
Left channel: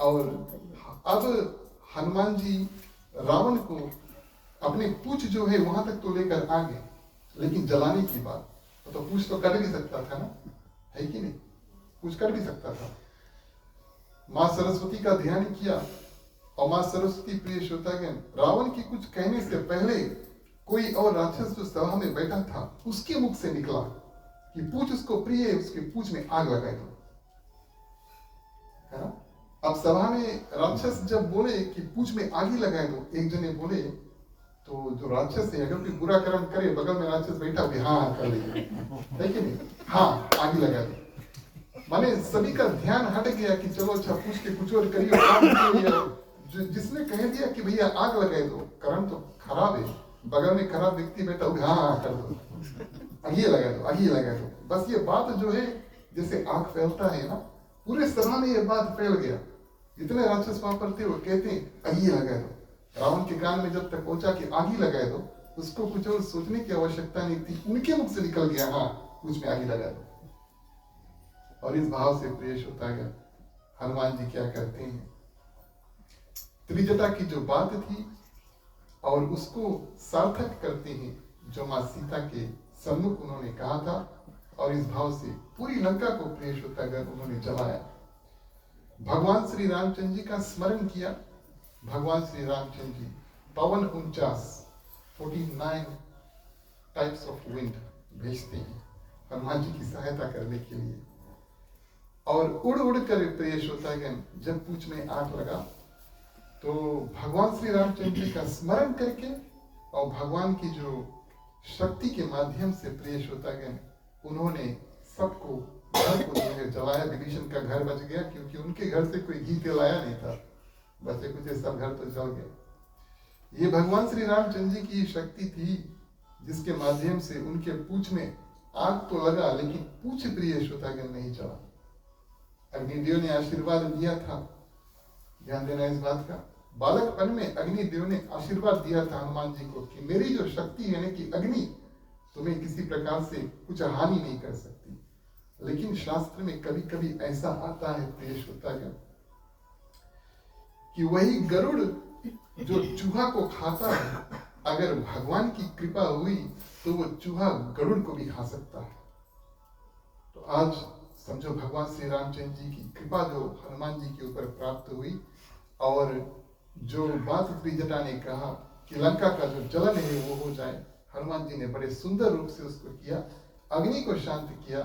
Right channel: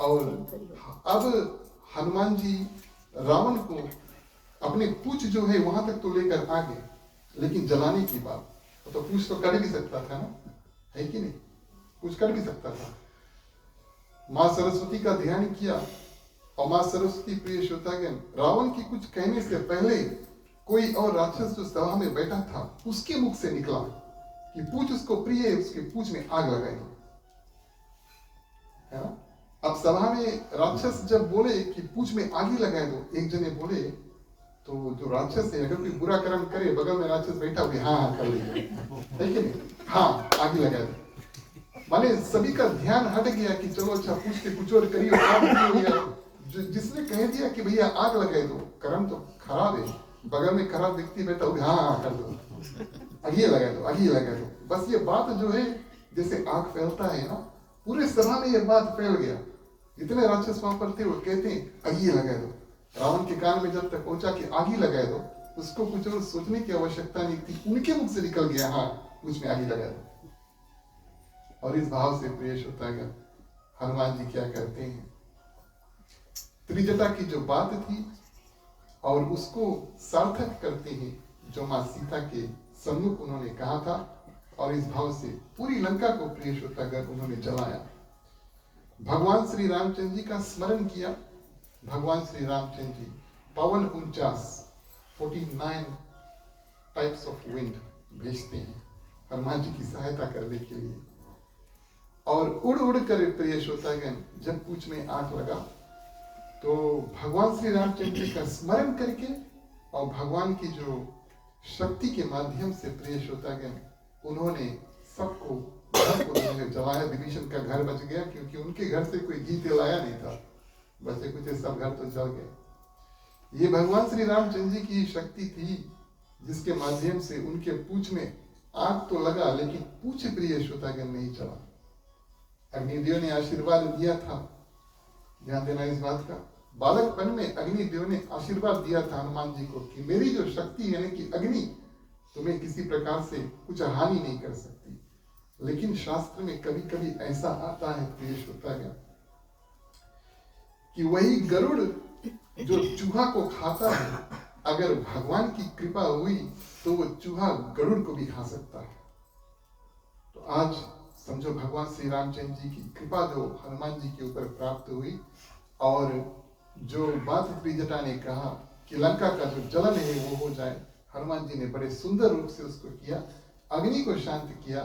और अब हनुमान जी रावण को अपने पूंछ जो है वहां तक तो लेकर आ गए, लेकिन जलाने की बात तो पूंछ तो कर भी सकता था ना, है कि नहीं, कुछ कर भी सकता था। मां सरस्वती का ध्यान किया, और मां सरस्वती प्रिय श्रोतागण रावण की कुछ कहने से पहले कोई और राक्षस जो सभा में बैठा था उसके मुख से निकला कि पूछ उसको प्रिय है, उसके पूछ में आग लगाई दो, है ना। अब सभा में राक्षस जब बोले कि पूछ में आग ही लगाए दो, एक जने बोले, तो जो राक्षस है अगर कोई बुरा कर्म करे, बगल में राक्षस बैठा हुआ हाँ कर लीजिए, है कि नहीं, हाँ आग ही लगा दो। माने सभी का ध्यान हट गया कि चलो अच्छा पूछ के कुछ और करिए, जिसने कह दिया कि भैया आग लगाए दो, कर्म तो खराब है, बगल में खराब व्यक्ति बैठा हुआ हाँ कर दो, आगे लगा दो, आगे लगा दो। बस ये बात जो है जैसे आग फैलता है ना, पूरे सभा में ये बात फैल गया। जितने राक्षस वहां पर थे वो कहते हैं आगे लगा दो। रावण के कान में जब तक पहुंचा कि आगे लगा दो, उसको कुछ और सोचने की आवश्यकता नहीं थी, उनके मुख से निकल गया हाँ कुछ में आगे लगा दो। और इस भाव से प्रिय श्रोतागण हनुमान जी क्या करते हैं, त्रिजटा की जो बात थी और उसको सार्थक करते हैं जो मां सीता के सम्मुख उन्होंने कहा था, और इस भाव से पूरी लंका को प्रिय श्रोतागण उन्होंने जलाया। भगवान श्री रामचंद्र जी का स्मरण किया। भगवान श्री रामचंद्र जी पवन 49 टाइप्स ऑफ विंड भेजते हैं हनुमान जी की सहायता करने के लिए, और उड़ उड़ कर प्रिय श्रोतागण जब पूंछ में आग लगा तो भगवान श्री रामचंद्र जी का स्मरण करके और भगवान की जो शक्ति के माध्यम से प्रिय श्रोतागण उन्होंने सबको घर को जो है जलाया। विभीषण का घर बच गया क्योंकि उनके घर से कोई घी तेल आया नहीं था, बचे कुछ सब घर तो जल गए। ये भगवान श्री रामचंद्र जी की शक्ति थी जिसके माध्यम से उनके पूंछ में आग तो लगा लेकिन पूंछ प्रिय श्रोतागण नहीं चला। अग्निदेव ने आशीर्वाद दिया था, ध्यान देना इस बात का। बालकपन में अग्निदेव ने आशीर्वाद दिया था हनुमान जी को कि मेरी जो शक्ति है ना कि अग्नि तुम्हें किसी प्रकार से कुछ हानि नहीं कर सकती। लेकिन शास्त्र में कभी कभी ऐसा आता है प्रिय श्रोतागण कि वही गरुड़ जो चूहा को खाता है, अगर भगवान की कृपा हुई तो वो चूहा गरुड़ को भी खा सकता है। तो आज समझो भगवान श्री रामचंद्र जी की कृपा जो हनुमान जी के ऊपर प्राप्त हुई, और जो बात त्रिजटा ने कहा कि लंका का जो जलन है वो हो जाए, हनुमान जी ने बड़े सुंदर रूप से उसको किया, अग्नि को शांत किया,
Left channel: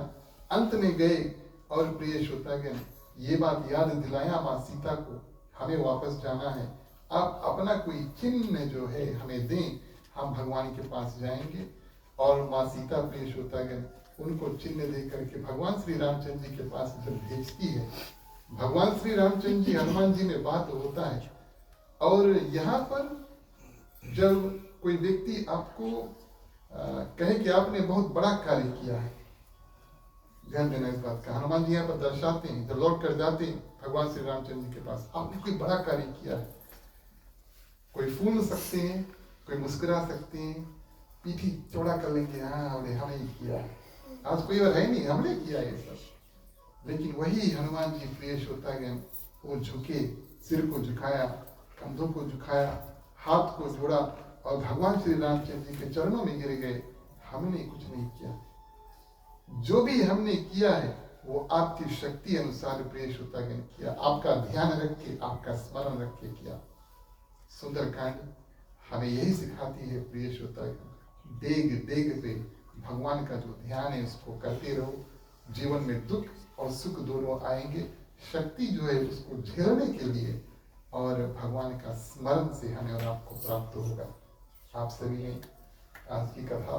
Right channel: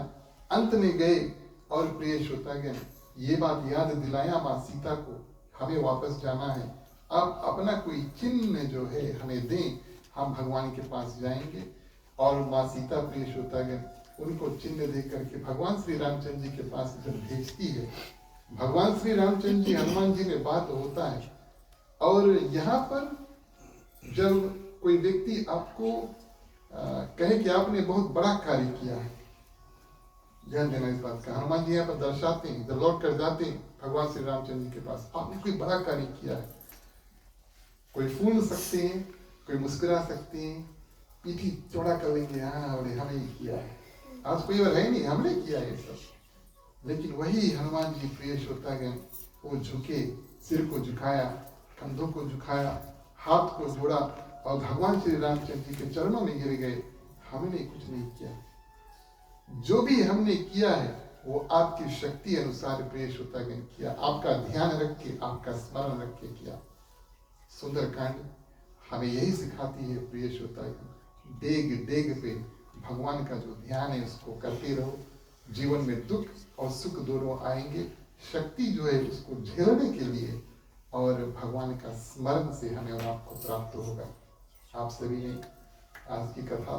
अंत में गए। और प्रिय श्रोतागण ये बात याद दिलाया माँ सीता को, हमें वापस जाना है, आप अपना कोई चिन्ह जो है हमें दें, हम भगवान के पास जाएंगे। और माँ सीता प्रिय श्रोतागण उनको चिन्ह दे करके भगवान श्री रामचंद्र जी के पास जब भेजती है, भगवान श्री रामचंद्र जी हनुमान जी में बात होता है। और यहाँ पर जब कोई व्यक्ति आपको कहे कि आपने बहुत बड़ा कार्य किया है, ध्यान देना इस बात का। हनुमान जी यहाँ पर दर्शाते हैं, जब लौट कर जाते हैं भगवान श्री रामचंद्र जी के पास, आपने कोई बड़ा कार्य किया है। कोई फूल सकते हैं, कोई मुस्कुरा सकते हैं, पीठी चौड़ा कर लेंगे, हाँ हमने ही किया है, आज कोई और है नहीं, हमने किया ये सब। लेकिन वही हनुमान जी प्रिय श्रोतागण वो झुके, सिर को झुकाया, कंधों को झुकाया, हाथ को जोड़ा और भगवान श्री रामचंद्र जी के चरणों में गिर गए। हमने कुछ नहीं किया, जो भी हमने किया है वो आपकी शक्ति अनुसार प्रिय श्रोतागण किया, आपका ध्यान रख के, आपका स्मरण रख के किया। सुंदरकांड हमें यही सिखाती है प्रिय श्रोतागण, डेग डेग पे भगवान का जो ध्यान है उसको करते रहो। जीवन में दुख और सुख दोनों आएंगे, शक्ति जो है उसको झेलने के लिए और भगवान का स्मरण से हमें और आपको प्राप्त होगा। आप सभी ने आज की कथा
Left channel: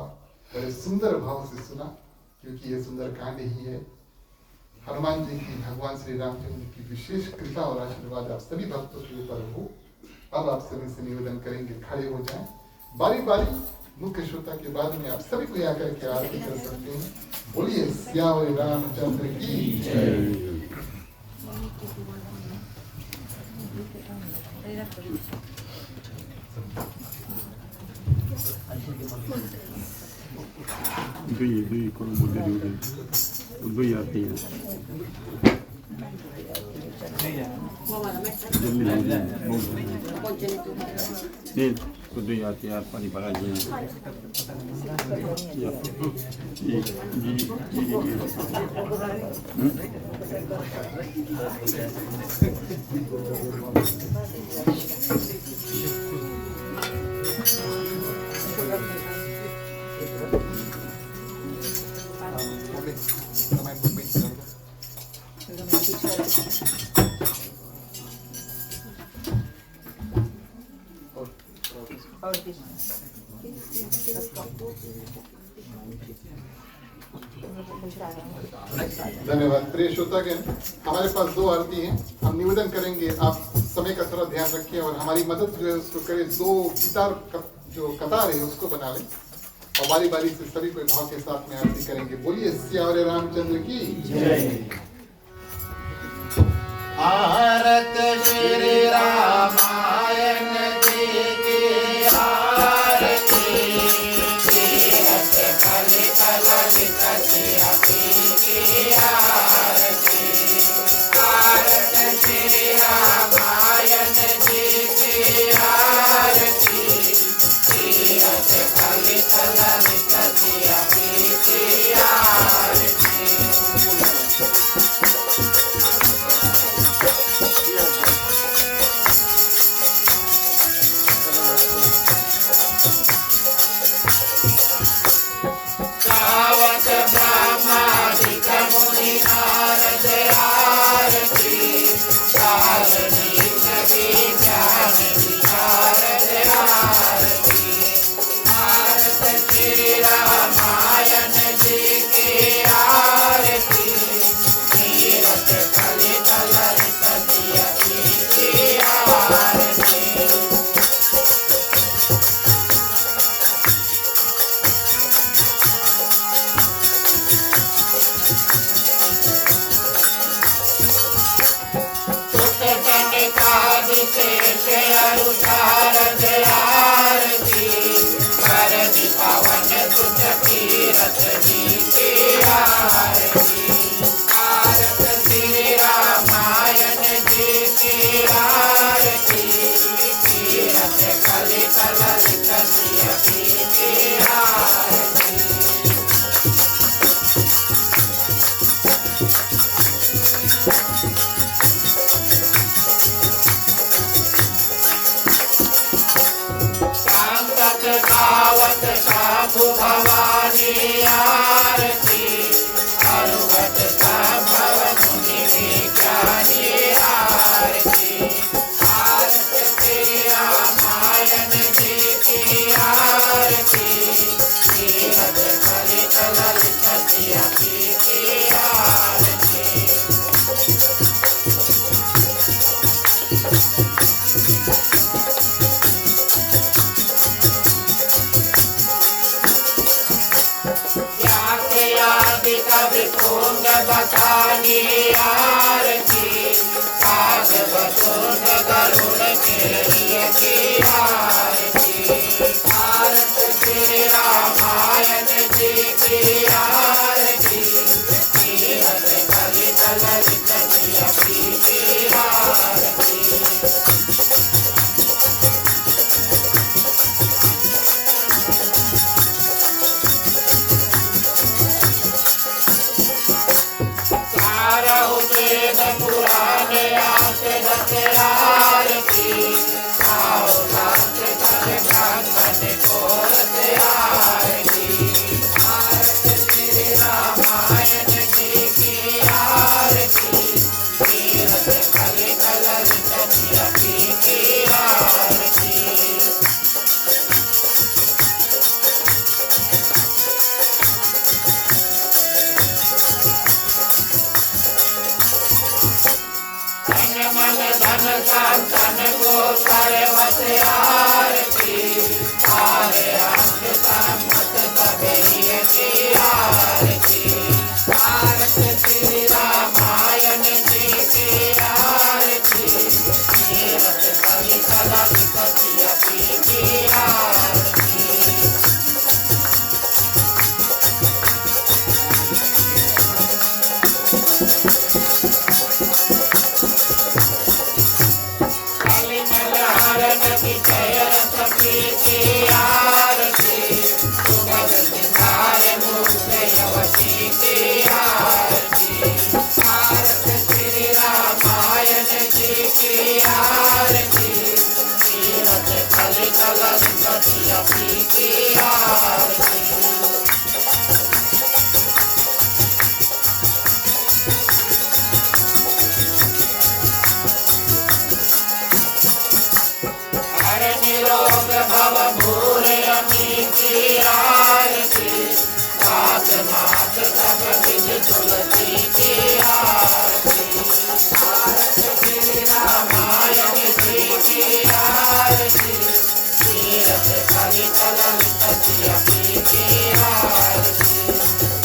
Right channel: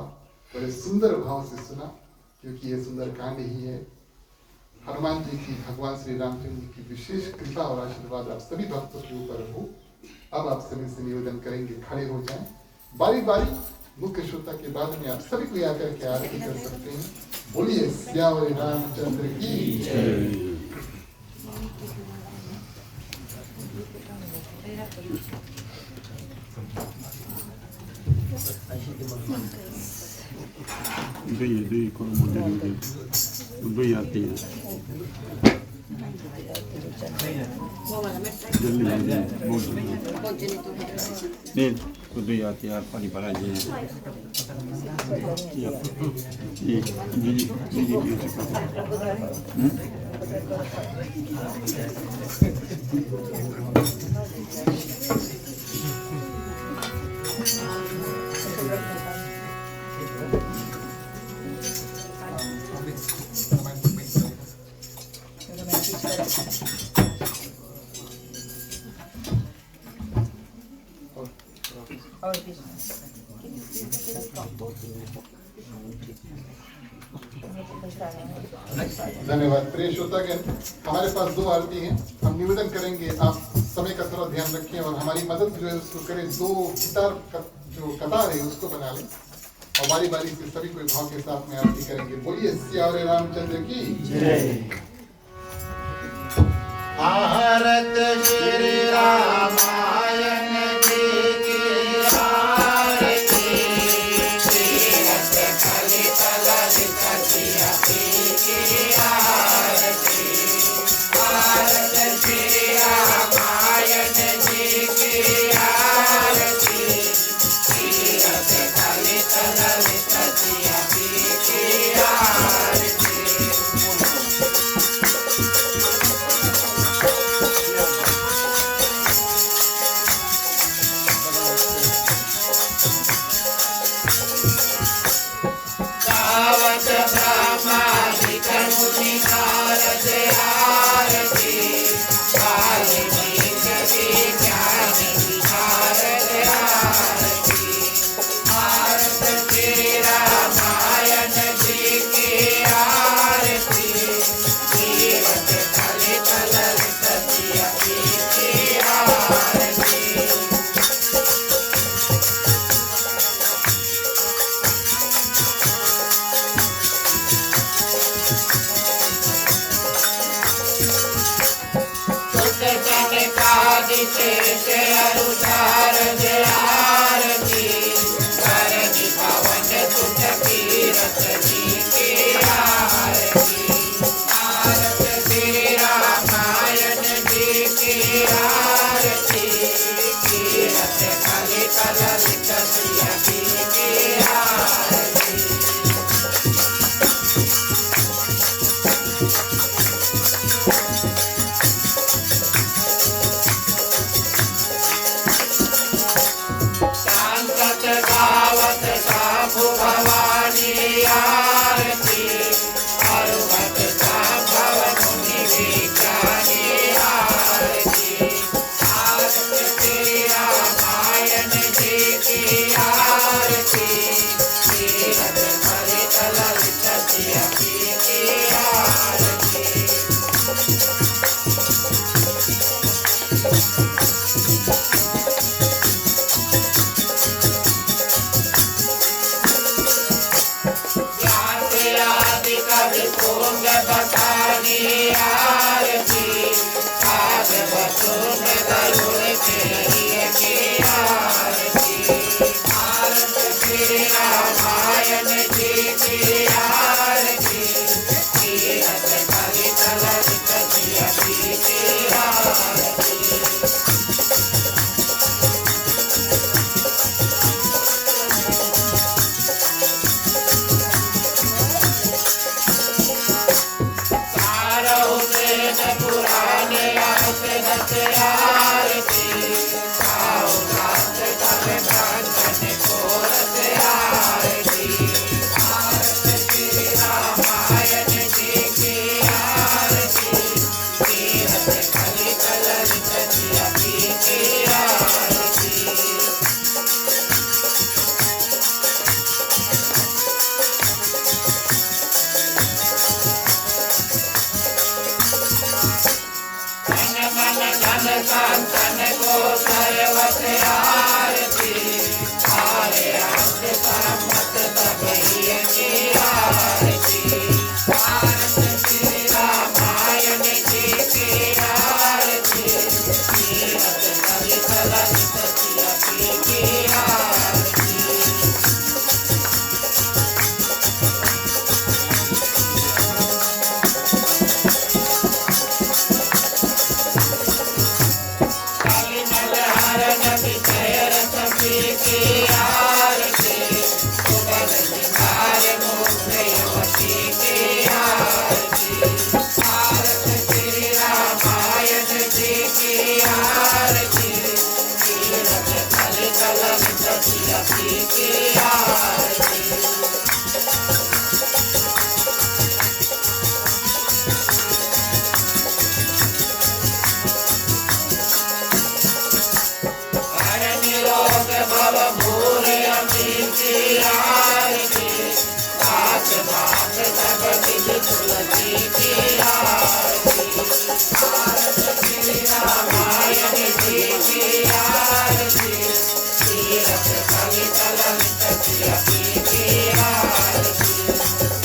बड़े सुंदर भाव से सुना, क्योंकि ये सुंदर कांड ही है। हनुमान जी की, भगवान श्री रामचंद्र की विशेष कृपा और आशीर्वाद आप सभी भक्तों के ऊपर हो। अब आप सभी से निवेदन करेंगे खड़े हो जाएं, बारी बारी मुख्य श्रोता के बाद में आप सभी को आकर के आरती कर सकते हैं। बोलिए श्याम रामचंद्र की जय। दुई आती है नहीं तो दुई आती है पानी पड़ा जी धन्यवाद। प्रिय श्रोतागण, हमारे पास दो आरती हैं, हम निवेदन करेंगे आप समय का थोड़ा ध्यान रखें और हमारी मदद जो है उसको करें। दो गिटार जो कतार है उसको बना लें और बारी बारी से सभी को भाव के साथ में आरती करेंगे। बोलिए श्याम रामचंद्र की जय। आरत श्री रामायण जी की आरती, तीरथ कलित ललित सियाती की आरती। आरत श्री रामायण जी की आरती, तीरथ कलित ललित सियाती की आरती। के अनुसार से आरती कर दी पवन सुत तीरथ जी की आरती भारत श्री रामायण जी की आरती तीरथ कलित ललित सिया जी की आरती शांतत गावत साधु भवानी आरती अरुगत भव मुनि विज्ञानी आरती भारत श्री रामायण जी की आरती तीरथ कलित ललित सिया जी की आरती आदि कवि तुंग बखानी आरती साध बतुंग गरुड़ के लिए की आरती भारत श्री रामायण जी की आरती तीरथ कलित ललित सिया जी की आरती पुराने आरती आओ नाथ तब भगवत कोरत आरती भारत श्री रामायण जी की आरती तीरथ कलित ललित सिया जी की आरती मन धन संतन को सर्वत आरती सारे अंग सम्मत सभी की आरती भारत श्री रामायण जी की आरती तीरथ कलित ललित सिया जी की आरती भव भूर अमी की आरती सात मात तब विध तुलसी की आरती भारत श्री रामायण जी की आरती तीरथ कलित ललित सिया जी की आरती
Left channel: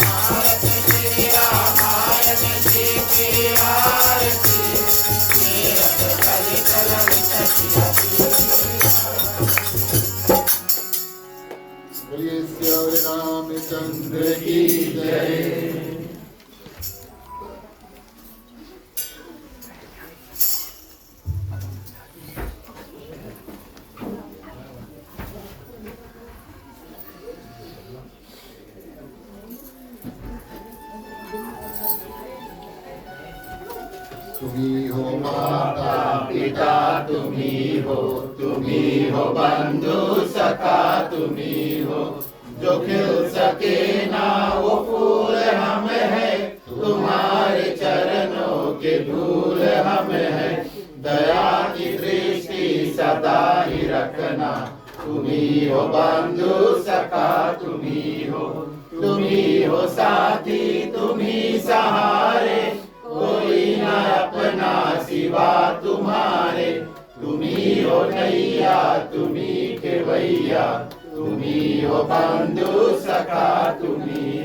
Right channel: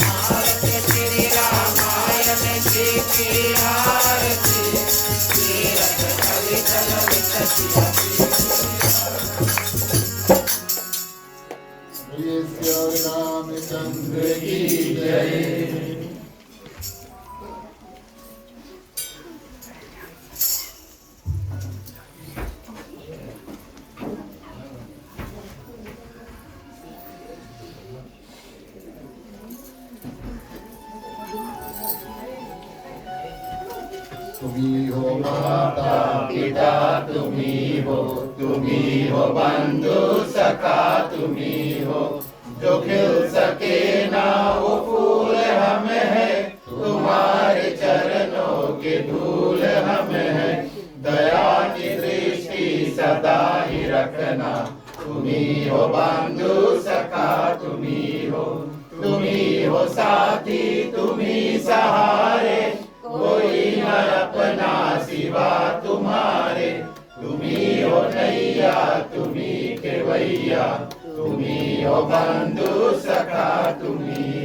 भारत श्री रामायण जी की आरती तीरथ कलित ललित सिया जी बोलिए श्री रामचंद्र की जय। तुम्ही हो माता पिता, तुम्ही हो बंधु सखा, तुम्ही हो जो खिल सके ना वो फूल हम है, तुम्हारे चरणों के धूल हम है। दया की दृष्टि सदा ही रखना, तुम्ही हो बंधु सखा, तुम्ही हो साथी, तुम्ही सहारे, कोई न अपना सिवा तुम्हारे। तुम्ही हो नैया, तुम्ही केवैया, तुम्ही हो बंधु सखा, तुम्ही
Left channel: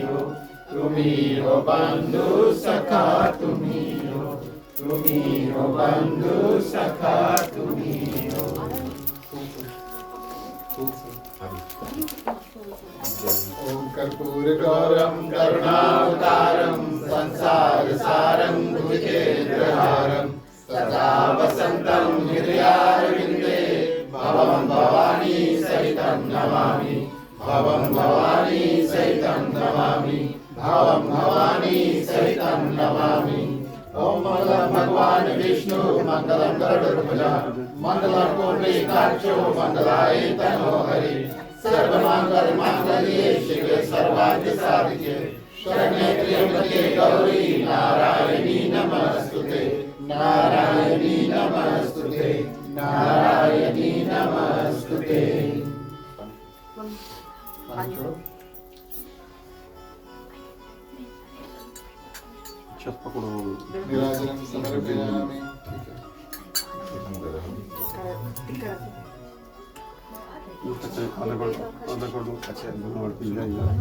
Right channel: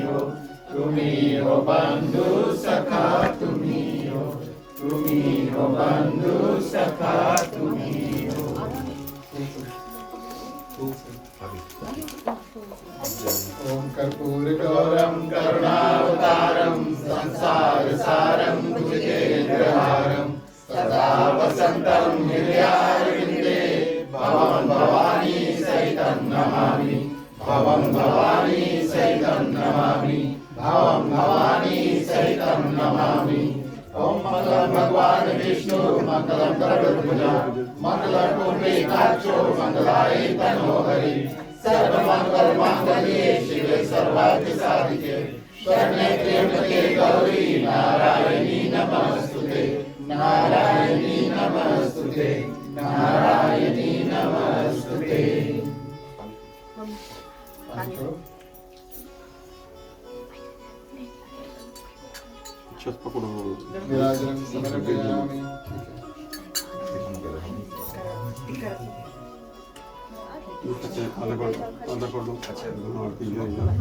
हो बंधु सखा, तुम्ही हो बंधु सखा, तुम्ही हो। ओम कर्पूरगौरं करुणावतारं संसारसारं भुजगेन्द्रहारं सदा वसन्तं हृदयारविन्दे भवं भवानी सहितं नमामि भवं भवानी सहितं नमामि भवं भवानी सहितं नमामि। ओम मंगलम भगवान विष्णु मंगलम गरुड़ध्वज मंगलम पुंडरीकाक्षो मंगलाय तनो हरि सर्वमंगल मांगल्ये शिवे सर्वार्थ साधिके शरण्ये त्र्यंबके गौरी नारायणी नमस्तुते नारायणी नमस्तुते नारायणी नमस्तुते। Сейчас покуру. विराजनं समर्पयामि। आधा कर दो। या धन्यवाद।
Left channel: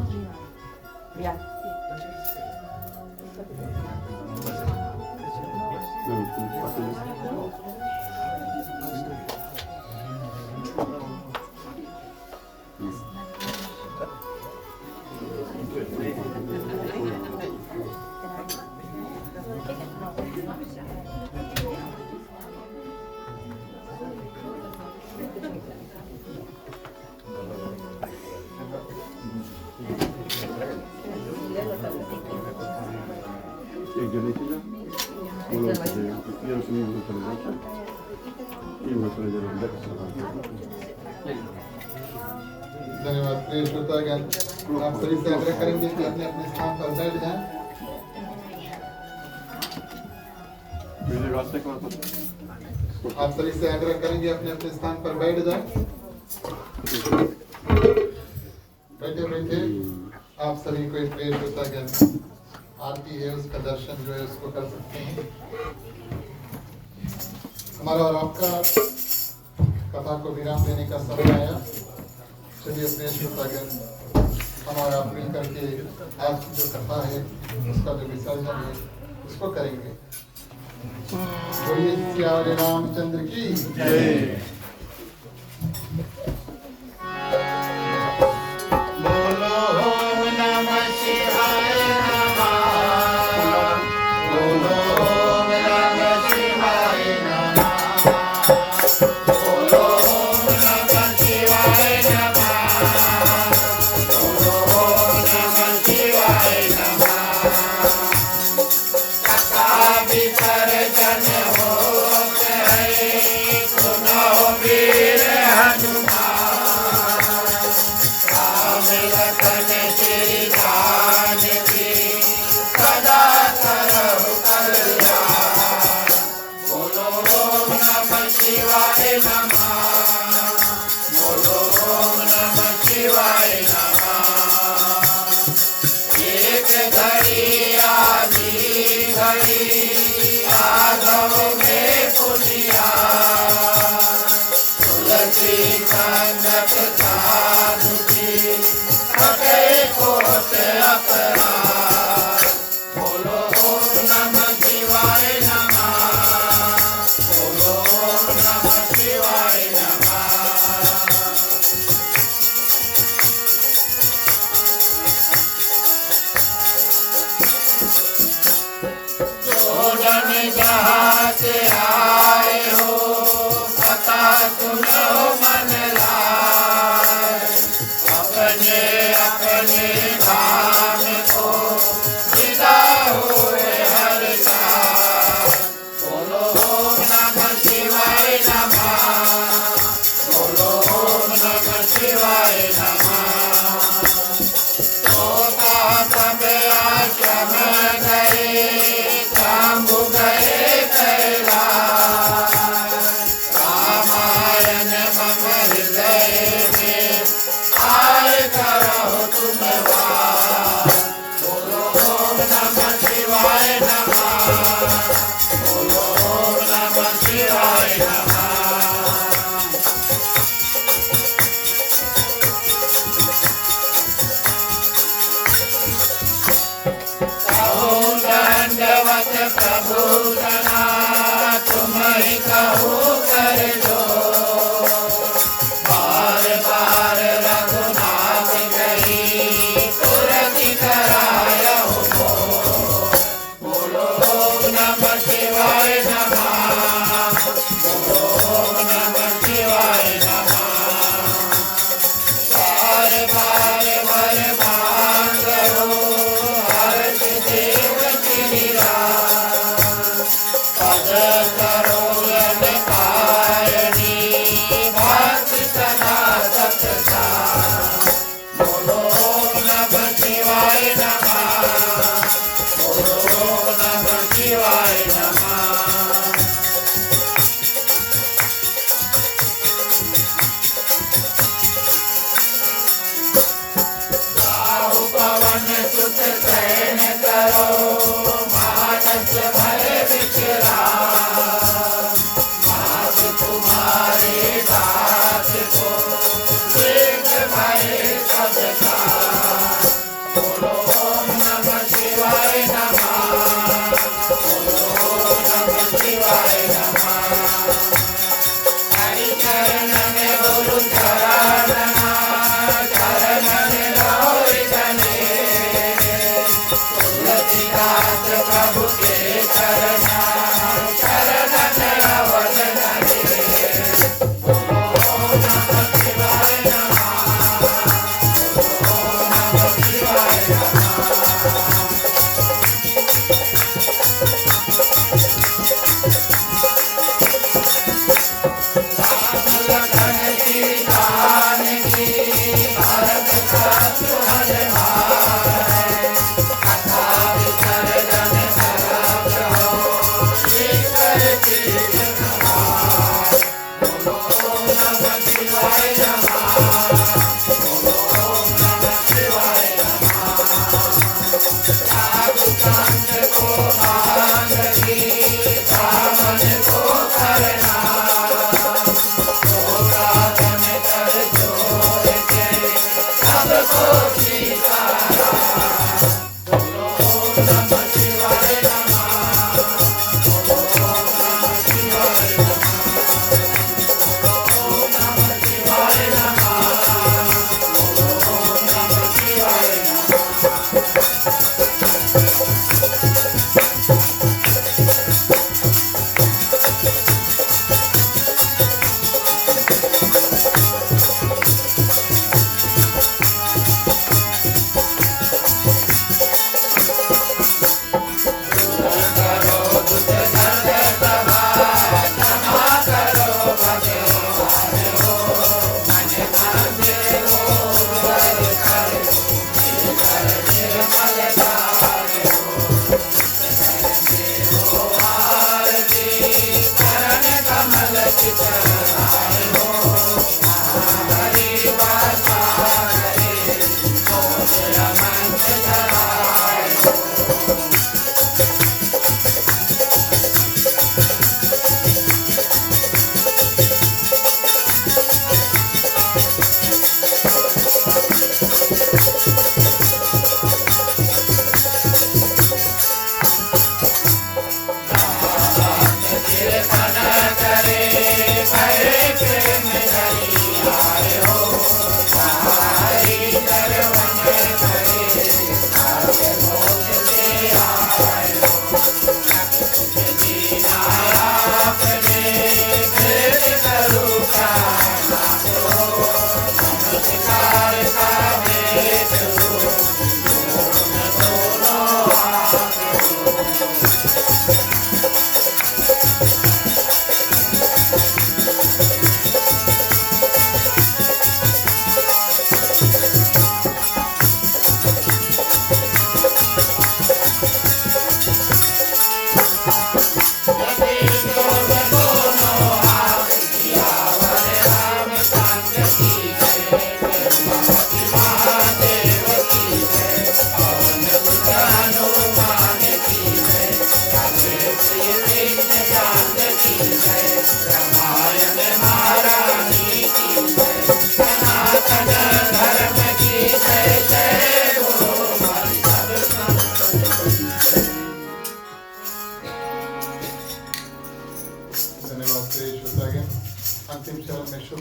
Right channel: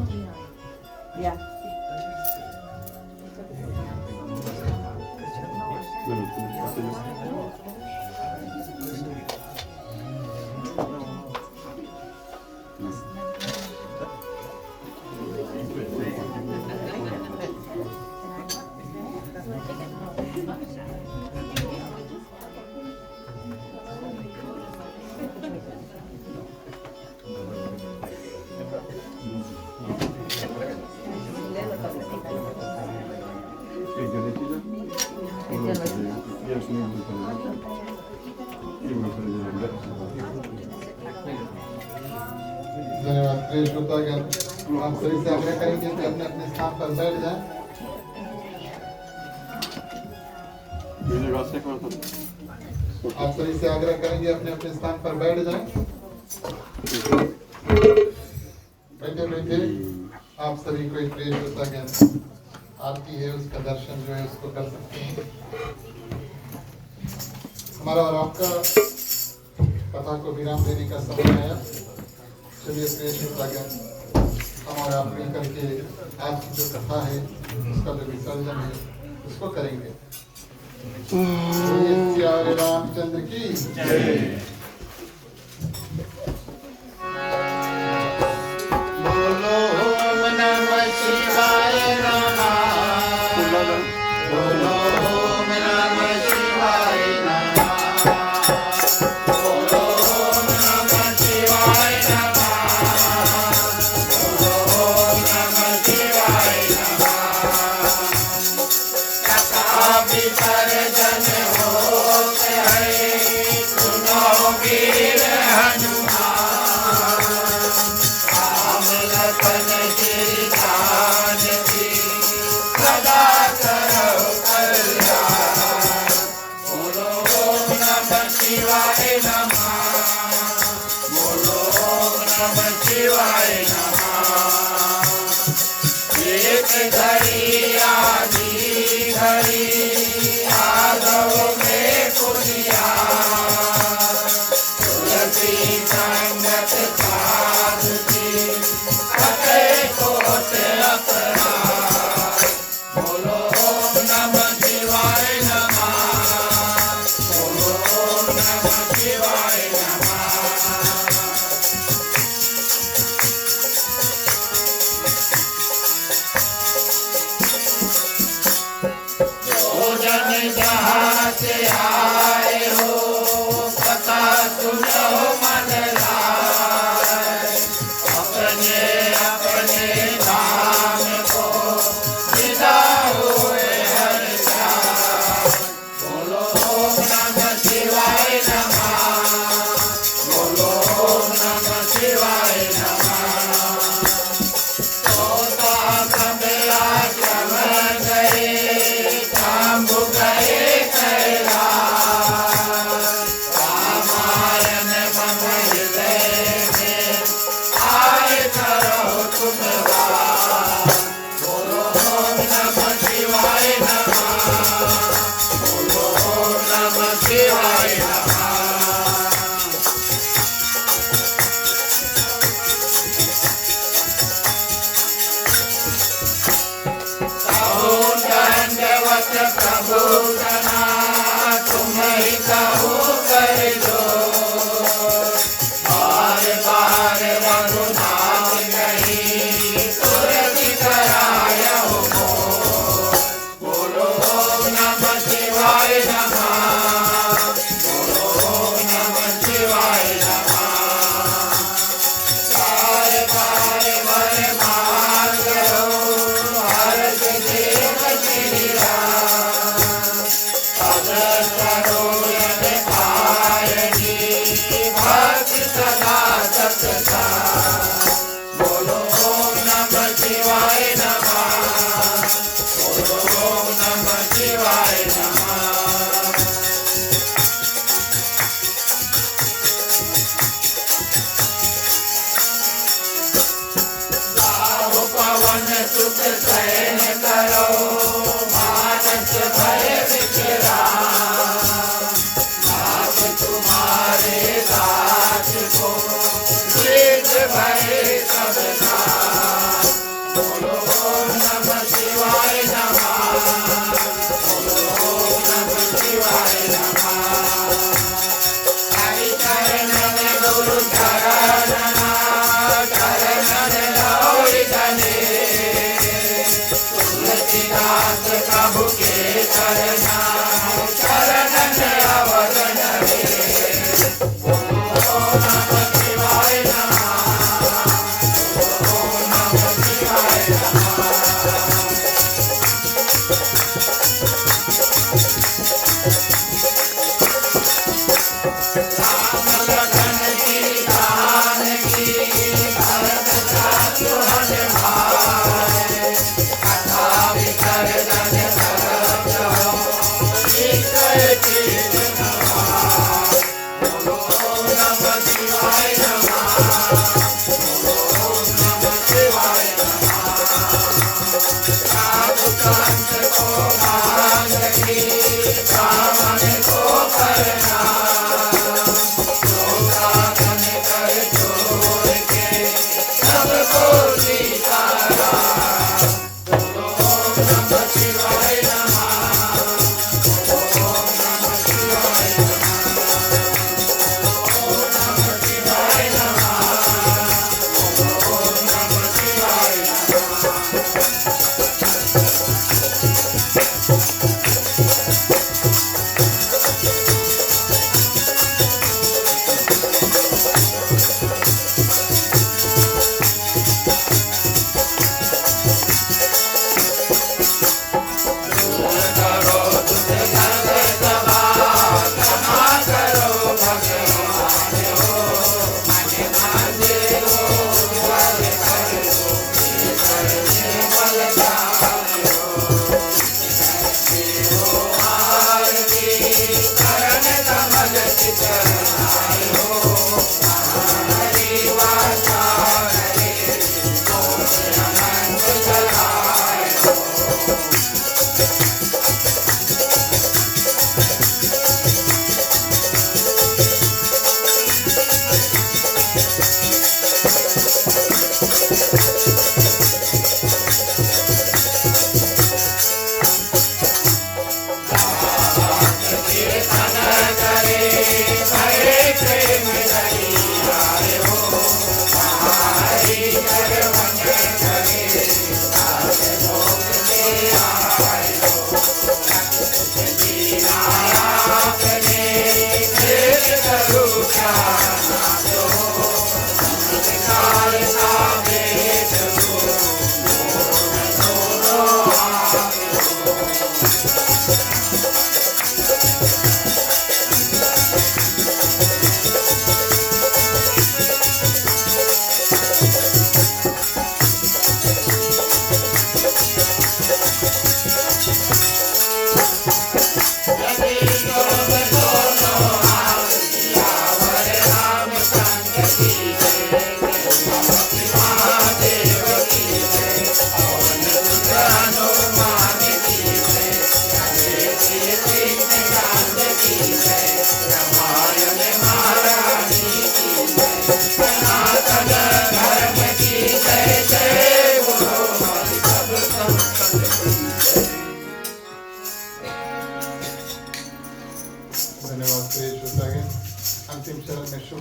प्रिय श्रोतागण, आप सभी से आग्रह करेंगे कि अपने अपने स्थान पर बैठ जाएं। आप सभी से आग्रह करेंगे अपने अपने स्थान पर बैठ जाएं। बैठे बैठे आप सभी को प्रिय श्रोतागण आरती है उसका दर्शन जो है उसको कर सकते हैं। हमारा और आपका कथा को विराम देने का समय आया। चलिए प्रिय श्रोतागण हम और आप मिल करके आज की जो कथा है उसका जो विसर्जन है उसको करेंगे। बोलिए श्री रामचंद्र की जय। बोलो ओम नमः शिवाय नमः बोलो ओम नमः शिवाय नमः बोलो ओम नमः शिवाय नमः बोलो ओम नमः शिवाय नमः। कथा विसर्जन हो गए सुनो वीर हनुमान राम लखन श्री जानकी सदा करो कल्याण। बोलो ओम नमः शिवाय नमः बोलो ओम नमः शिवाय नमः। एक घड़ी आधी घड़ी यादव में पुनिया तुलसी संगत साधुकी कटे कोटे अपराध। बोलो ओम नमः शिवाय नमः बोलो ओम नमः शिवाय नमः। जो जन जहाँ से आए हो कथा सुनो मन लाए अपने अपने धाम को विदा हुए हर साल। बोलो ओम नमः शिवाय नमः बोलो ओम नमः शिवाय नमः। तोता सबला चम गए कांबु गए कैलाश रामायण मम हृदय में आए करो तुम वास। बोलो ओम नमः शिवाय नमः बोलो ओम नमः शिवाय नमः। कहो दंडवत प्रभु सना तुम ही कहो कर दो बार बार रघुनाथ गए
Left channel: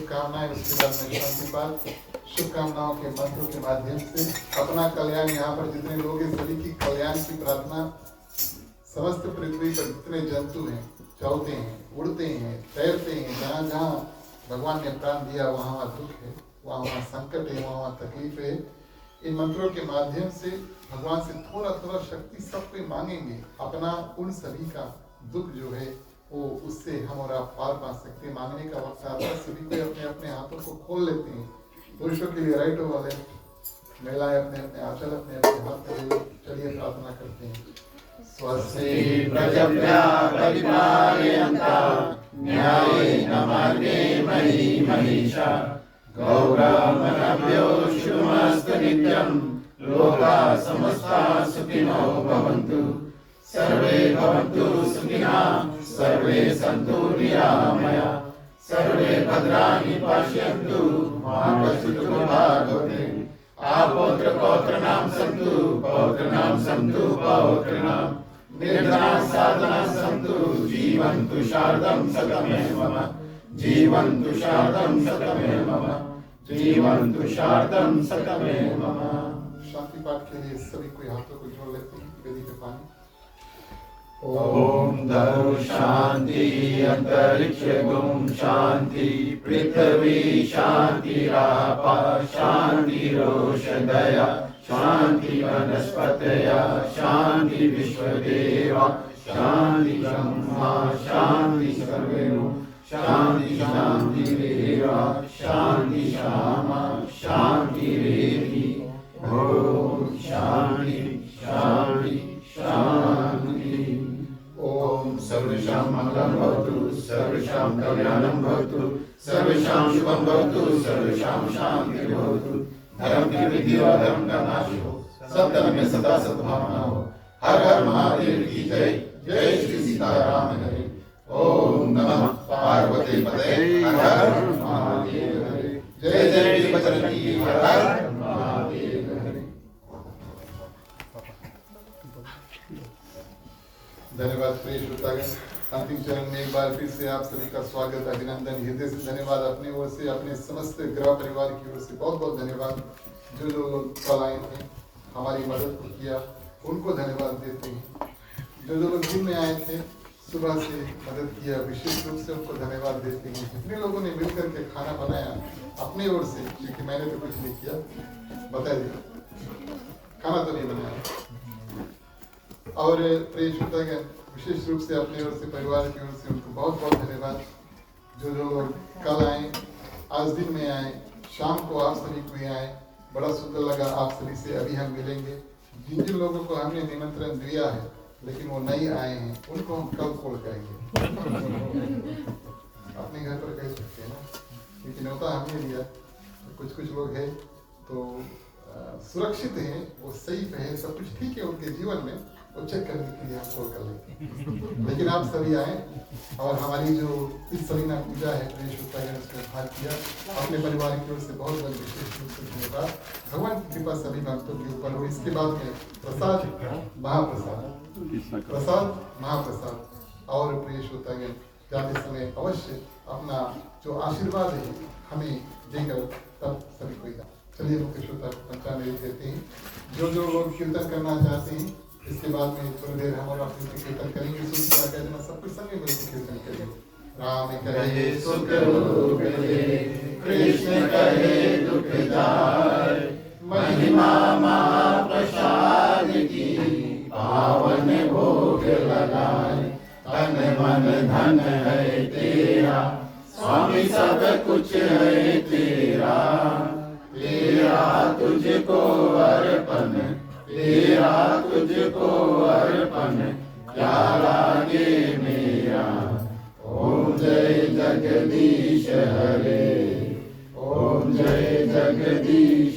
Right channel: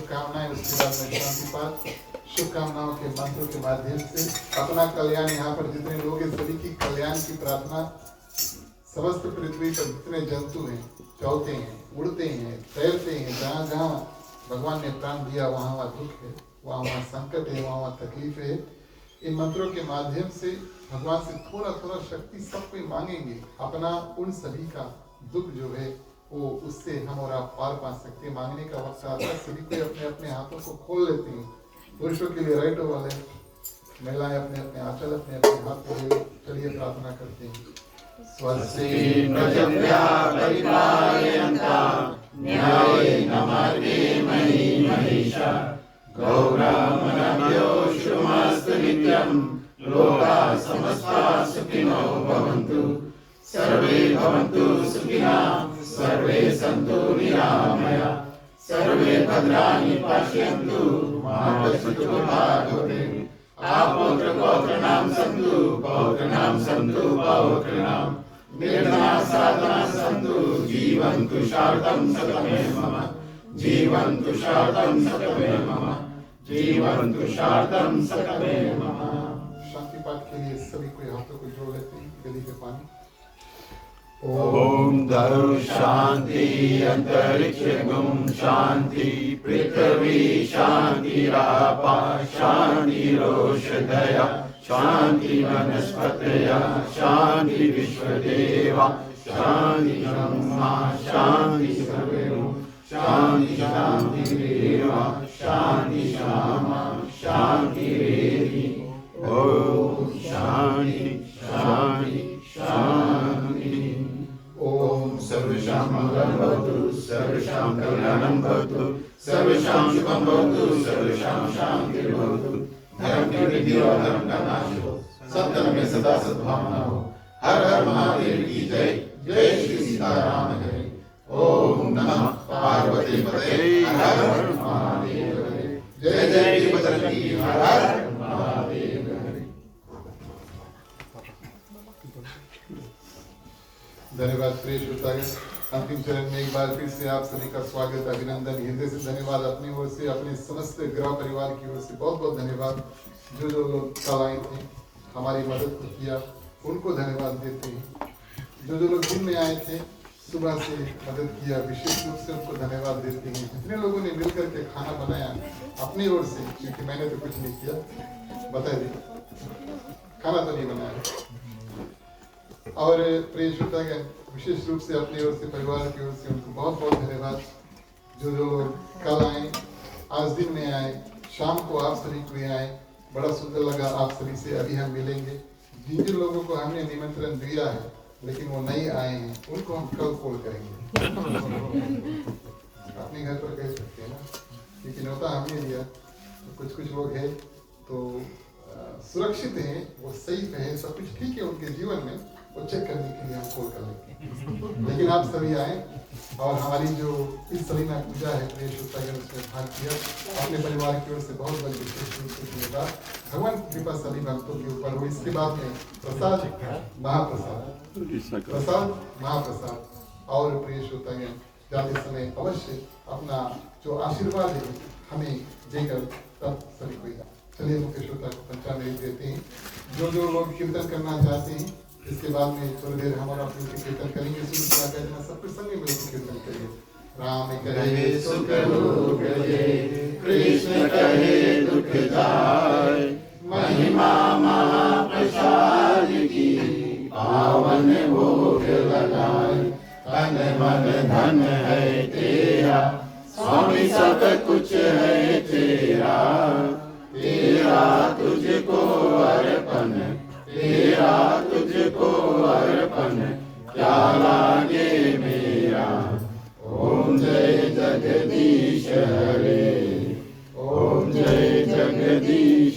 शुभकामनाएं, उसके बाद में शांति पाठ शुभकामनाओं के मंत्रों के माध्यम से अपना कल्याण, यहाँ पर जितने लोग हैं सभी की कल्याण की प्रार्थना। समस्त पृथ्वी पर जितने जंतु हैं, चलते हैं, उड़ते हैं, तैरते हैं, जहाँ जहाँ भगवान ने प्राण दिया वहाँ वहाँ दुख है, वहाँ वहाँ संकट है, वहाँ वहाँ तकलीफ है। इन मंत्रों के माध्यम से भगवान से थोड़ा थोड़ा शक्ति सब कोई मांगेंगे, अपना उन सभी का दुख जो है वो उससे हम और आप पार पा सकते हैं। मांगने का वक्त आता है, सभी कोई अपने अपने हाथों को खोल लेते हैं। पुरुषों के लिए राइट ओवर लेफ्ट, महिलाएं अपने अपने आंचल अपने अपने हाथ को ले। चलिए प्रार्थना करते हैं। स्वस्ति प्रजभ्यः परिपालयन्तः न्यायेन मार्गेण महीं महिषा गौरवमनभ्यो शुभमस्तु नित्यं लोकाः समस्ताः सुखिनो भवन्तु सर्वे भवन्तु सुखिनः सर्वे सन्तु निरामयाः सर्वे भद्राणि पश्यन्तु मा कश्चित् दुर्भाग्यते आपौत्र पौत्राणां सन्तु पौत्राणां सन्तु पौत्राणां निर्धनाः साधनाः सन्तु जीवन्तु शारदं शतमेव मम जीवन्तु शारदं शतमेव मम जीवन्तु शारदं शतमेव मम। शांति पाठ के लिए सभी कोई हाथों को जोड़ लेते हैं गली के पानी। ओम धरु शांति अंतरिक्ष गुम शांति पृथ्वी शांति रापा शांति रोषधया शांति वनस्पतया शांति विश्वदेवा शांति ब्रह्मा शांति सर्वेनु शांति शांति रेवा शांति श्यामा शांति रेवी। ओम शांति शांति शांति। ओम सर्वेषां मंगलं भवतु सर्वेषां कल्याणं भवतु सर्वेषां शुभं भवतु सर्वेषां शान्तिर्भवतु। धर्म की वृद्धि और धर्म का नाश हो, सत्य में सदा सद्भावना हो। हर हर महादेव की जय। जय श्री सीताराम हरे। ओम नमः पार्वती पते हर हर महादेव हरे। जय जय वीरभद्रकी हर हर महादेव हरे। धन्यवाद प्रिय श्रोतागण। अंतिम चरण में एक बार फिर से आप सभी का स्वागत, अभिनंदन, हृदय से धन्यवाद। अपनी ओर से, अपने समस्त ग्रह परिवार की ओर से बहुत बहुत धन्यवाद। जो जो लोग कल आए थे, हमारी मदद को किया, उनको धन्यवाद देते हैं। जो जो लोग दिन में आए थे, सुबह से मदद किया, विशेष रूप से उनको धन्यवाद देते हैं। जितने लोगों ने मिलकर के खाना बनाया अपनी ओर से, क्योंकि मैंने तो कुछ नहीं किया, बताइए, खाना तो नहीं बनाया। और प्रिय श्रोतागण, विशेष रूप से अपनी ओर से, परिवार की ओर से उनको बहुत बहुत धन्यवाद। जो जो लोग कल आए, आज दिन में आए, शाम को आप सभी को आए, बड़ा सुंदर लगा आप सभी से। अभी हम मिलेंगे। जिन जिन लोगों को हमने निमंत्रण दिया है लेकिन वो नहीं आए हैं, उनको हम कल कॉल करेंगे। अपने घर पर कह सकते हैं ना, क्योंकि न्योता हमने दिया। तो कुछ कुछ लोग हैं तो सुरक्षित हैं, वो सेफ है, सब कुछ ठीक है उनके जीवन में, वो चेक करने के लिए हम कॉल कर लेंगे। लेकिन आप सभी आए और हमारी जो इस सलीना पूजा है प्रिय श्रोतागण, उसमें भाग किया। अपने परिवार की ओर से बहुत बड़ी विशेष रूप से धन्यवाद। भगवान की कृपा सभी भक्तों के ऊपर हो। इसके बाद में प्रसाद, महाप्रसाद, प्रसाद महाप्रसाद। और प्रिय श्रोतागण, जाते समय अवश्य अपना जो आशीर्वाद है हमें देकर तब सभी को। चलिए मुख्य श्रोता को पंचामृत देते हैं। जो जो लोग कीर्तन करना चाहते हैं, इसके बाद में थोड़ी देर हम और आप मिलकर कीर्तन करेंगे। सुन कहना सब कुछ संग मिलकर कीर्तन करेंगे। राम कहे सुख रूप है, कृष्ण कहे दुख जाए, महिमा महाप्रसाद की पावन भोग लगाए। तन मन धन है तेरा, स्वामी सब कुछ है तेरा, तेरा तुझको अर्पण, तेरा तुझको अर्पण, क्या लागे मेरा। ओम जय जगदीश हरे, ओम जय जगदीश